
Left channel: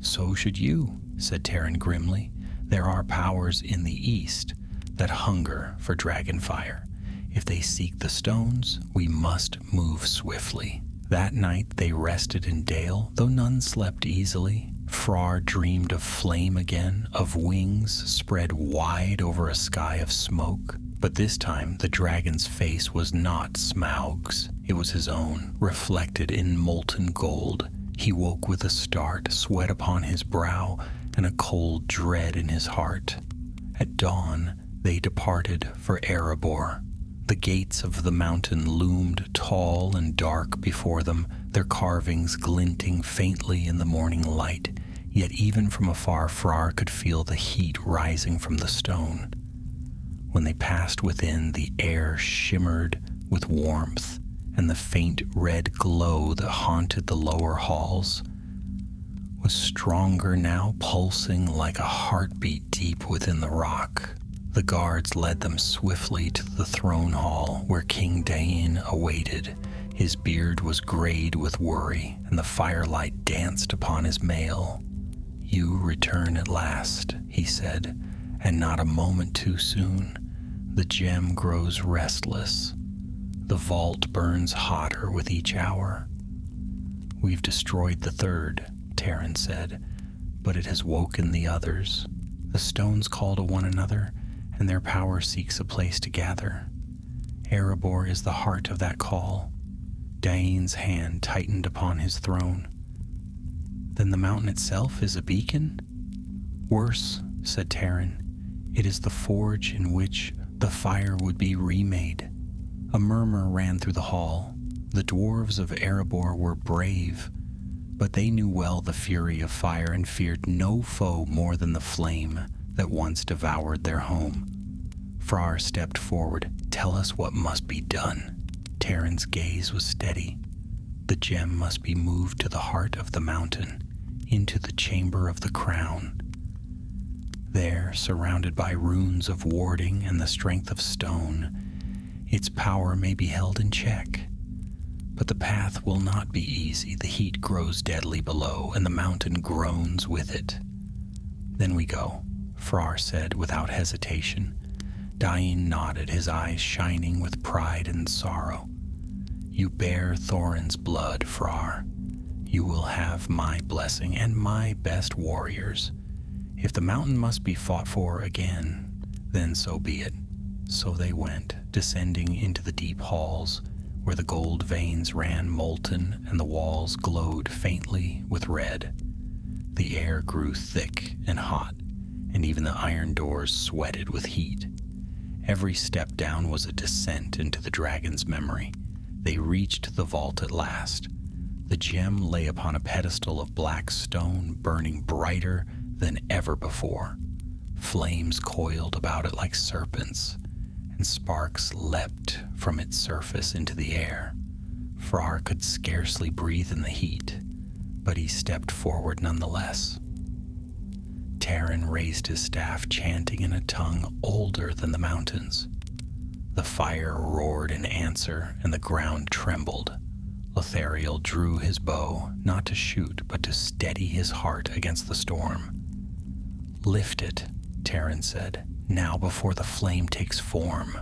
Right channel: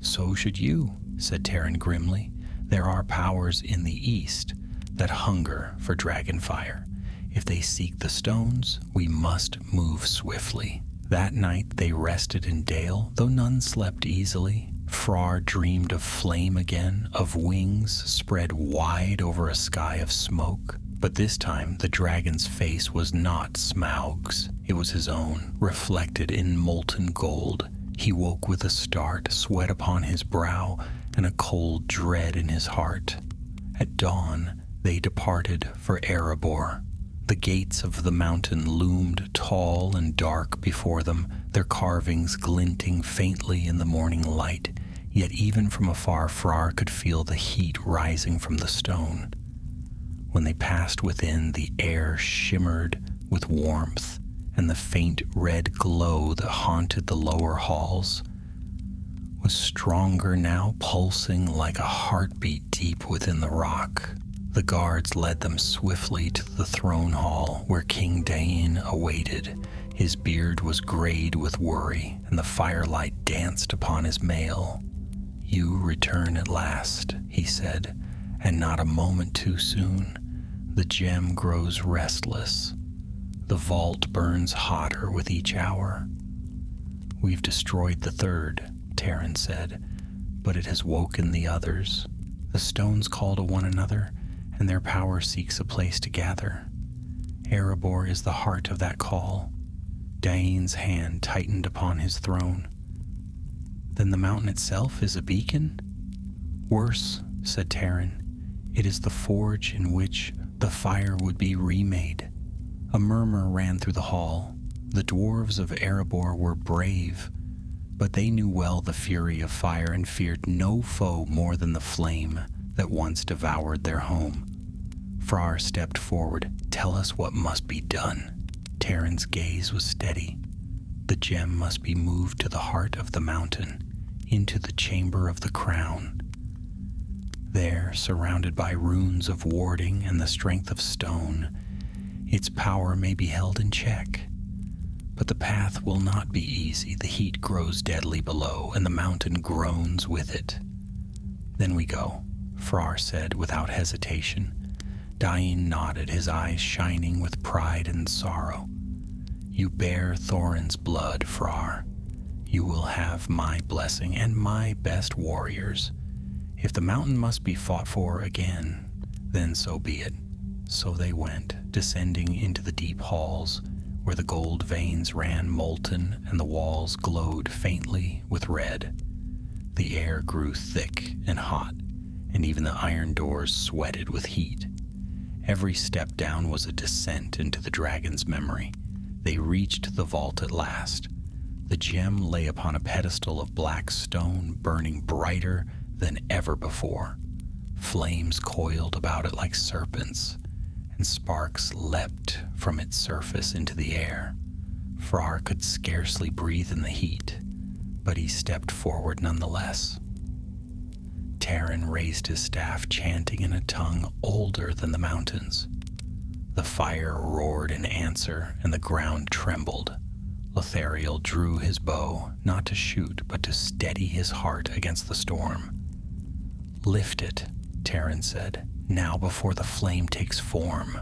"So should you," said Terran grimly. "There are powers in the East that hunger for dragonfire. If they seek the stones, we must move swiftly." That night they rested in Dale, though none slept easily. Frar dreamed of flame again, of wings spread wide over a sky of smoke. But this time the dragon's face was not Smaug's. It was his own, reflected in molten gold. He woke with a start, sweat upon his brow, and a cold dread in his heart. At dawn they departed for Erebor. The gates of the mountain loomed tall and dark before them, their carvings glinting faintly in the morning light. Yet even from afar Frar could feel the heat rising from the stone. When they passed within, the air shimmered with warmth, and the faint red glow that haunted the lower halls was stronger now, pulsing like a heartbeat deep within the rock. The guards led them swiftly to the throne hall where King Dain awaited. His beard was grayed with worry, and the firelight danced upon his mail. "You return at last," he said, "and not a moment too soon. The gem grows restless. The vault burns hotter with each hour." "We've destroyed the 3rd, Terran said, "but it has woken the others. The stones call to one another, and their power seeks a place to gather. Erebor is the heart of that call." Dain's hand tightened upon his throne. "Then the mountain itself is a beacon?" "Worse," said Terran. "It is the forge in which the fire would be remade." A murmur ran through the hall. The dwarves of Erebor were brave, but they knew well the fury of fire and feared no foe more than the flame that once devoured their home. Frar stepped forward. "Tell us what must be done." Terran's gaze was steady. "The gem must be moved to the heart of the mountain, into the chamber of the crown. There, surrounded by runes of warding and the strength of stone, its power may be held in check. But the path will not be easy. The heat grows deadly below, and the mountain groans with it." "Then we go," Frar said without hesitation. Dain nodded, his eyes shining with pride and sorrow. "You bear Thorin's blood, Frar. You will have my blessing and my best warriors. If the mountain must be fought for again, then so be it." So they went, descending into the deep halls, where the gold veins ran molten and the walls glowed faintly with red. The air grew thick and hot, and even the iron doors sweated with heat. Every step down was a descent into the dragon's memory. They reached the vault at last. The gem lay upon a pedestal of black stone, burning brighter than ever before. Flames coiled about it like serpents, and sparks leapt from its surface into the air. Frar could scarcely breathe in the heat, but he stepped forward nonetheless. Taran raised his staff, chanting in a tongue older than the mountains. The fire roared in answer, and the ground trembled. Lothariel drew his bow, not to shoot, but to steady his heart against the storm. "Lift it," Taran said, "now before the flame takes form."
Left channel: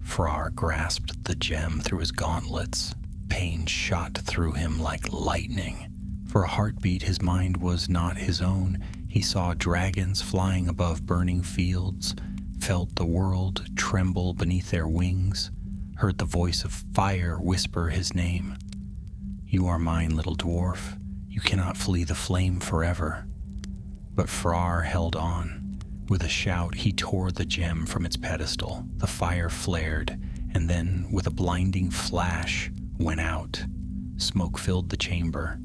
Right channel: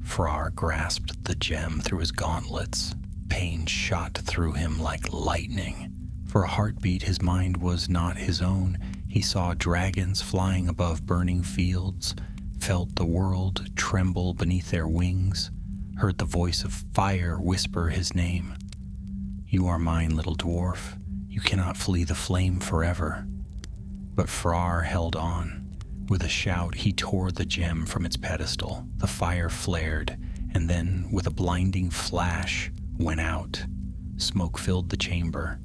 Frar grasped the gem through his gauntlets. Pain shot through him like lightning. For a heartbeat, his mind was not his own. He saw dragons flying above burning fields, felt the world tremble beneath their wings, heard the voice of fire whisper his name. "You are mine, little dwarf. You cannot flee the flame forever." But Frar held on. With a shout, he tore the gem from its pedestal. The fire flared, and then, with a blinding flash, went out. Smoke filled the chamber.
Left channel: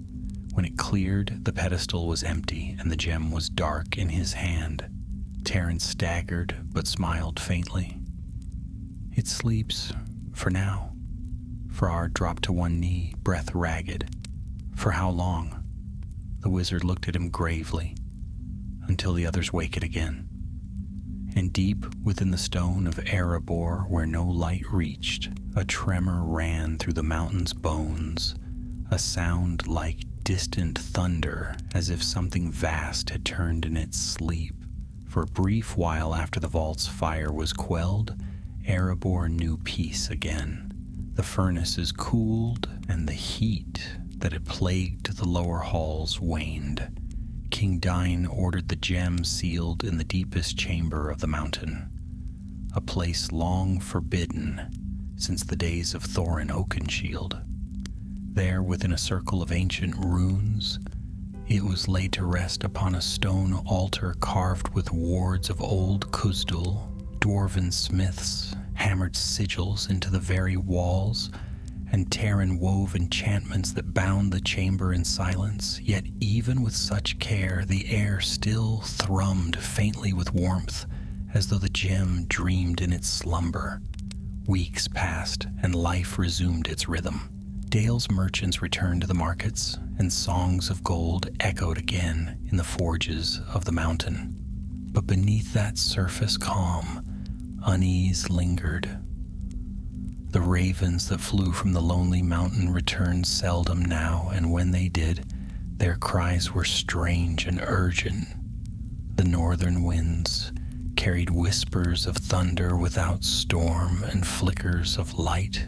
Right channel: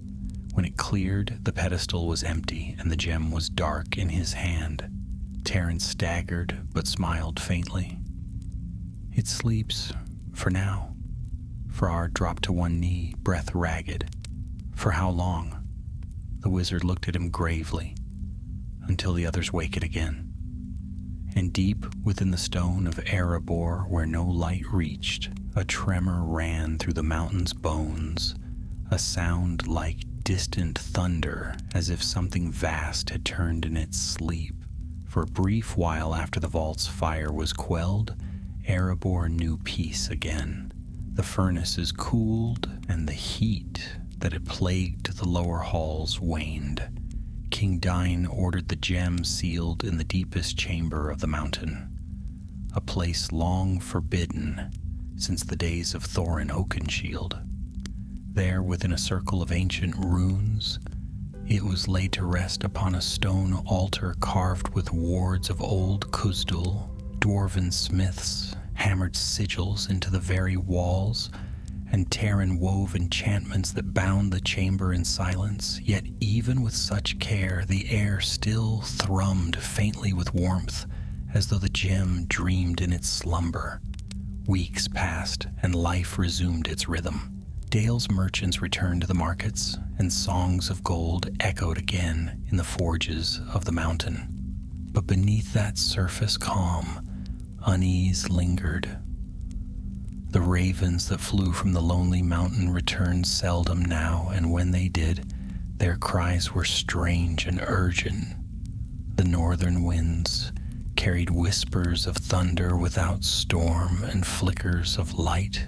When it cleared, the pedestal was empty, and the gem was dark in his hand. Taran staggered, but smiled faintly. "It sleeps, for now." Frar dropped to one knee, breath ragged. "For how long?" The wizard looked at him gravely. "Until the others wake it again." And deep within the stone of Erebor, where no light reached, a tremor ran through the mountain's bones, a sound like distant thunder, as if something vast had turned in its sleep. For a brief while after the vault's fire was quelled, Erebor knew peace again. The furnaces cooled, and the heat that had plagued the lower halls waned. King Dain ordered the gem sealed in the deepest chamber of the mountain, a place long forbidden since the days of Thorin Oakenshield. There, within a circle of ancient runes, it was laid to rest upon a stone altar carved with wards of old Khuzdul. Dwarven smiths hammered sigils into the very walls, and Taran wove enchantments that bound the chamber in silence. Yet even with such care, the air still thrummed faintly with warmth, as though the gem dreamed in its slumber. Weeks passed, and life resumed its rhythm. Dale's merchants returned to the markets, and songs of gold echoed again in the forges of the mountain. But beneath that surface calm, unease lingered. The ravens that flew from the lonely mountain returned seldom now, and when they did, their cries were strange and urgent. The northern winds carried whispers of thunder without storm and flickers of light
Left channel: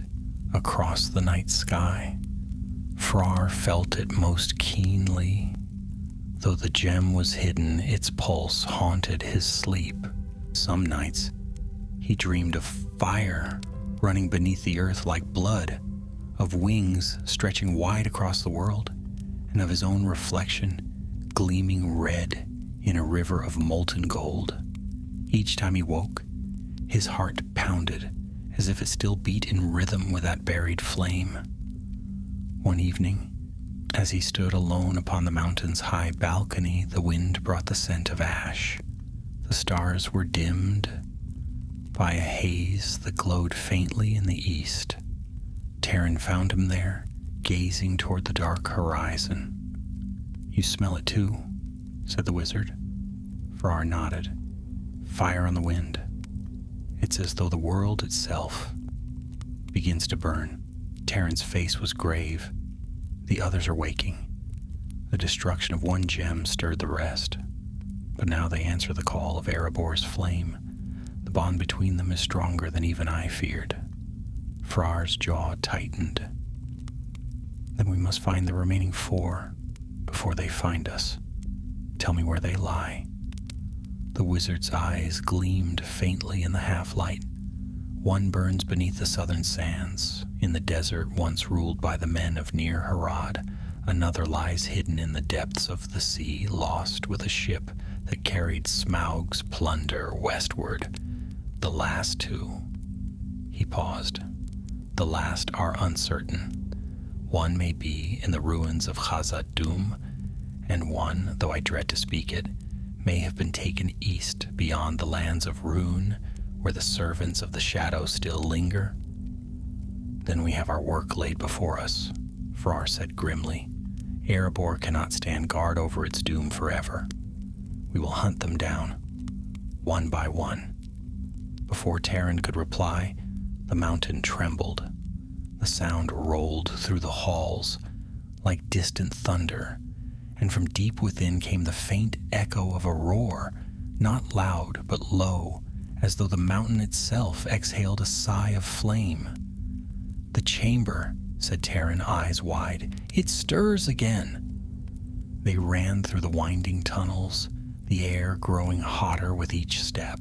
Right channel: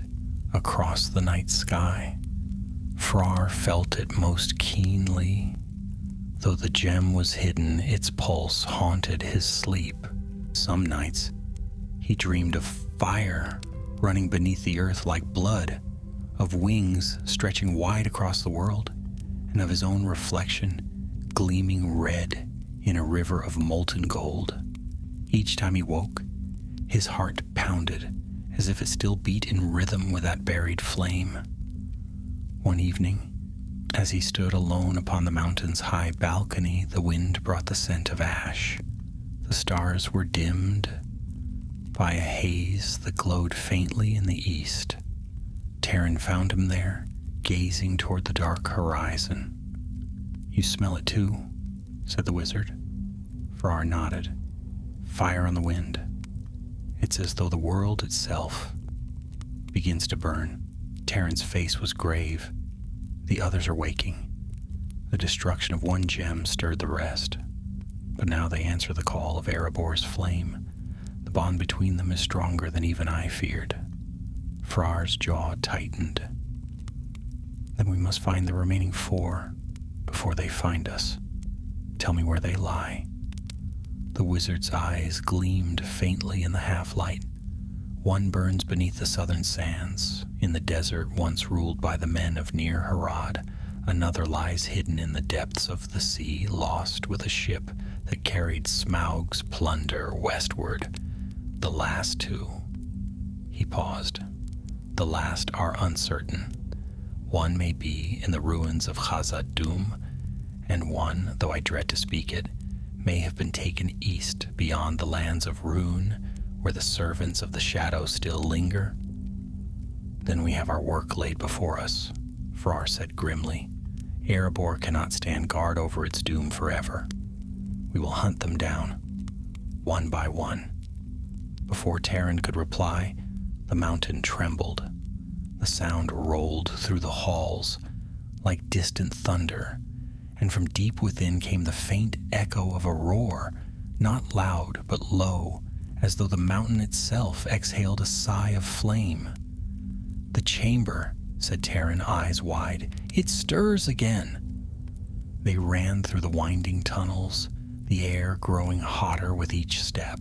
across the night sky. Frar felt it most keenly. Though the gem was hidden, its pulse haunted his sleep. Some nights, he dreamed of fire running beneath the earth like blood, of wings stretching wide across the world, and of his own reflection gleaming red in a river of molten gold. Each time he woke, his heart pounded as if it still beat in rhythm with that buried flame. One evening, as he stood alone upon the mountain's high balcony, the wind brought the scent of ash. The stars were dimmed by a haze that glowed faintly in the east. Taran found him there, gazing toward the dark horizon. "You smell it too," said the wizard. Frar nodded. "Fire on the wind. It's as though the world itself begins to burn." Taran's face was grave. "The others are waking. The destruction of one gem stirred the rest, but now they answer the call of Erebor's flame. The bond between them is stronger than even I feared." Frar's jaw tightened. "Then we must find the remaining 4 before they find us. Tell me where they lie." The wizard's eyes gleamed faintly in the half-light. "One burns beneath the southern sands, in the desert once ruled by the men of Near Harad. Another lies hidden in the depths of the sea, lost with a ship that carried Smaug's plunder westward. The last two," he paused, "the last are uncertain. One may be in the ruins of Khazad-dûm, and one, though I dread to speak it, may have been taken east beyond the lands of Rune, where the servants of the shadow still linger." "Then we have our work laid before us," Frar said grimly. "Erebor cannot stand guard over its doom forever. We will hunt them down, one by one." Before Terran could reply, the mountain trembled. The sound rolled through the halls like distant thunder, and from deep within came the faint echo of a roar, not loud but low, as though the mountain itself exhaled a sigh of flame. "The chamber," said Terran, eyes wide. "It stirs again." They ran through the winding tunnels, the air growing hotter with each step.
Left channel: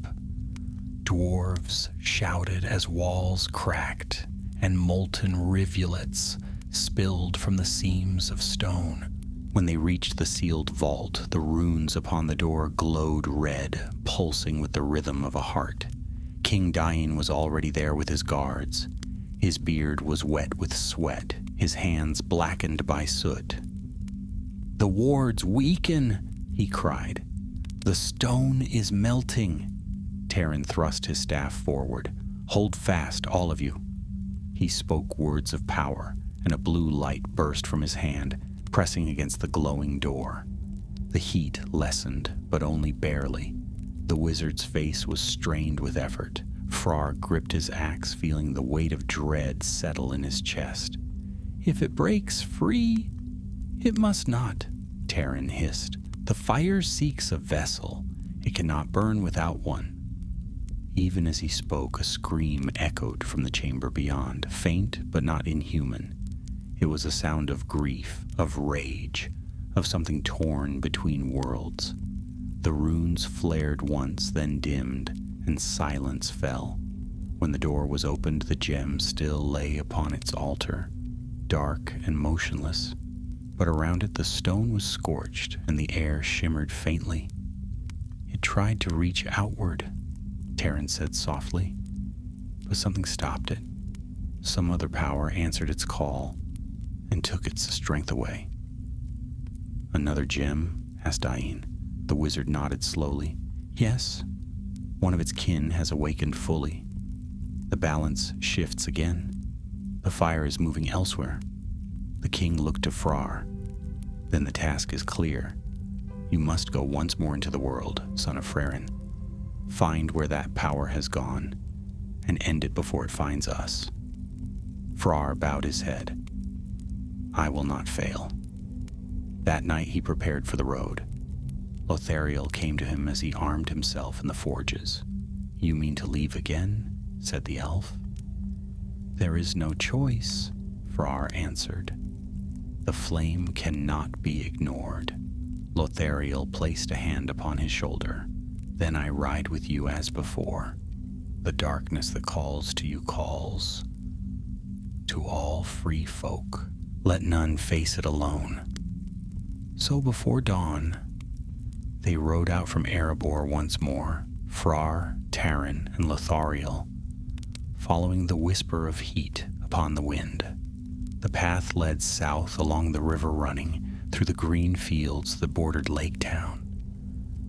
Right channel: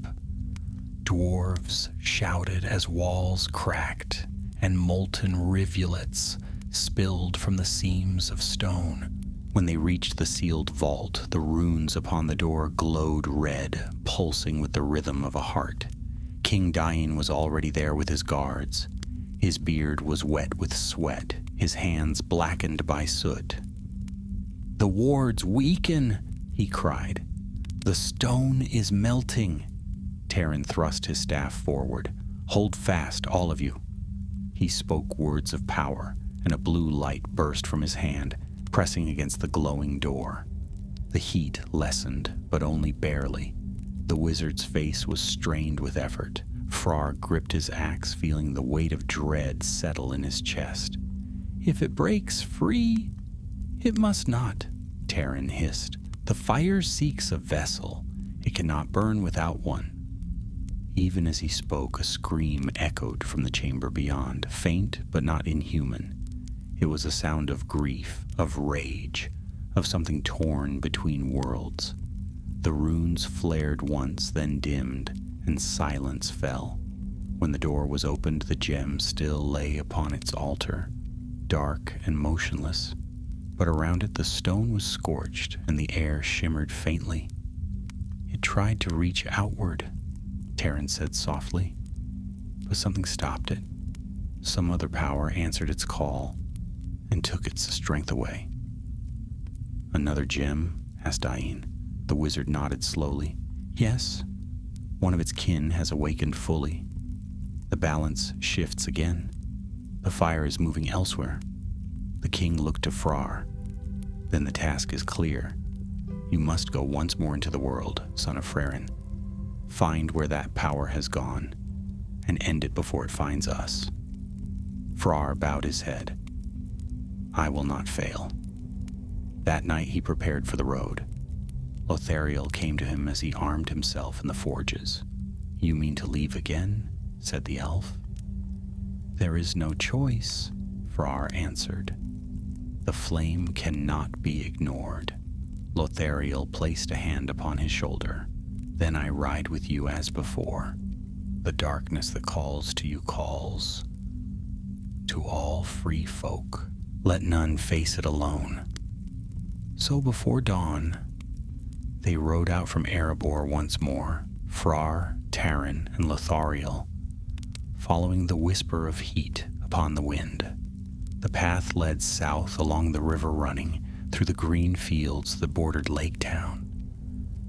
Dwarves shouted as walls cracked, and molten rivulets spilled from the seams of stone. When they reached the sealed vault, the runes upon the door glowed red, pulsing with the rhythm of a heart. King Dain was already there with his guards. His beard was wet with sweat, his hands blackened by soot. "The wards weaken," he cried. "The stone is melting." Terran thrust his staff forward. "Hold fast, all of you." He spoke words of power, and a blue light burst from his hand, pressing against the glowing door. The heat lessened, but only barely. The wizard's face was strained with effort. Frar gripped his axe, feeling the weight of dread settle in his chest. "If it breaks free—" "It must not," Terran hissed. "The fire seeks a vessel. It cannot burn without one." Even as he spoke, a scream echoed from the chamber beyond, faint but not inhuman. It was a sound of grief, of rage, of something torn between worlds. The runes flared once, then dimmed, and silence fell. When the door was opened, the gem still lay upon its altar, dark and motionless, but around it the stone was scorched and the air shimmered faintly. "It tried to reach outward," Terran said softly, "but something stopped it. Some other power answered its call and took its strength away." "Another gem?" asked Dain. The wizard nodded slowly. "Yes. One of its kin has awakened fully. The balance shifts again. The fire is moving elsewhere." The king looked to Frar. "Then the task is clear. You must go once more into the world, son of Frerin. Find where that power has gone, and end it before it finds us." Frar bowed his head. "I will not fail." That night he prepared for the road. Lothariel came to him as he armed himself in the forges. "You mean to leave again?" said the elf. "There is no choice," Frar answered. "The flame cannot be ignored." Lothariel placed a hand upon his shoulder. "Then I ride with you as before. The darkness that calls to you calls. To all free folk, let none face it alone." So before dawn, they rode out from Erebor once more, Frar, Terran, and Lothariel, following the whisper of heat upon the wind. The path led south along the river running through the green fields that bordered Lake Town.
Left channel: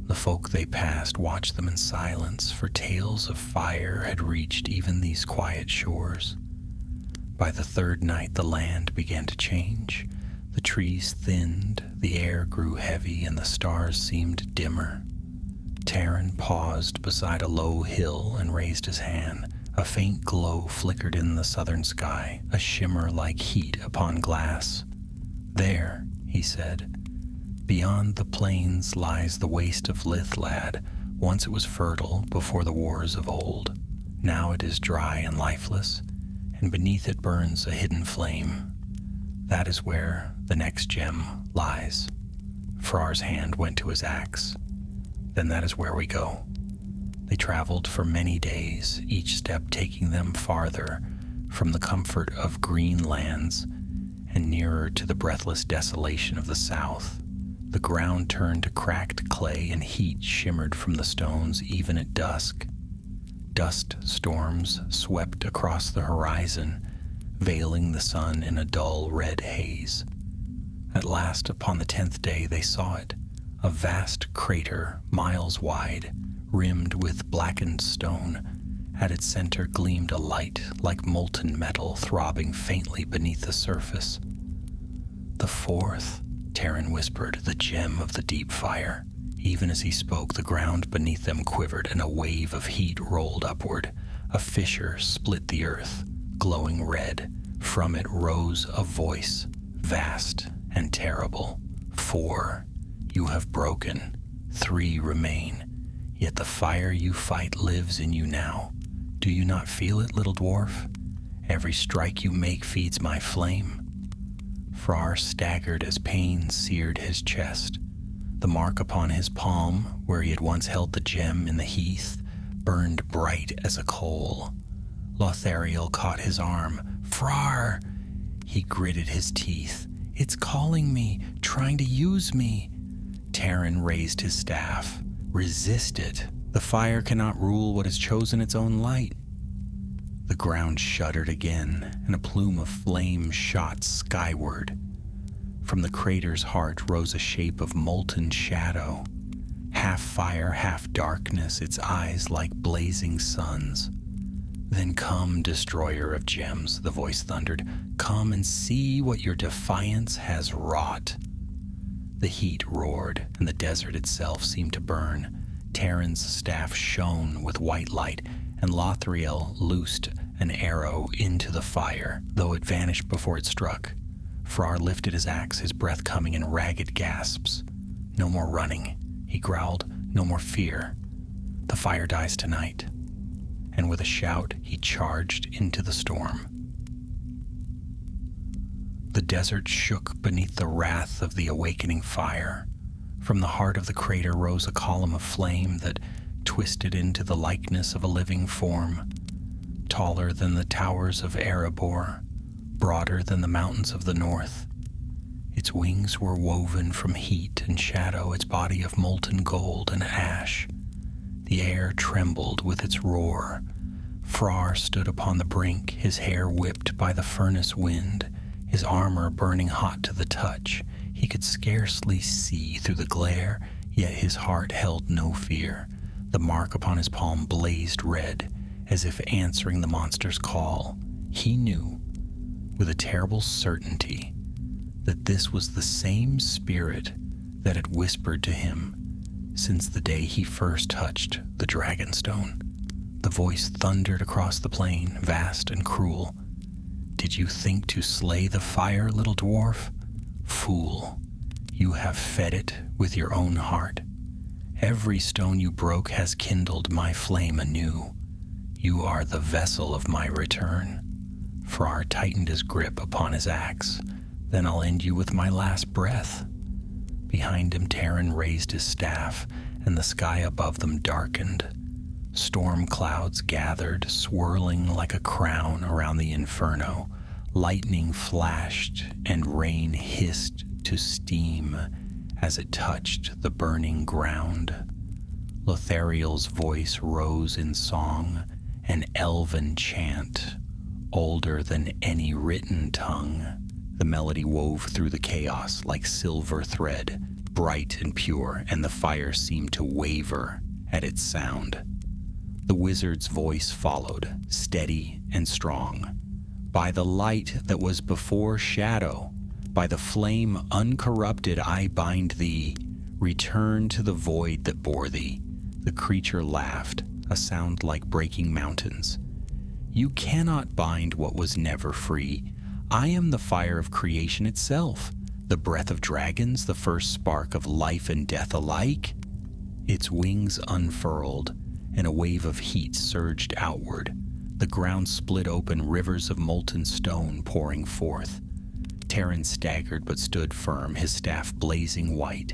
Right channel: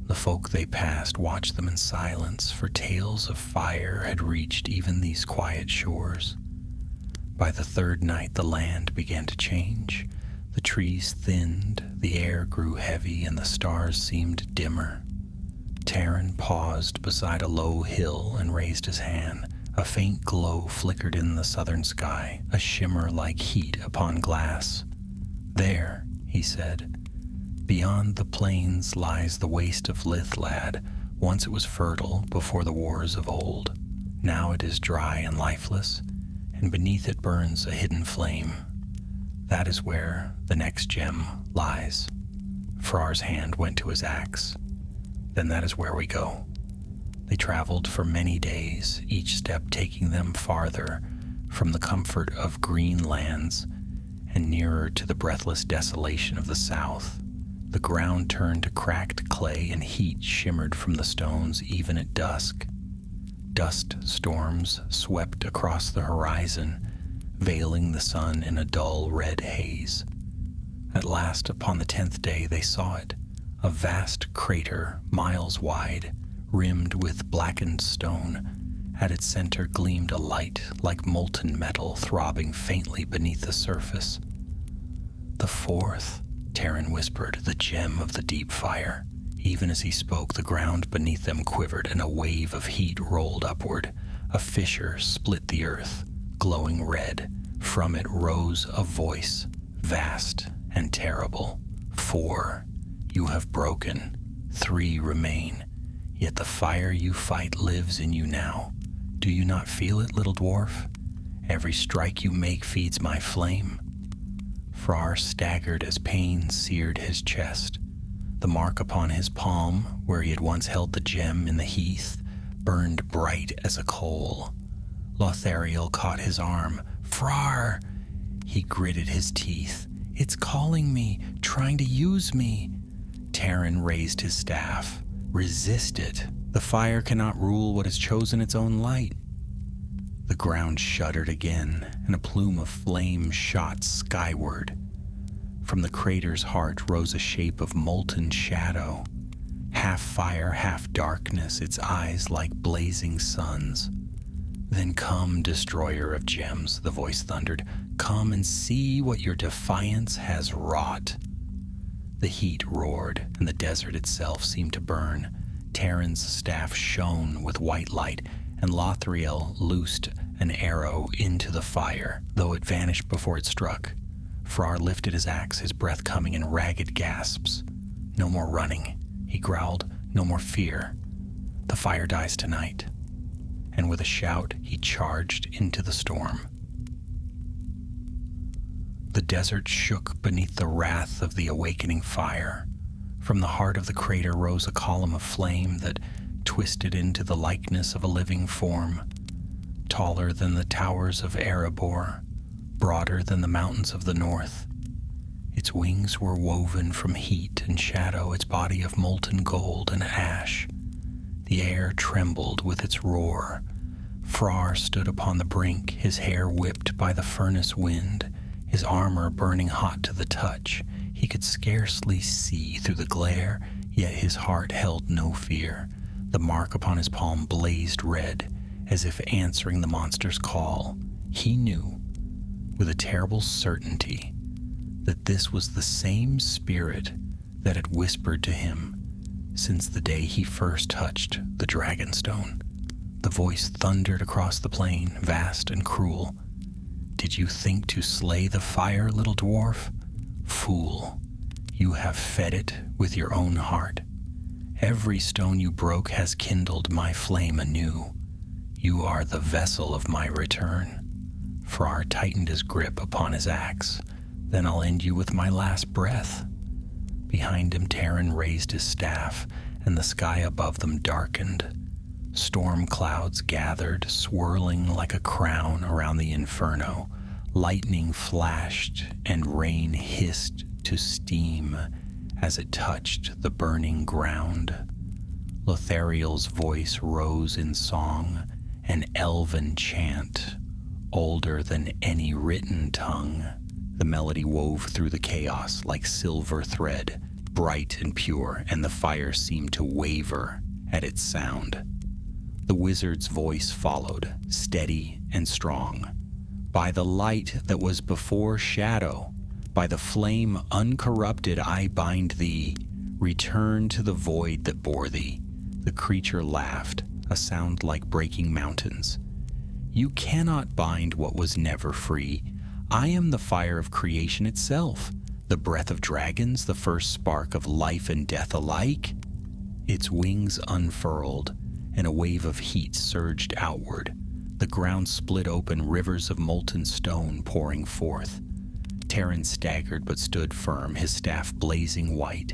The folk they passed watched them in silence, for tales of fire had reached even these quiet shores. By the third night the land began to change. The trees thinned, the air grew heavy, and the stars seemed dimmer. Terran paused beside a low hill and raised his hand. A faint glow flickered in the southern sky, a shimmer like heat upon glass. "There," he said, "beyond the plains lies the waste of Lithlad. Once it was fertile before the wars of old. Now it is dry and lifeless, and beneath it burns a hidden flame. That is where the next gem lies." Frar's hand went to his axe. "Then that is where we go." They traveled for many days, each step taking them farther from the comfort of green lands and nearer to the breathless desolation of the south. The ground turned to cracked clay and heat shimmered from the stones even at dusk. Dust storms swept across the horizon, veiling the sun in a dull red haze. At last, upon the 10th day, they saw it, a vast crater, miles wide, rimmed with blackened stone. At its center gleamed a light like molten metal throbbing faintly beneath the surface. "The fourth," Terran whispered, "the gem of the deep fire." Even as he spoke, the ground beneath them quivered and a wave of heat rolled upward. A fissure split the earth, glowing red. From it rose a voice, vast and terrible. "4, you have broken. 3 remain. Yet the fire you fight lives in you now. Do you not feel it, little dwarf? Every strike you make feeds my flame." Frar staggered as pain seared his chest. The mark upon his palm, where he had once held the gem in the heath, burned bright as a coal. Lothariel caught his arm. "Frar!" He gritted his teeth. "It's calling me, trying to use me." Terran raised his staff. "Resist it. The fire cannot rule what has chosen its own light." The ground shuddered again, and a plume of flame shot skyward. From the crater's heart rose a shape of molten shadow. Half fire, half darkness, its eyes like blazing suns. "Then come, destroyer of gems," the voice thundered. "Come and see what your defiance has wrought." The heat roared, and the desert itself seemed to burn. Terran's staff shone with white light, and Lothariel loosed an arrow into the fire, though it vanished before it struck. Frar lifted his axe, his breath coming in ragged gasps. "No more running," he growled. "No more fear. The fire dies tonight." And with a shout, he charged into the storm. The desert shook beneath the wrath of the awakening fire. From the heart of the crater rose a column of flame that twisted into the likeness of a living form, taller than the towers of Erebor, broader than the mountains of the north. Its wings were woven from heat and shadow, its body of molten gold and ash. The air trembled with its roar. Frar stood upon the brink, his hair whipped by the furnace wind, his armor burning hot to the touch. He could scarcely see through the glare, yet his heart held no fear. The mark upon his palm blazed red, as if answering the monster's call. He knew, with a terrible certainty, that this was the same spirit that had whispered to him since the day he first touched the Dragonstone. The voice thundered across the plain, vast and cruel. "Did you think to slay the fire, little dwarf? Fool, you have fed it with your own heart. Every stone you broke has kindled my flame anew. You are the vessel of my return." Frar tightened his grip upon his axe. "Then I'll end you with my last breath." Behind him, Terran raised his staff, and the sky above them darkened. Storm clouds gathered, swirling like a crown around the inferno. Lightning flashed, and rain hissed to steam as it touched the burning ground. Lothariel's voice rose in song, an elven chant, older than any written tongue. The melody wove through the chaos like silver thread, bright and pure, and the fire seemed to waver at its sound. The wizard's voice followed, steady and strong. "By the light that was before shadow, by the flame uncorrupted I bind thee. Return to the void that bore thee." The creature laughed, a sound like breaking mountains. "You cannot bind what was never free. I am the fire of creation itself, the breath of dragons, the first spark of life and death alike." Its wings unfurled, and a wave of heat surged outward. The ground split open, rivers of molten stone pouring forth. Terran staggered but stood firm, his staff blazing white.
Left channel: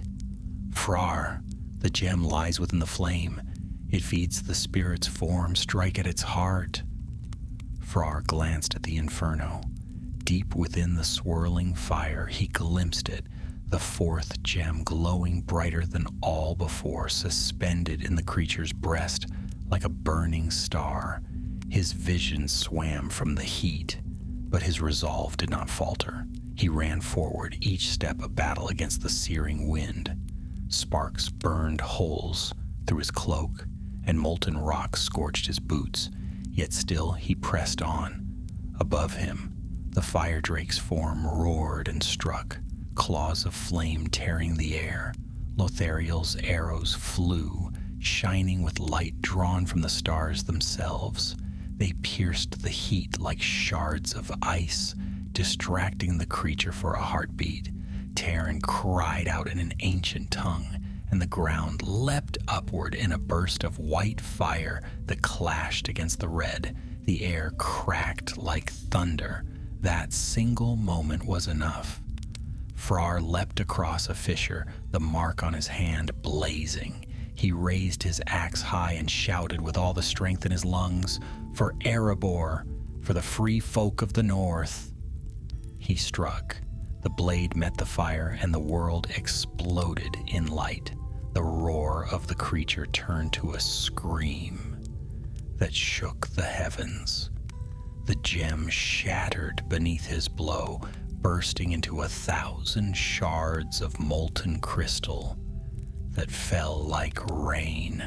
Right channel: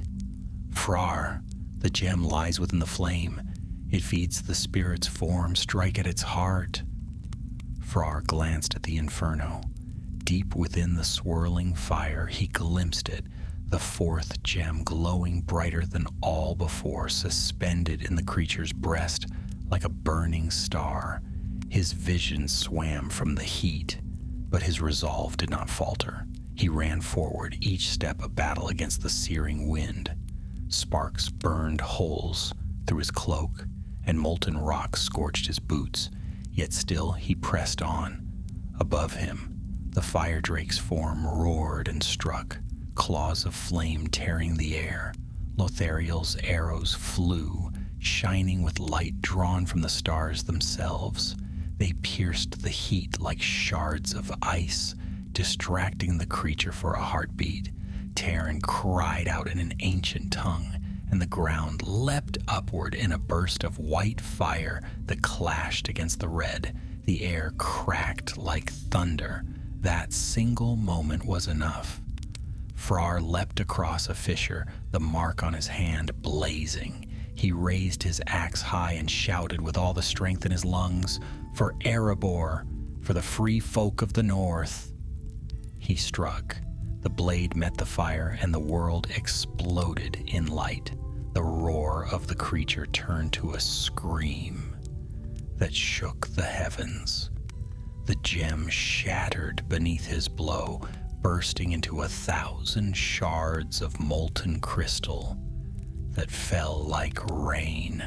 "Frar, the gem lies within the flame. It feeds the spirit's form. Strike at its heart." Frar glanced at the inferno. Deep within the swirling fire, he glimpsed it, the fourth gem glowing brighter than all before, suspended in the creature's breast like a burning star. His vision swam from the heat, but his resolve did not falter. He ran forward, each step a battle against the searing wind. Sparks burned holes through his cloak, and molten rock scorched his boots, yet still he pressed on. Above him, the fire drake's form roared and struck, claws of flame tearing the air. Lothariel's arrows flew, shining with light drawn from the stars themselves. They pierced the heat like shards of ice, distracting the creature for a heartbeat. Terran cried out in an ancient tongue, and the ground leapt upward in a burst of white fire that clashed against the red. The air cracked like thunder. That single moment was enough. Frar leapt across a fissure, the mark on his hand blazing. He raised his axe high and shouted with all the strength in his lungs, "For Erebor, for the free folk of the north." He struck. The blade met the fire, and the world exploded in light. The roar of the creature turned to a scream that shook the heavens. The gem shattered beneath his blow, bursting into 1,000 shards of molten crystal that fell like rain.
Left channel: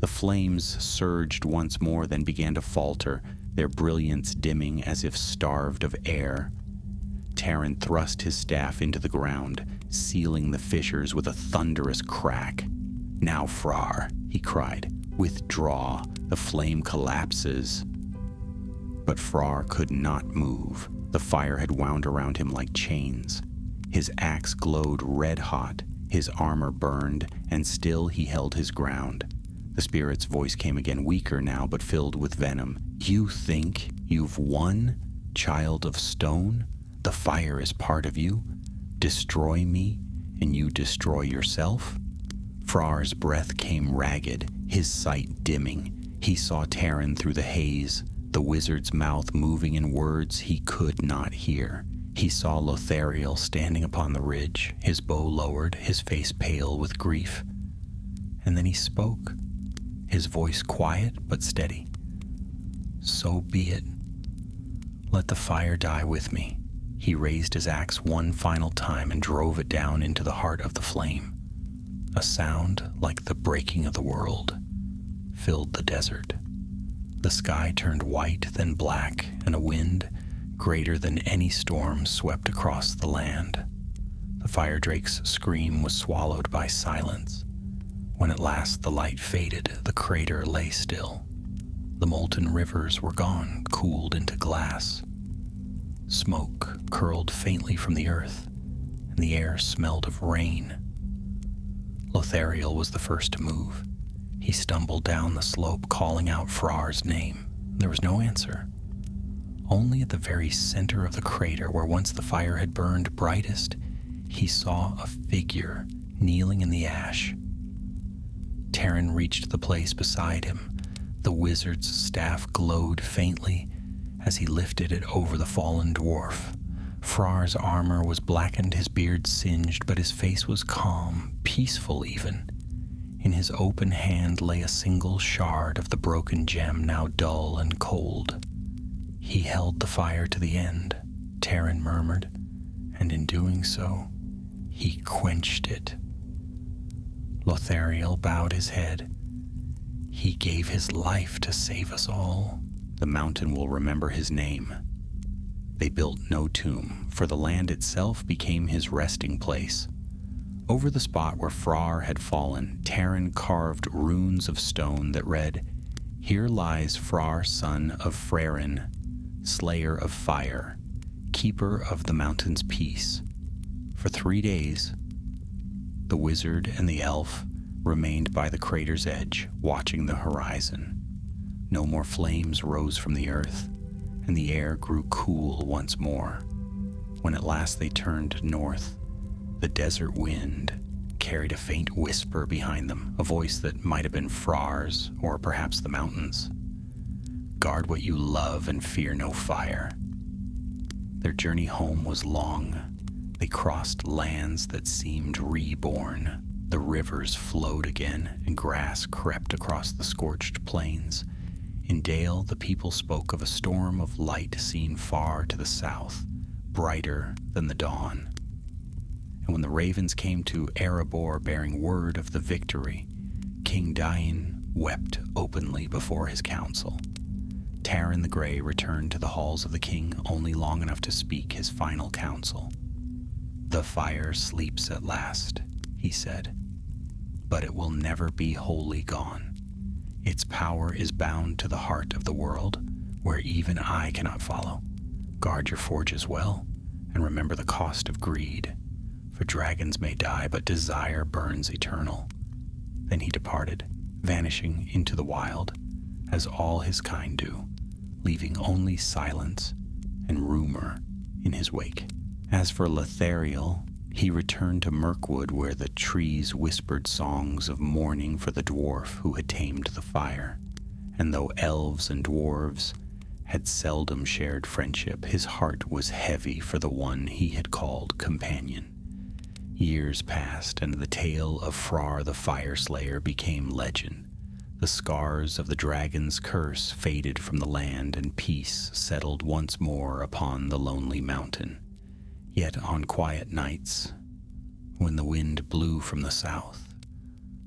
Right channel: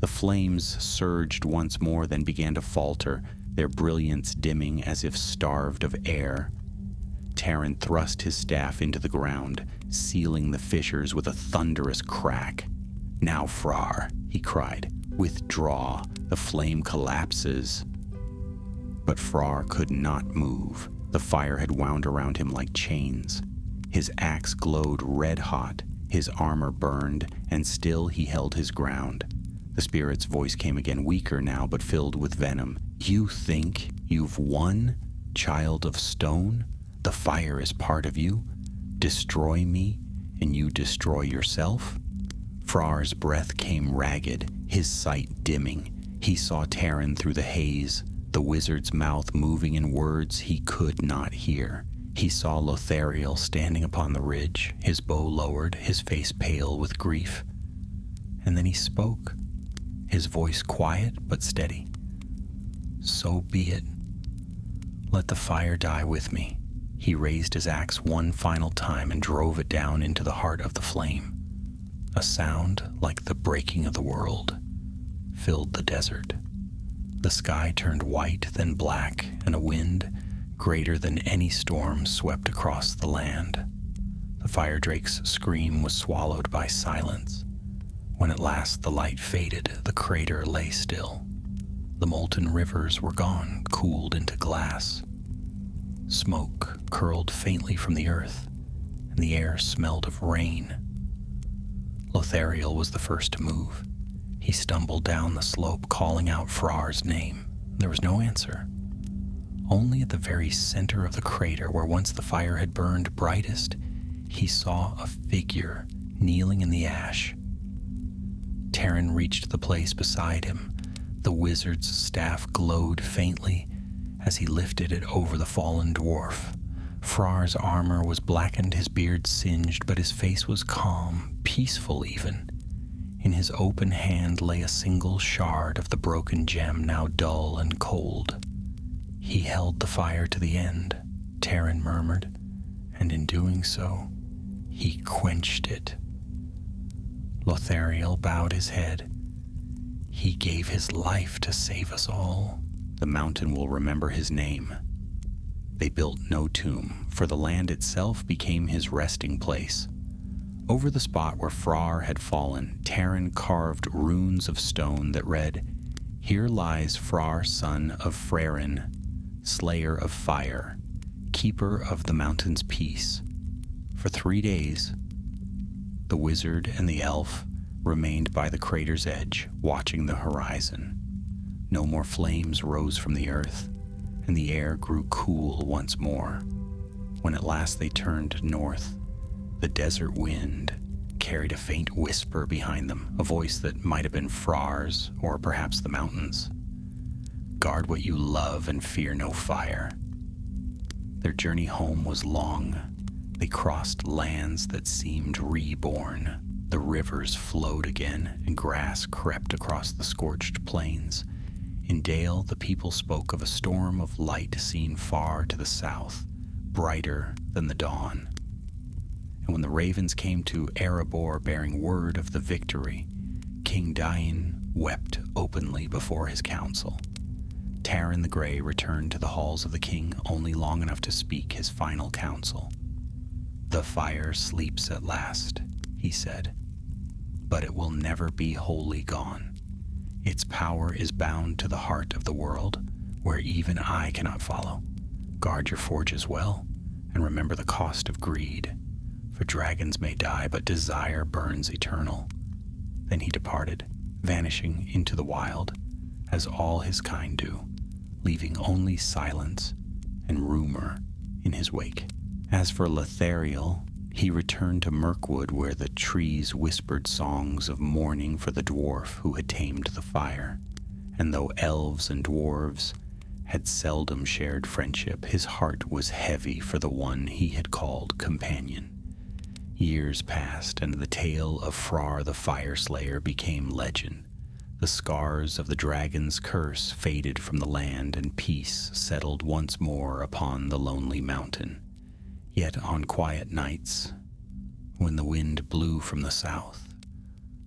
The flames surged once more, then began to falter, their brilliance dimming as if starved of air. Terran thrust his staff into the ground, sealing the fissures with a thunderous crack. "Now, Frar," he cried, "withdraw. The flame collapses." But Frar could not move. The fire had wound around him like chains. His axe glowed red hot, his armor burned, and still he held his ground. The spirit's voice came again, weaker now, but filled with venom. "You think you've won, child of stone? The fire is part of you. Destroy me, and you destroy yourself?" Frar's breath came ragged, his sight dimming. He saw Terran through the haze, the wizard's mouth moving in words he could not hear. He saw Lothariel standing upon the ridge, his bow lowered, his face pale with grief. And then he spoke, his voice quiet but steady. "So be it. Let the fire die with me." He raised his axe one final time and drove it down into the heart of the flame. A sound like the breaking of the world filled the desert. The sky turned white, then black, and a wind, greater than any storm, swept across the land. The fire drake's scream was swallowed by silence. When at last the light faded, the crater lay still. The molten rivers were gone, cooled into glass. Smoke curled faintly from the earth, and the air smelled of rain. Lothariel was the first to move. He stumbled down the slope, calling out Frar's name. There was no answer. Only at the very center of the crater, where once the fire had burned brightest, he saw a figure kneeling in the ash. Terran reached the place beside him. The wizard's staff glowed faintly as he lifted it over the fallen dwarf. Frar's armor was blackened, his beard singed, but his face was calm, peaceful even. In his open hand lay a single shard of the broken gem, now dull and cold. "He held the fire to the end," Terran murmured, "and in doing so, he quenched it." Lothariel bowed his head. "He gave his life to save us all. The mountain will remember his name." They built no tomb, for the land itself became his resting place. Over the spot where Frar had fallen, Terran carved runes of stone that read, "Here lies Frar, son of Frerin, slayer of fire, keeper of the mountain's peace." For 3 days, the wizard and the elf remained by the crater's edge, watching the horizon. No more flames rose from the earth, and the air grew cool once more. When at last they turned north, the desert wind carried a faint whisper behind them, a voice that might have been Frar's or perhaps the mountain's. "Guard what you love and fear no fire." Their journey home was long. They crossed lands that seemed reborn. The rivers flowed again, and grass crept across the scorched plains. In Dale, the people spoke of a storm of light seen far to the south, brighter than the dawn. And when the ravens came to Erebor bearing word of the victory, King Dain wept openly before his council. Taran the Grey returned to the halls of the king only long enough to speak his final counsel. "The fire sleeps at last," he said, "but it will never be wholly gone. Its power is bound to the heart of the world, where even I cannot follow. Guard your forges well, and remember the cost of greed. For dragons may die, but desire burns eternal." Then he departed, vanishing into the wild, as all his kind do, leaving only silence and rumor in his wake. As for Lethariel, he returned to Mirkwood, where the trees whispered songs of mourning for the dwarf who had tamed the fire. And though elves and dwarves had seldom shared friendship, his heart was heavy for the one he had called companion. Years passed, and the tale of Frar the Fireslayer became legend. The scars of the dragon's curse faded from the land, and peace settled once more upon the lonely mountain. Yet on quiet nights, when the wind blew from the south,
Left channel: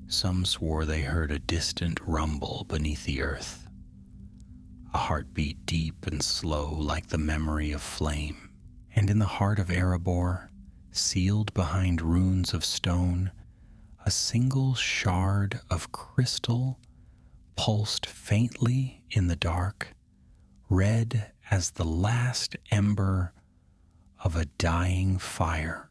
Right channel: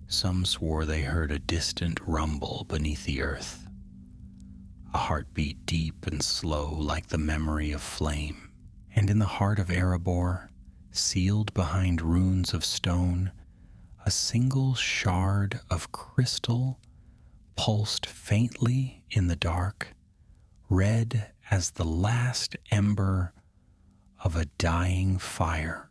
some swore they heard a distant rumble beneath the earth, a heartbeat deep and slow like the memory of flame. And in the heart of Erebor, sealed behind runes of stone, a single shard of crystal pulsed faintly in the dark, red as the last ember of a dying fire.